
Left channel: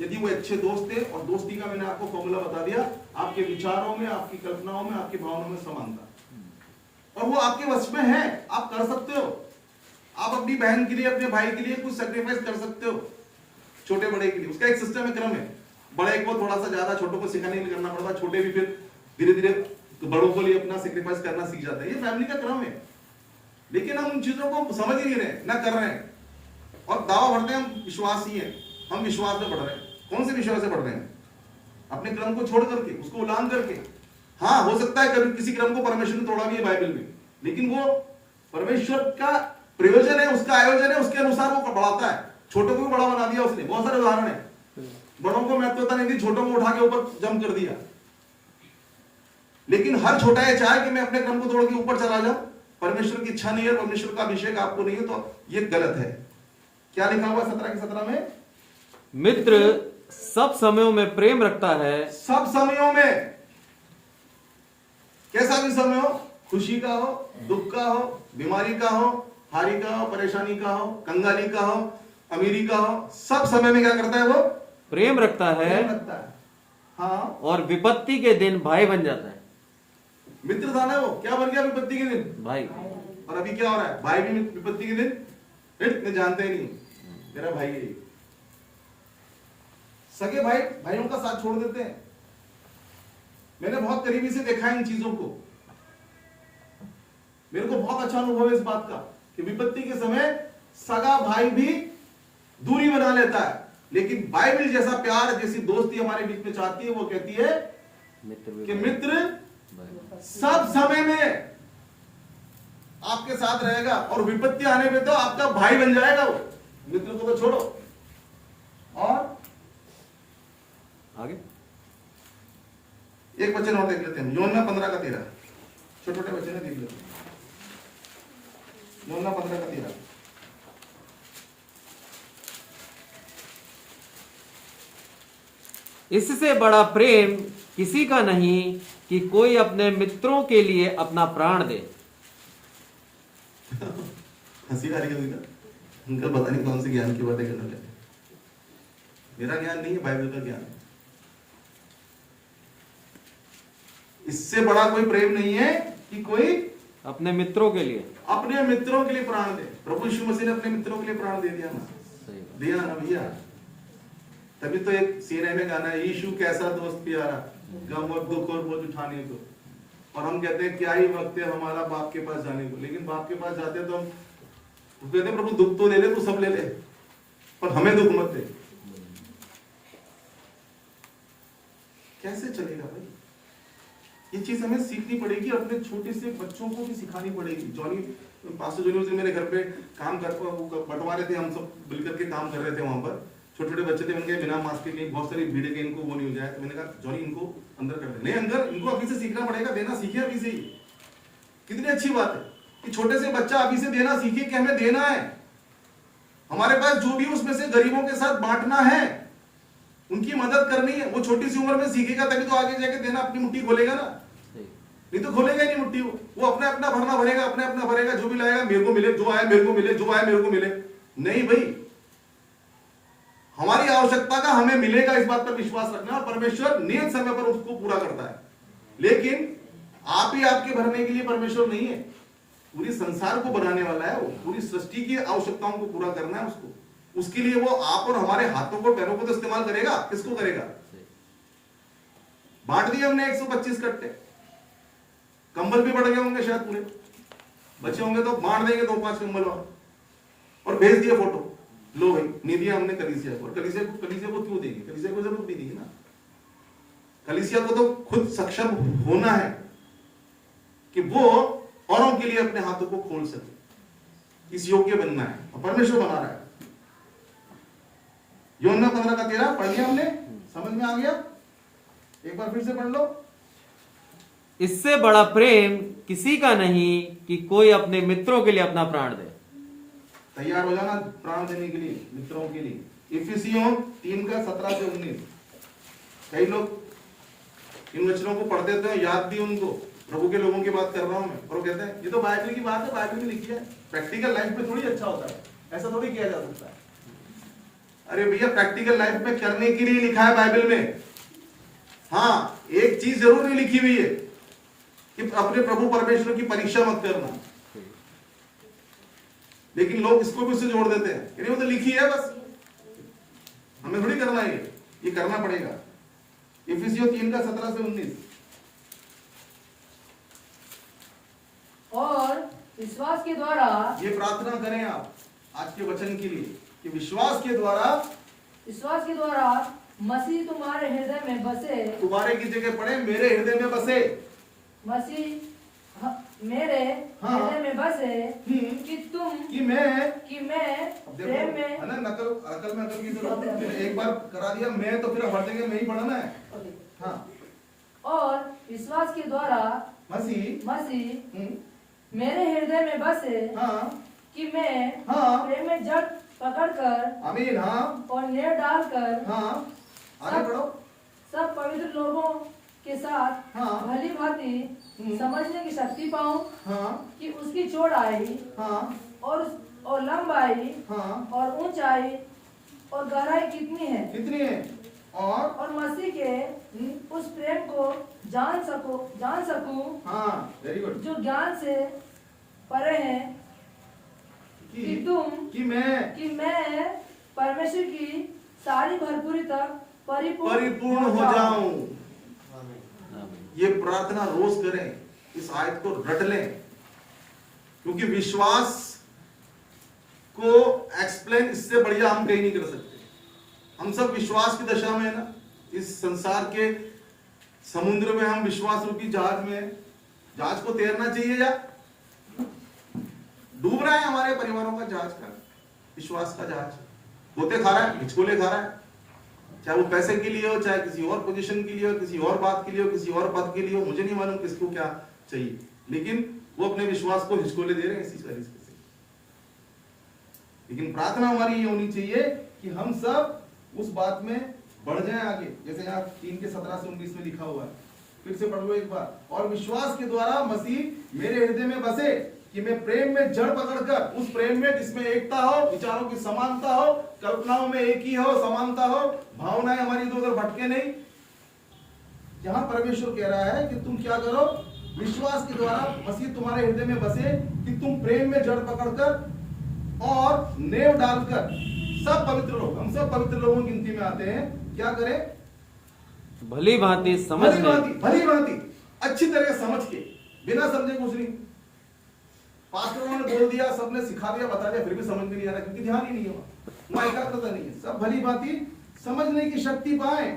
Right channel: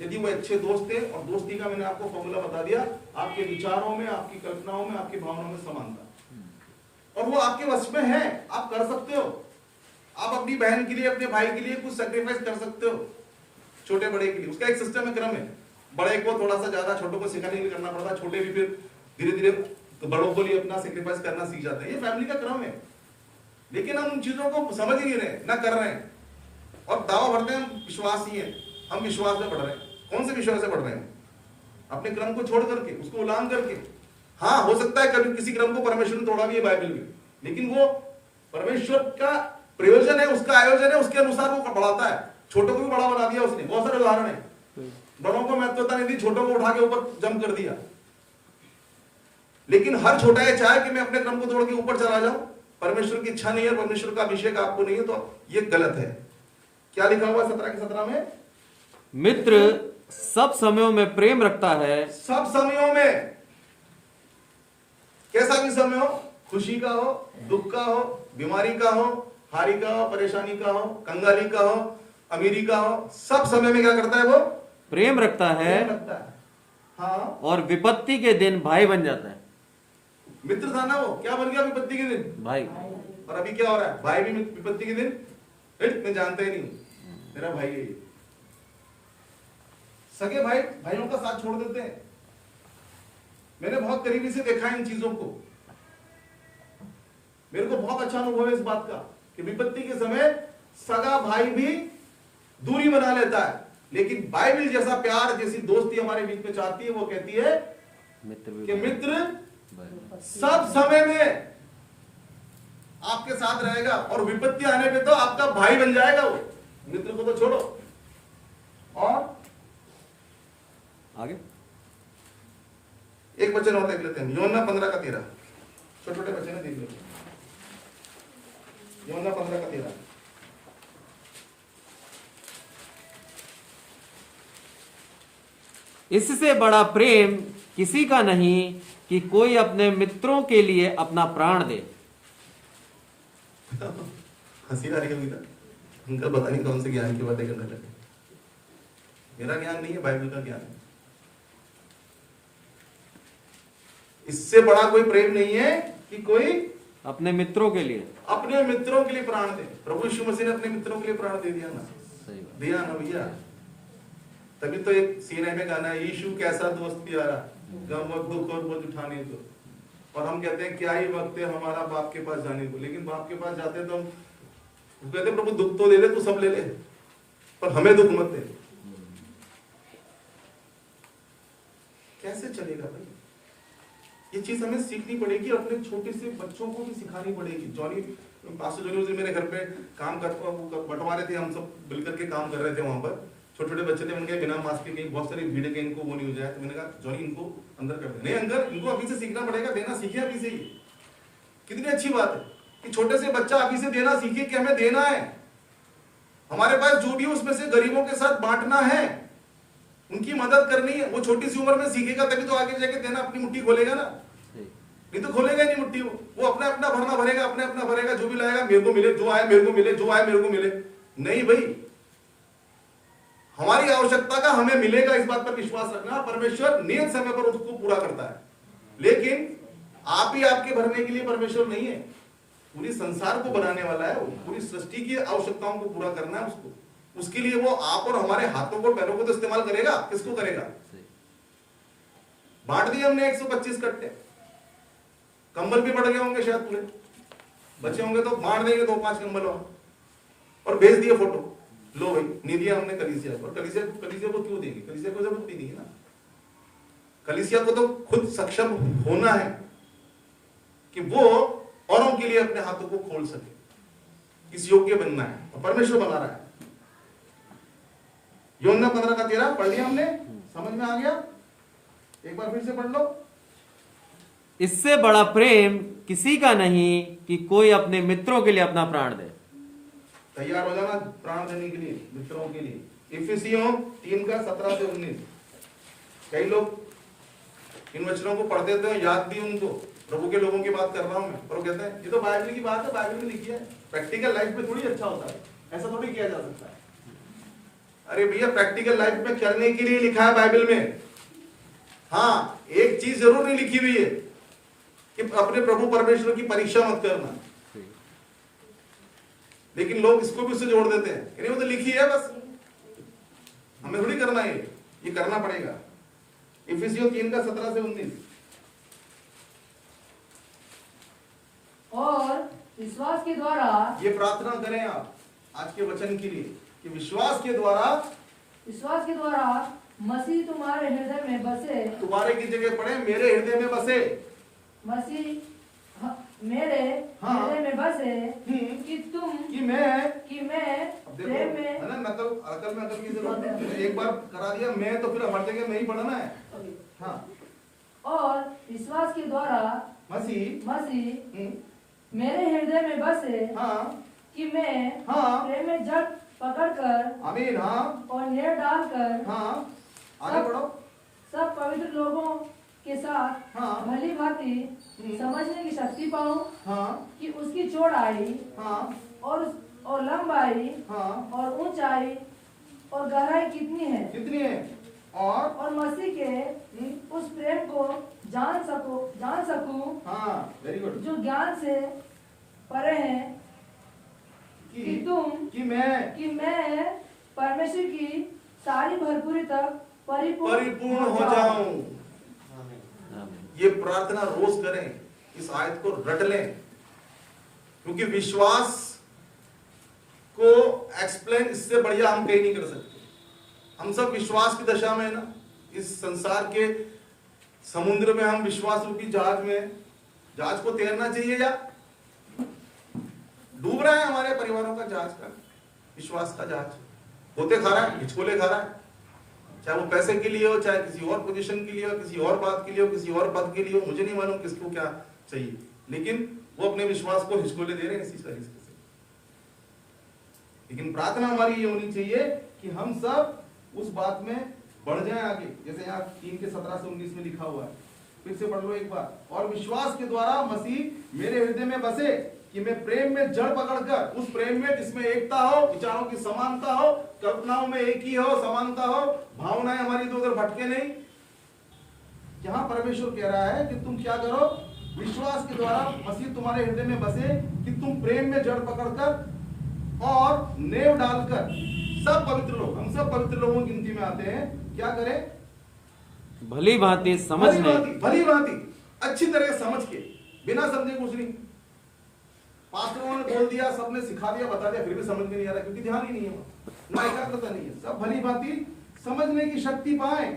यदि वो अच्छे दोस्त हैं, और दोस्ती का मैंने आपको फॉर्मूला बता दिया, आपके विचारों में, आपकी कल्पनाओं में, आपकी भावनाओं में समानता, और वो आपके वश में है, आप कर सकते हो। आप अपनी बहन के लिए, अपने भाई के लिए कुछ सैक्रिफाइस कर सकते हो, छोटे बड़े के लिए। उसका एक सिस्टम है, क्रम है। बड़े को थोड़ा सा ज्यादा छोटों को सिखाने के लिए करना पड़ता है, छोटे भी फिर धीरे धीरे बड़ों के लिए अपना सैक्रिफाइस करना सीख जाते हैं। ये फैमिली का क्रम है। लेकिन हम उन चीजों को समझ ही नहीं रहे, ना कर रहे हैं, और दावा भरते हैं हम विश्वास ही है, हम विश्वास में बढ़ रहे हैं। कौन से विश्वास से बढ़ रहे हैं? अपने क्रम को छोड़ करके, उसको उलांघ करके। हाँ, हो सकता है कभी किसी क्रम को परमेश्वर ने तोड़ा भी है बाइबल में, लेकिन वो परमेश्वर का प्रयोजन है, उसका आयोजन है, उसके अनुसार वो बढ़ाता है। छोटों को भी बड़ा बना दिया उसने, बहुत सारे उदाहरण है। बड़ों को महत्वता नहीं दी, छोटों को उठा के ऊपर जम कर दिया। लेकिन हर छोटा ये चाहे कि मैं अपने क्रम को तोड़ के ऊपर चला जाऊं, परमेश्वर की इच्छा नहीं है, परमेश्वर का अभिषेक आपको नहीं है, तो ये गलत है। क्या लिखा हुआ 17 के 17 में? मित्र सब समयों में प्रेम रखता है। सब समयों में, कैसा भी समय हो, खुशी का हो, दुख का हो, बीमारी का हो, हारी का हो, परेशानी का हो, कंगाली का हो, अमीरी का हो, सब समय में क्या करता है? वो प्रेम रखता है, प्रेम रखता है। हाँ, और विपत्ति के दिन भाई बन जाता है। मित्र था ना वो, क्या बन गया विपत्ति के दिन? भाई। और अभी क्या हो रहा है? भाई भी विपत्ति के दिन, मैं जानते ही नहीं, मेरा भाई है। सगे भाई भाइयों का साथ छोड़ देते हैं। मैंने बहुत करीबी से देखा है इन चीजों को। मेरे को बहुत अच्छा अनुभव है इस बात का कि विपत्ति के समय सगा भाई भी दूरी बना लेता है, लेकिन बाइबल जैसा प्यार, जैसी दोस्ती हमारे बीच में चाहती है, वो कहती है कि मित्र सब समय में आपके साथ रहेगा, और विपत्ति आने पे तो आपका भाई बन जाएगा वो। मित्र को तो छोड़ो। और आगे एक वचन और देख लेते हैं, यूहन्ना 15 का 13। छोटे छोटे वचन है, देख लेते हैं। यूहन्ना 15 का 13। इससे बड़ा प्रेम किसी का नहीं कि कोई अपने मित्रों के लिए अपना प्राण दे। हंसी आ रही है ना, उनका पता नहीं कौन से ज्ञान की बातें करने लगे। मेरा ज्ञान नहीं है, बाइबल का ज्ञान है। इससे बड़ा कोई प्रेम नहीं है कि कोई अपने मित्रों के लिए प्राण दे। प्रभु यीशु मसीह ने अपने मित्रों के लिए प्राण दे दिया ना, दिया ना भैया। तभी तो एक सीने में गाना है, यीशु कैसा दोस्त प्यारा, गम और दुख और बोझ उठाने दो। और हम कहते हैं क्या ही वक्त है हमारा बाप के पास जाने दो। लेकिन बाप के पास जाते तो हम कहते हैं प्रभु दुख तो ले ले, तू सब ले ले, पर हमें दुख मत दे। कैसे चलेगा भाई? ये चीज हमें सीखनी पड़ेगी, अपने छोटे से बच्चों को भी सिखानी पड़ेगी। पास्टर जॉनी जी मेरे घर पे काम बंटवा रहे थे, हम सब मिलकर के काम कर रहे थे। वहां पर छोटे छोटे बच्चे थे, उनके बिना मास्क के बहुत सारी भीड़ के, इनको वो नहीं हो जाए। तो मैंने कहा जॉनी इनको अंदर कर दे। नहीं, अंदर इनको अभी से सीखना पड़ेगा, देना सीखे अभी से ही। कितनी अच्छी बात है कि छोटे से बच्चा अभी से देना सीखे कि हमें देना है। हमारे पास जो भी उसमें से गरीबों के साथ बांटना है, उनकी मदद करनी है। वो छोटी सी उम्र में सीखेगा, तभी तो आगे जाके देना अपनी मुट्ठी खोलेगा ना, नहीं तो खोलेगा नहीं मुट्ठी। वो अपना अपना भरना भरेगा, अपने अपना भरेगा, जो भी लाएगा मेरे को मिले, जो आए मेरे को मिले, जो आए मेरे को मिले। नहीं भाई, हमारी आवश्यकता का हमें मिलेगा, इस बात पर विश्वास रखना। परमेश्वर नियत समय पर उसको पूरा करता है। लेकिन आप ही आपके भरने के लिए परमेश्वर नहीं है, पूरी संसार को बनाने वाला है। वो पूरी सृष्टि की आवश्यकताओं को पूरा करना है उसको। उसके लिए वो आप और हमारे हाथों को, पैरों को तो इस्तेमाल करेगा। किसको करेगा? बांट दिए हमने 125 कट्टे, कंबल भी बढ़ गए होंगे शायद, पूरे बचे होंगे तो बांट देंगे 2-5 कंबल और भेज दिया फोटो, लो भाई नहीं दिया हमने कलीसिया को। कलीसिया को क्यों देंगे? कलीसिया को जरूरत भी नहीं है ना। कलीसिया को तो खुद सक्षम होना है कि वो औरों के लिए अपने हाथों को खोल सके, इस योग्य बनना है, और परमेश्वर बना रहा है। यूहन्ना 15:13 पढ़ लिया हमने, समझ में आ गया? एक बार फिर से पढ़ लो। इससे बड़ा प्रेम किसी का नहीं कि कोई अपने मित्रों के लिए अपना प्राण दे। तैयार हो जाना प्राण देने के लिए, मित्रों के लिए। इफिसियों 3:17-19। कई लोग इन वचनों को पढ़ते थे, याद भी उनको, प्रभु के लोगों की बात कर रहा हूं मैं, और वो कहते हैं ये तो बाइबल की बात है, बाइबल में लिखी है, प्रैक्टिकल लाइफ में थोड़ी अच्छा होता है, ऐसा थोड़ी किया जा सकता है। अरे भैया, प्रैक्टिकल लाइफ में करने के लिए लिखा है बाइबल में। हाँ, एक चीज जरूर नहीं लिखी हुई है कि अपने प्रभु परमेश्वर की परीक्षा मत करना, लेकिन लोग इसको भी उससे जोड़ देते हैं कि नहीं वो तो लिखी है, बस हमें थोड़ी करना है, ये करना पड़ेगा। इफिसियों 3:17-19। और विश्वास के द्वारा, ये प्रार्थना करें आप आज के वचन के लिए कि विश्वास के द्वारा मसीह तुम्हारे हृदय में बसे। तुम्हारे की जगह पढ़े मेरे हृदय में बसे। मसीह मेरे हाँ। हृदय में बसे कि मैं अब देखो प्रेम में, है ना, अकल में अकल की जरूरत है। मैंने एक बार करा दिया मैं, तो फिर हर जगह में ही पढ़ना है। हाँ। और विश्वास के द्वारा मसीह मेरे हृदय में बसे हाँ कि मैं हाँ प्रेम में जड़ पकड़कर, आमीन, हाँ और नेड़ डालकर, हाँ आगे बढ़ो, सब पवित्र लोगों के साथ हाँ भली भांति समझने की शक्ति पाऊं हाँ कि उसकी चौड़ाई हाँ और लंबाई हाँ और ऊंचाई और गहराई कितनी है, और मसीह के उस प्रेम को जान सकूं हाँ, वेरी गुड, जो ज्ञान से परे है, कि मैं परमेश्वर की सारी भरपूरी तक परिपूर्ण हो जाऊं। ये प्रार्थना रोज करें, इस आयत को रट लें, क्योंकि विश्वास को एक्सप्लेन इससे बढ़िया हम कहीं नहीं कर सकते। हम सब विश्वास की दशा में है ना, इस संसार के समुद्र में हम विश्वास रूपी जहाज में, जहाज को तैरना चाहिए या डूब रहा है हमारे परिवारों का जहाज, का विश्वास का जहाज होते खा रहा है, हिचकोले खा रहा है, चाहे वो पैसे के लिए हो, चाहे किसी और पोजीशन के लिए हो, किसी और बात के लिए हो, किसी और पद के लिए हो, मुझे नहीं मालूम किसको क्या चाहिए, लेकिन वो अपने विश्वास को हिचकोले दे रहे हैं इसी तरीके से। लेकिन प्रार्थना हमारी ये होनी चाहिए कि हम सब उस बात में बढ़ जाएं आगे, जैसे यहाँ 3:17-19 में लिखा हुआ है। फिर से पढ़ लो एक बार। और विश्वास के द्वारा मसीह मेरे हृदय में बसे कि मैं प्रेम में जड़ पकड़कर, उस प्रेम में जिसमें एकता हो, विचारों की समानता हो, कल्पनाओं में एक ही हो, समानता हो, भावनाएं हमारी इधर उधर भटके नहीं। यहां परमेश्वर कह रहा है कि तुम क्या करो, विश्वास के द्वारा मसीह तुम्हारे हृदय में बसे कि तुम प्रेम में जड़ पकड़कर और नेव डालकर, सब पवित्र लोग, हम सब पवित्र लोगों की गिनती में आते हैं, क्या करें, भली भांति भली भांति अच्छी तरह समझ के, बिना समझे कुछ नहीं। पास्टरों ने बोल दिया, सबने सिखा दिया, बता दिया, फिर भी समझ में नहीं आ रहा, क्योंकि ध्यान ही नहीं है, वहां एकाग्रता नहीं है। सब भली भांति समझने की शक्ति पाए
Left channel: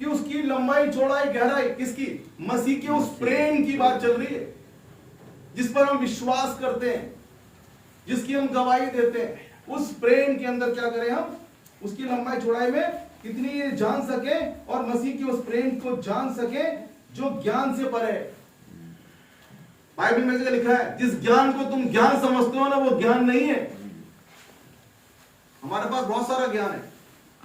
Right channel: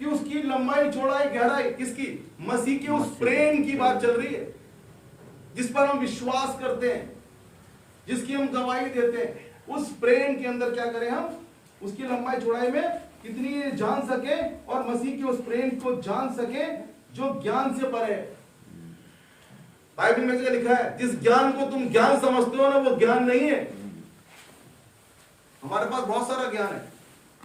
कि उसकी लंबाई, चौड़ाई, गहराई, किसकी, मसीह के उस प्रेम की बात चल रही है, जिस पर हम विश्वास करते हैं, जिसकी हम गवाही देते हैं। उस प्रेम के अंदर क्या करें हम, उसकी लंबाई चौड़ाई में कितनी जान सके, और मसीह के उस प्रेम को जान सके जो ज्ञान से परे है। बाइबल में जो लिखा है, जिस ज्ञान को तुम ज्ञान समझते हो ना, वो ज्ञान नहीं है। हमारे पास बहुत सारा ज्ञान है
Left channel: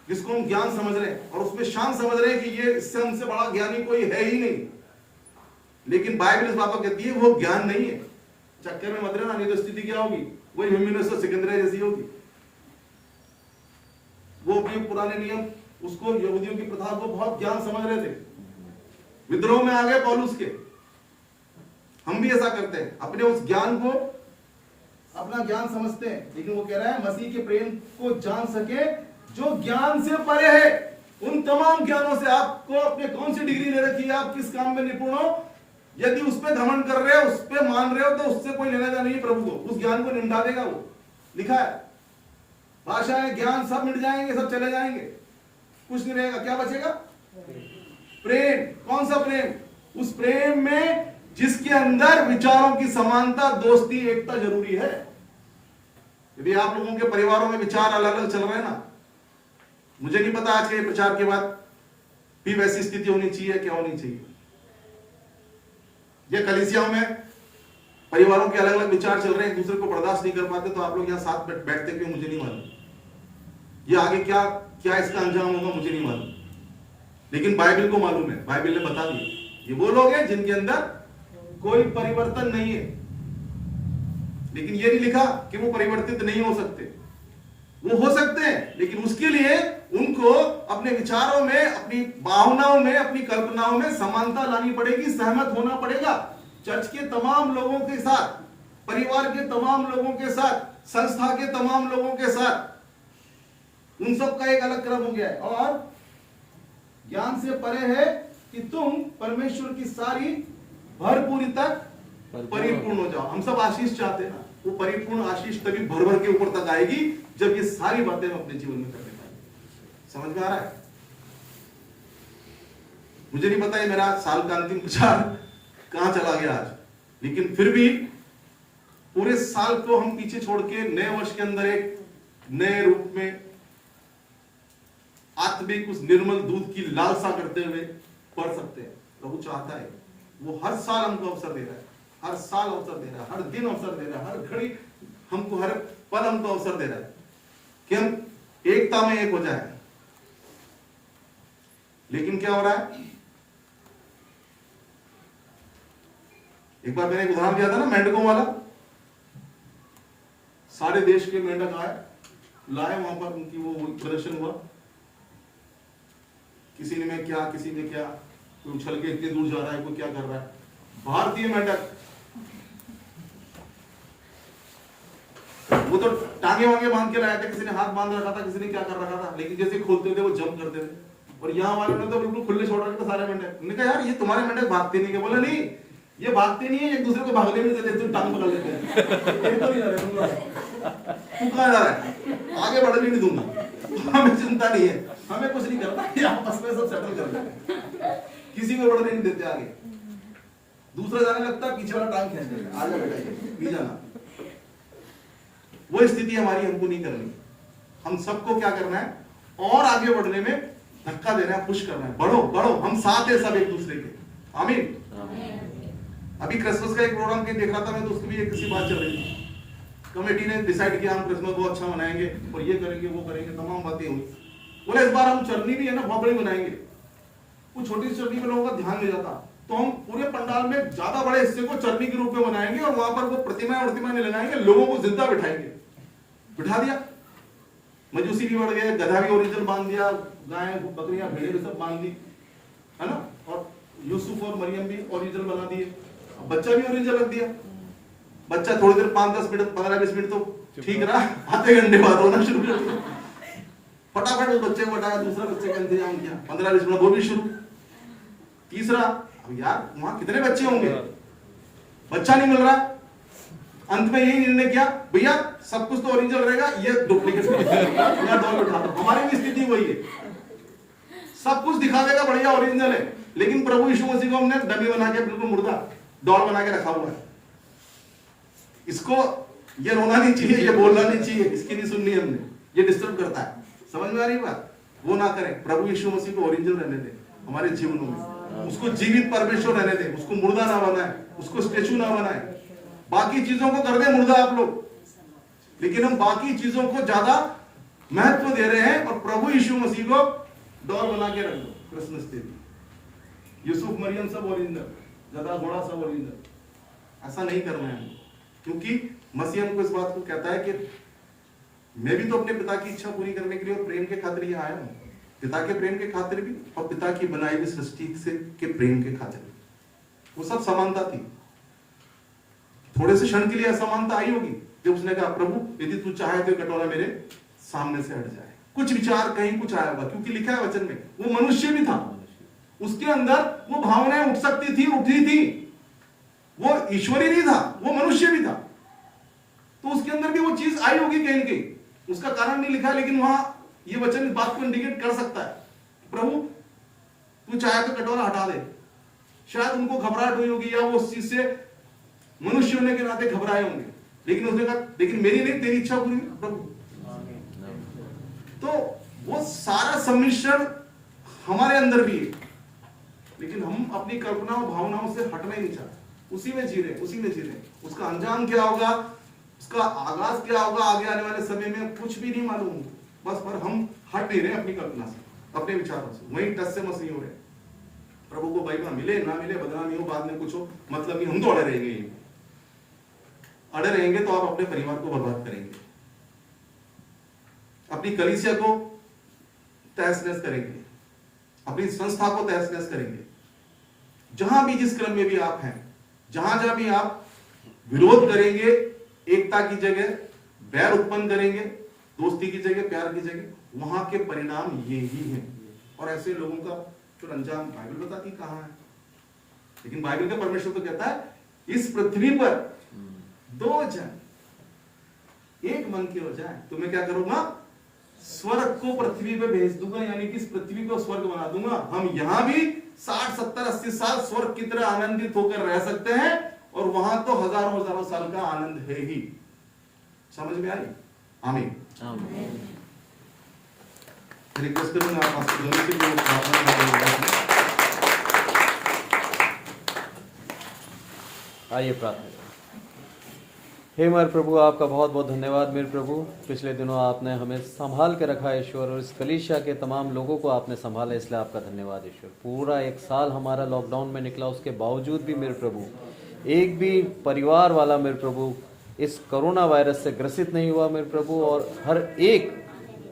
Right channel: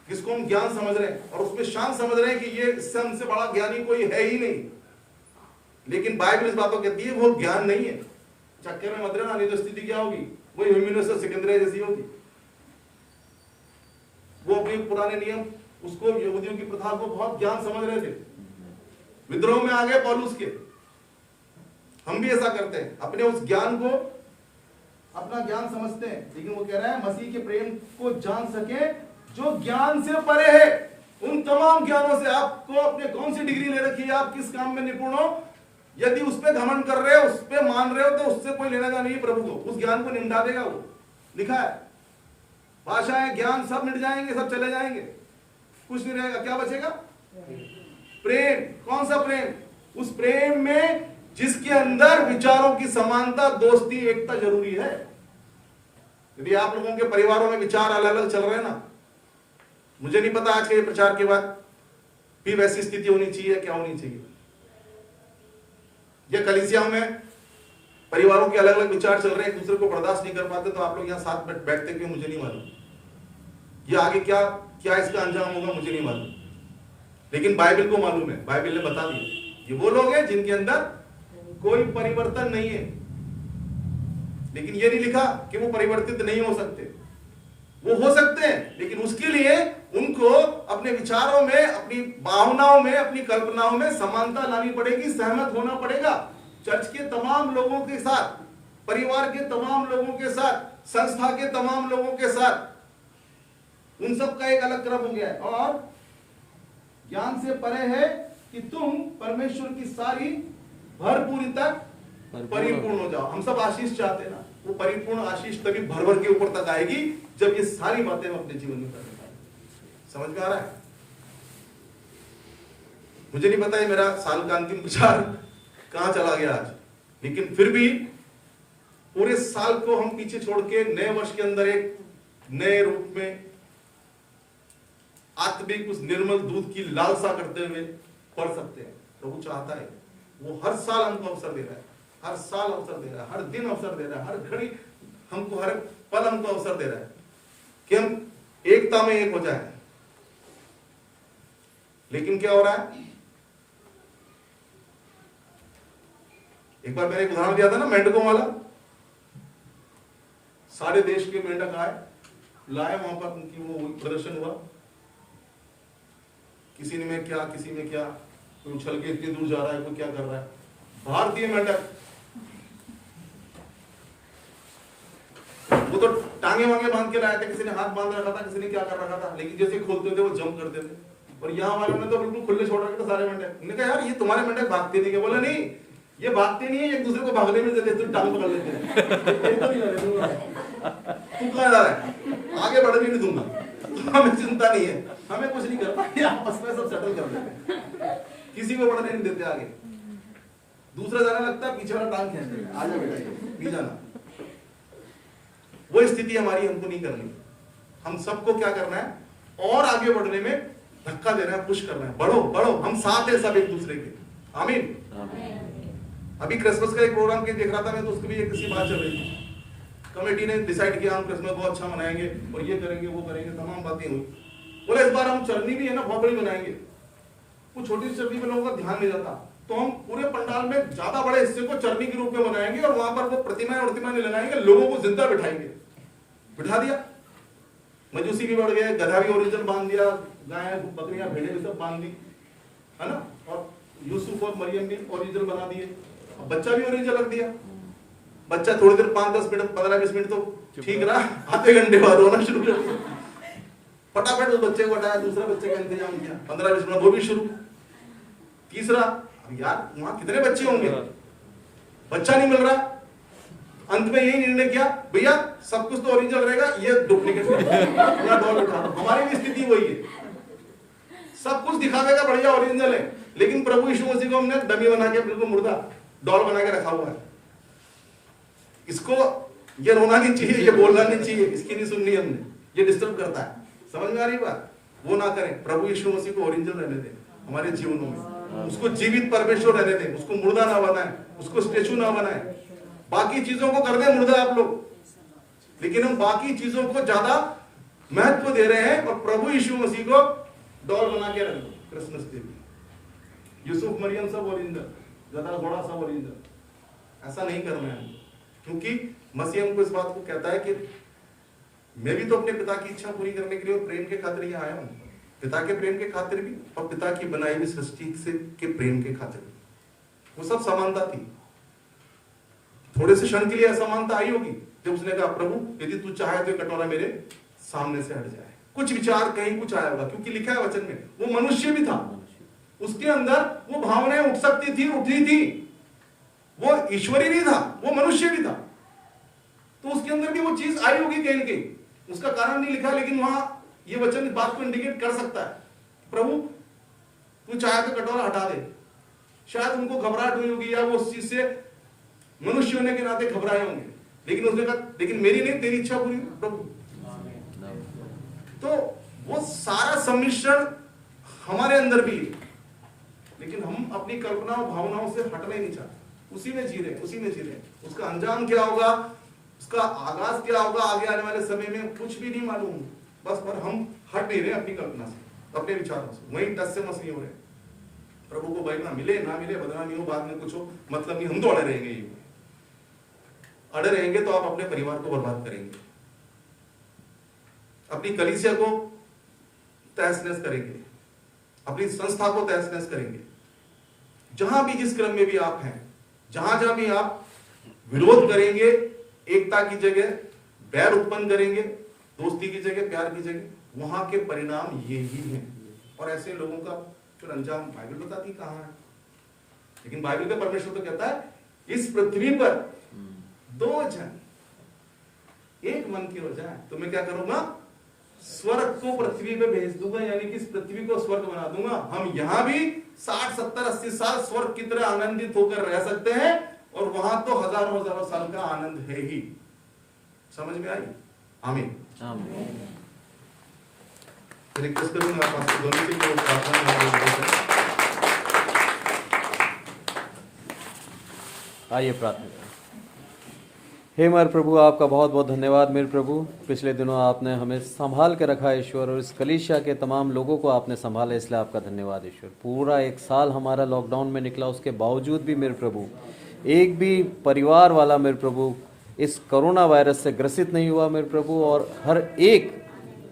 जिसको हम ज्ञान समझ रहे हैं, और उसमें शान समझ रहे हैं कि ये इससे हमसे बड़ा ज्ञानी कोई है ही नहीं। लेकिन बाइबल इस बात को कहती है वो ज्ञान नहीं है। चक्कर में मत रहना, नहीं तो स्थिति क्या होगी, वही ह्यूमिनस सिकंदरिया जैसी होगी। वो अपने पुराने नियम, उसको यहूदियों की प्रथा को बहुत ज्ञान समझ रहे थे, विद्रोह में आ गए पौलुस के। हम भी ऐसा करते हैं, अपने उस ज्ञान को अपना ज्ञान समझते हैं, लेकिन वो कह रहा है मसीह के प्रेम को जान सके जो ज्ञान से परे है। उन तमाम ज्ञानों से, आपको अपने कौन सी डिग्री ले रखी है, आप किस काम में निपुण हो, यदि उस पर घमंड कर रहे हो, उस पर मान रहे हो, तो उससे कोई लेना देना नहीं प्रभु को। उस ज्ञान को निंदा देगा वो। लिखा है, भाषाएं, ज्ञान सब मिट जाएंगे, सब चले जाएंगे, कुछ नहीं रहेगा, क्या बचेगा, प्रेम, कौन सा प्रेम? उस प्रेम में जिसके अंदर विचारों की समानता, दोस्ती, एकता जरूरी है। यदि आप लोगों के परिवारों में विचार अलग अलग चल रहे हैं ना, मुझे नहीं पता आज के प्रचार के बाद भी वैसी स्थिति होनी चाहिए, क्या होनी चाहिए। ये कलीसियाओं में परिवारों के अलग अलग विचार चल रहे हैं, एक दूसरे को बर्दाश्त नहीं कर पाते, तो आप लोग यहाँ साथ बैठते क्यों, मुझे नहीं मालूम। ये आगे क्या क्या इसका अंजाम होगा मुझे नहीं मालूम, लेकिन बाइबल को मालूम है, बाइबल ने बता दिया। ये वो लोग हैं जिनके अंदर कोई परिवर्तन नहीं है, लेकिन ये नहीं लिखा कि वो परिवर्तित नहीं हो सकते। वो हो सकते हैं, लेकिन उसके लिए उनको अपने विचारों में, अपनी भावनाओं में, अपनी कल्पनाओं में समानता लानी पड़ेगी, सहमत होना पड़ेगा। चर्च के तमाम लोगों के साथ, परिवार के तमाम लोगों के साथ, संस्था के तमाम लोगों के साथ, उन सब का एक अलग क्रम हो गया है। और ज्ञान से परे है कि तुम परमेश्वर की सारी भरपूरी तक परिपूर्ण हो जाओ। हम सब आशीष चाहते हैं ना, वो परिपूर्ण आशीष तभी भर भर के ऊपर तक आएगी जब ये सारी बातें हम अपने जीवन में करने पाएंगे। समझ में आ रहा है? मुझे नहीं पता है मेरा साल का अंतिम विचार कहां चला गया आज, लेकिन फिर भी पूरे साल को हम पीछे छोड़ के नए वर्ष के अंदर एक नए रूप में आत्मिक उस निर्मल दूध की लालसा करते हुए पढ़ सकते हैं। प्रभु चाहता है, वो हर साल हमको अवसर दे रहा है, हर साल अवसर दे रहा है, हर दिन अवसर दे रहा है, हर घड़ी हमको, हर पल हमको अवसर दे रहा है कि हम एकता में एक हो जाए। लेकिन क्या हो रहा है? एक बार मैंने एक उदाहरण दिया था ना, मेंढकों वाला। सारे देश के मेंढक आए, लाए, वहां पर उनकी वो प्रदर्शन हुआ, किसी ने में क्या, किसी में क्या, कोई उछल के इतनी दूर जा रहा है, कोई क्या कर रहा है। भारतीय मेंढक वो तो टांगे वांगे बांध के लाए थे, किसी ने हाथ बांध रखा था, किसी ने क्या कर रखा था, लेकिन जैसे खोलते थे वो जंप करते थे। और यहाँ हमारे में तो बिल्कुल खुले छोड़ रखे थे सारे मेंढक। मैंने कहा यार ये तुम्हारे मेंढक भागते नहीं क्या? बोले नहीं, ये भागते नहीं है, एक दूसरे को भागने में देते, तुम टांग पकड़ लेते हैं। तू कहाँ जा रहा है? आगे बढ़ने नहीं दूंगा। हमें चिंता नहीं है, हमें कुछ नहीं करना, ये आपस में सब सेटल कर लेते हैं, किसी को बढ़ने नहीं देते आगे। दूसरा जाने लगता है, पीछे वाला टांग खींच लेता है, आजा बेटा ये पी जाना। वो स्थिति हमारी हमको नहीं करनी। हम सबको क्या करना है? और आगे बढ़ने में धक्का देना है, पुश करना है, बढ़ो बढ़ो, हम साथ हैं सब एक दूसरे के। आमीन। अभी क्रिसमस का एक प्रोग्राम के देख रहा था मैं, तो उसकी भी एक किसी बात चल रही थी। कमेटी ने डिसाइड किया हम क्रिसमस बहुत अच्छा मनाएंगे और ये करेंगे वो करेंगे, तमाम बातें हुई। बोले इस बार हम चरनी भी है ना बहुत बड़ी मनाएंगे। वो छोटी चरनी में लोगों का ध्यान नहीं जाता, तो हम पूरे पंडाल में ज्यादा बड़े हिस्से को चरनी के रूप में मनाएंगे और वहां पर वो प्रतिमाएं नहीं लगाएंगे, लोगों को जिंदा बिठाएंगे। बिठा दिया, मजूसी भी बढ़ गए, गधा भी ओरिजिनल बांध दिया, गाय बकरियां भेड़े भी सब बांध दी, है ना। और यूसुफ और मरियम भी ओरिजिनल बना दिए, बच्चा भी ओरिजिनल रख दिया। बच्चा थोड़ी देर 5-10 मिनट 15-20 मिनट तो ठीक रहा, आधे घंटे बाद रोना शुरू कर दिया। फटाफट उस बच्चे को हटाया, दूसरा बच्चे का इंतजाम किया, 15-20 मिनट वो भी शुरू। तीसरा, अब यार वहां कितने बच्चे होंगे, बच्चा नहीं मिल रहा। अंत में यही निर्णय किया, भैया सब कुछ तो ओरिजिनल रहेगा, ये डुप्लीकेट हमारी भी स्थिति वही है। सब कुछ दिखा देगा बढ़िया ओरिजिनल है, लेकिन प्रभु यीशु मसीह को हमने डमी बना के, बिल्कुल मुर्दा डॉल बना के रखा हुआ है। इसको ये रोना नहीं चाहिए, ये बोलना नहीं चाहिए, इसकी नहीं सुननी हमने, ये डिस्टर्ब करता है। समझ में आ रही बात? वो ना करें। प्रभु यीशु मसीह को ओरिजिनल रहने दें हमारे जीवनों में, उसको जीवित परमेश्वर रहने दें, उसको मुर्दा ना बनाए, उसको स्टेचू ना बनाए। बाकी चीजों को कर दे मुर्दा आप लोग, लेकिन हम बाकी चीजों को ज्यादा महत्व दे रहे हैं और प्रभु यीशु मसीह को डॉल बना के रख दो। क्रिसमस डे यूसुफ मरियम सब ओरिजिनल, गधा घोड़ा सब ओरिजिनल। ऐसा नहीं करना है, क्योंकि मसीह हमको इस बात को कहता है कि मैं भी तो अपने पिता की इच्छा पूरी करने के लिए और प्रेम के खातिर यहाँ आया हूँ। पिता के प्रेम के खातिर भी और पिता की बनाई हुई सृष्टि से के प्रेम के खातिर भी, वो सब समानता थी। थोड़े से क्षण के लिए असमानता आई होगी जब उसने कहा प्रभु यदि तू चाहे तो कटोरा मेरे सामने से हट जाए। कुछ विचार कहीं कुछ आया होगा, क्योंकि लिखा है वचन में वो मनुष्य भी था, उसके अंदर वो भावनाएं उठ सकती थी, उठी थी। वो ईश्वरी नहीं था, वो मनुष्य भी था, तो उसके अंदर भी वो चीज आई होगी कहीं कहीं। उसका कारण नहीं लिखा, लेकिन वहां ये वचन इस बात को इंडिकेट कर सकता है, प्रभु कुछ आया तो कटोरा हटा दे। शायद उनको घबराहट हुई होगी या वो उस चीज से मनुष्य होने के नाते घबराए होंगे, लेकिन उसने कहा लेकिन मेरी नहीं तेरी इच्छा पूरी प्रभु। तो वो सारा सम्मिश्रण हमारे अंदर भी है, लेकिन हम अपनी कल्पनाओं भावनाओं से हटना नहीं चाहते, उसी में जी रहे हैं, उसी में जी रहे हैं। उसका अंजाम क्या होगा, उसका आगाज क्या होगा आगे आने वाले समय में कुछ भी नहीं मालूम, बस पर हम हट नहीं रहे अपनी कल्पना से, अपने विचारों से, वहीं टस से मस नहीं हो रहे। प्रभु को महिमा मिले ना मिले, बदनामी हो, बाद में कुछ हो, मतलब नहीं, हम तो अड़े रहेंगे। अड़े रहेंगे तो आप अपने परिवार को बर्बाद करेंगे, अपनी कलीसिया को तहस नहस करेंगे, अपनी संस्था को तहस नहस करेंगे। जहां भी जिस क्रम में भी आप हैं, जहां जहां भी आप विरोध करेंगे, एकता की जगह बैर उत्पन्न करेंगे, दोस्ती की जगह प्यार की जगह, वहां के परिणाम ये ही हैं। और ऐसे लोगों का फिर अंजाम बाइबल बताती कहां है। लेकिन बाइबल का परमेश्वर तो कहता है इस पृथ्वी पर दो जन एक मन की ओर जाए तो मैं क्या करूंगा, स्वर्ग को पृथ्वी पे भेज दूंगा, यानी कि इस पृथ्वी को स्वर्ग बना दूंगा। हम यहां भी 60, 70, 80 साल स्वर्ग की तरह आनंदित होकर रह सकते हैं, और वहां तो हजारों हजारों साल का आनंद है ही। समझ में आई? आमीन। रिक्वेस्ट करूंगा आप दोनों के लिए प्रार्थना। आइए प्रार्थना। हे मेरे प्रभु, आपका बहुत बहुत धन्यवाद मेरे प्रभु। पिछले दिनों आपने हमें संभाल के रखा ईश्वर, और इस कलीसिया के तमाम लोगों को आपने संभाला, इसलिए आपका धन्यवाद ईश्वर। पूरा 1 साल हमारा लॉकडाउन में निकला, उसके बावजूद भी मेरे प्रभु एक भी परिवार वाला मेरे प्रभु इस कोरोना वायरस से ग्रसित नहीं हुआ मेरे प्रभु। और हर एक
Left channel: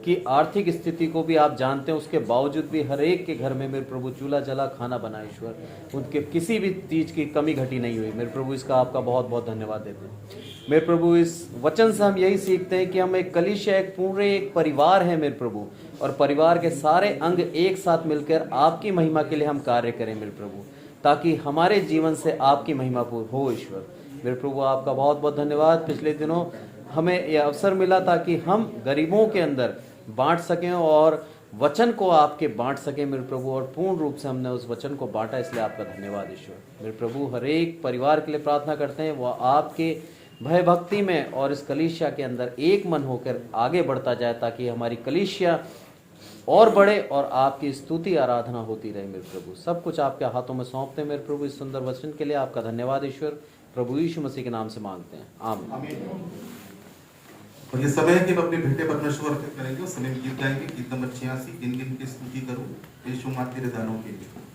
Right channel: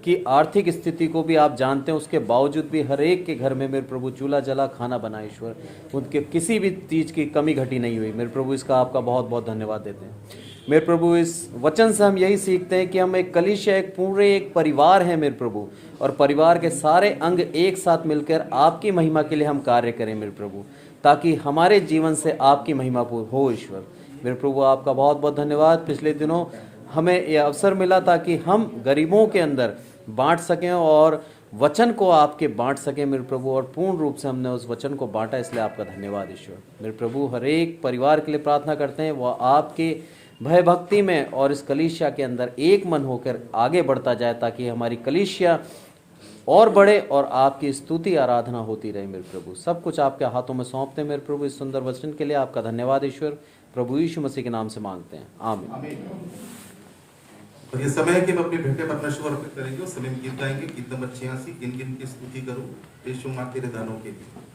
की आर्थिक स्थिति को भी आप जानते हैं, उसके बावजूद भी हर एक के घर में मेरे प्रभु चूल्हा जला, खाना बना ईश्वर, उनके किसी भी चीज की कमी घटी नहीं हुई मेरे प्रभु। इसका आपका बहुत बहुत धन्यवाद देते हैं मेरे प्रभु। इस वचन से हम यही सीखते हैं कि हम एक कलीसिया, एक पूरे एक परिवार है मेरे प्रभु, और परिवार के सारे अंग एक साथ मिलकर आपकी महिमा के लिए हम कार्य करें मेरे प्रभु, ताकि हमारे जीवन से आपकी महिमा हो ईश्वर। मेरे प्रभु आपका बहुत बहुत धन्यवाद। पिछले दिनों हमें यह अवसर मिला ताकि हम गरीबों के अंदर बांट सकें और वचन को आपके बांट सकें मेरे प्रभु, और पूर्ण रूप से हमने उस वचन को बांटा, इसलिए आपका धन्यवाद ईश्वर। मेरे प्रभु हर एक परिवार के लिए प्रार्थना करते हैं, वह आपके भय भक्ति में और इस कलीसिया के अंदर एक मन होकर आगे बढ़ता जाए, ताकि हमारी कलीसिया और बढ़े और आपकी स्तुति आराधना होती रहे मेरे प्रभु। सब कुछ आपके हाथों में सौंपते हैं मेरे प्रभु। इस सुंदर वचन के लिए आपका धन्यवाद ईश्वर, प्रभु यीशु मसीह के नाम से मांगते हैं, आमीन। और ये समय है कि हम अपने भेंटे परमेश्वर अर्पित करेंगे, उस समय गीत गाएंगे, गीत नंबर 86, किन किन की स्तुति करूं यीशु मां तेरे दानों के लिए।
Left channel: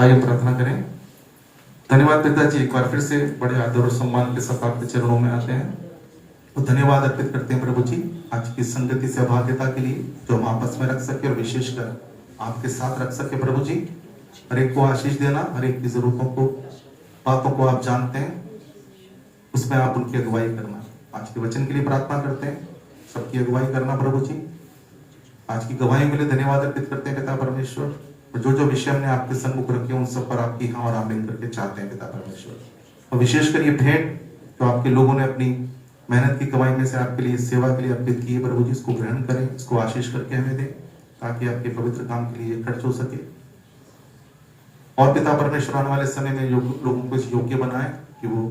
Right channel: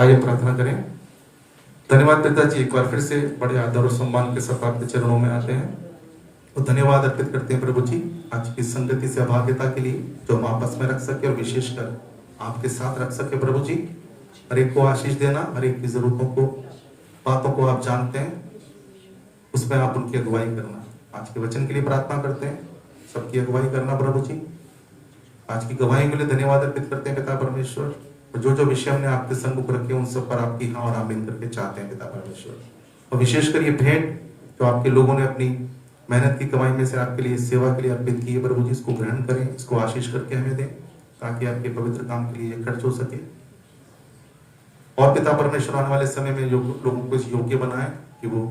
आइए प्रार्थना करें। धन्यवाद पिताजी, एक बार फिर से बड़े आदर और सम्मान के साथ आपके चरणों में आते हैं तो धन्यवाद अर्पित करते हैं प्रभु जी आज की संगति से अभाग्यता के लिए जो हम आपस में रख सके और विशेषकर आपके साथ रख सके। प्रभु जी हर एक को आशीष देना, हर एक की जरूरतों को, बातों को आप जानते हैं, उसमें आप उनकी अगुवाई करना। आज के वचन के लिए प्रार्थना करते हैं, सबकी अगुवाई करना प्रभु जी। आज की गवाही के लिए धन्यवाद अर्पित करते हैं पिता परमेश्वर। जो जो विषय हमने आपके सम्मुख रखे उन सब पर आपकी हाँ और आमीन करके चाहते हैं पिता परमेश्वर। और विशेषकर ये भेंट जो आपके लोगों ने अपनी मेहनत की कमाई में से आपके लिए सेवा के लिए अर्पित की है प्रभु जी, इसको ग्रहण करें, इसको आशीष करके हमें दें ताकि आपके पवित्र काम के लिए खर्च हो सके। और पिता परमेश्वर आने वाले समय में लोगों को इस योग्य बनाए कि वो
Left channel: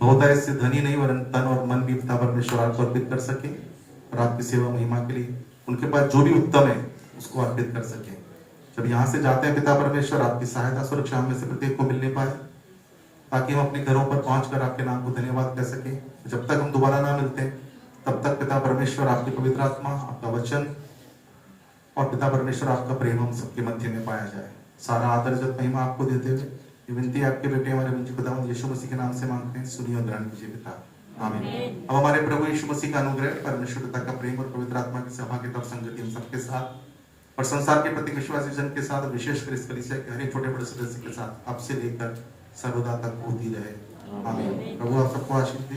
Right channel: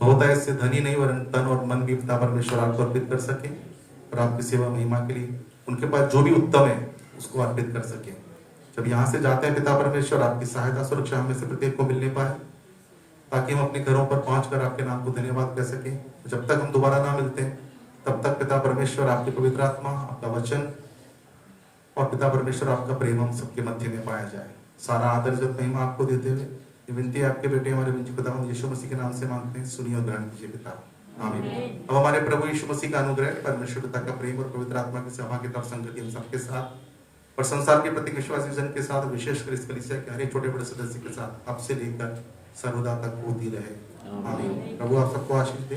बहुतायत से धनी नहीं वरन तन और मन भी पिता परमेश्वर आपको अर्पित कर सके और आपकी सेवा महिमा के लिए उनके पास जो भी उत्तम है उसको अर्पित कर सके। जब यहाँ से जाते हैं पिता परमेश्वर आपकी सहायता सुरक्षा हमें से प्रत्येक को मिलने पाए ताकि हम अपने घरों पर पहुंचकर आपके नाम को धन्यवाद कह सके। जब तक हम दोबारा ना मिलते तब तक पिता परमेश्वर आपकी पवित्र आत्मा, आपका वचन और पिता परमेश्वर आपका प्रेम हम सबके मध्य में पाया जाए। सारा आदर जब महिमा आपको देते हुए ये विनती आपके बेटे हमारे पिता यीशु मसीह के नाम से मांगते हैं, सुनिए और ग्रहण कीजिए पिता, आमीन। अब हमारे प्रभु यीशु मसीह का अनुग्रह, परमेश्वर पिता का प्रेम और पवित्र आत्मा की सभा की तरफ संगति हम सबके साथ और संसार के प्रति विश्वासी जन के साथ, विशेषकर इस कलीसिया के हर एक छोटे बड़े सदस्य के साथ अब से लेकर सर्वदा तक होती रहे, आमीन। प्रभु आप सबको आशीष दे।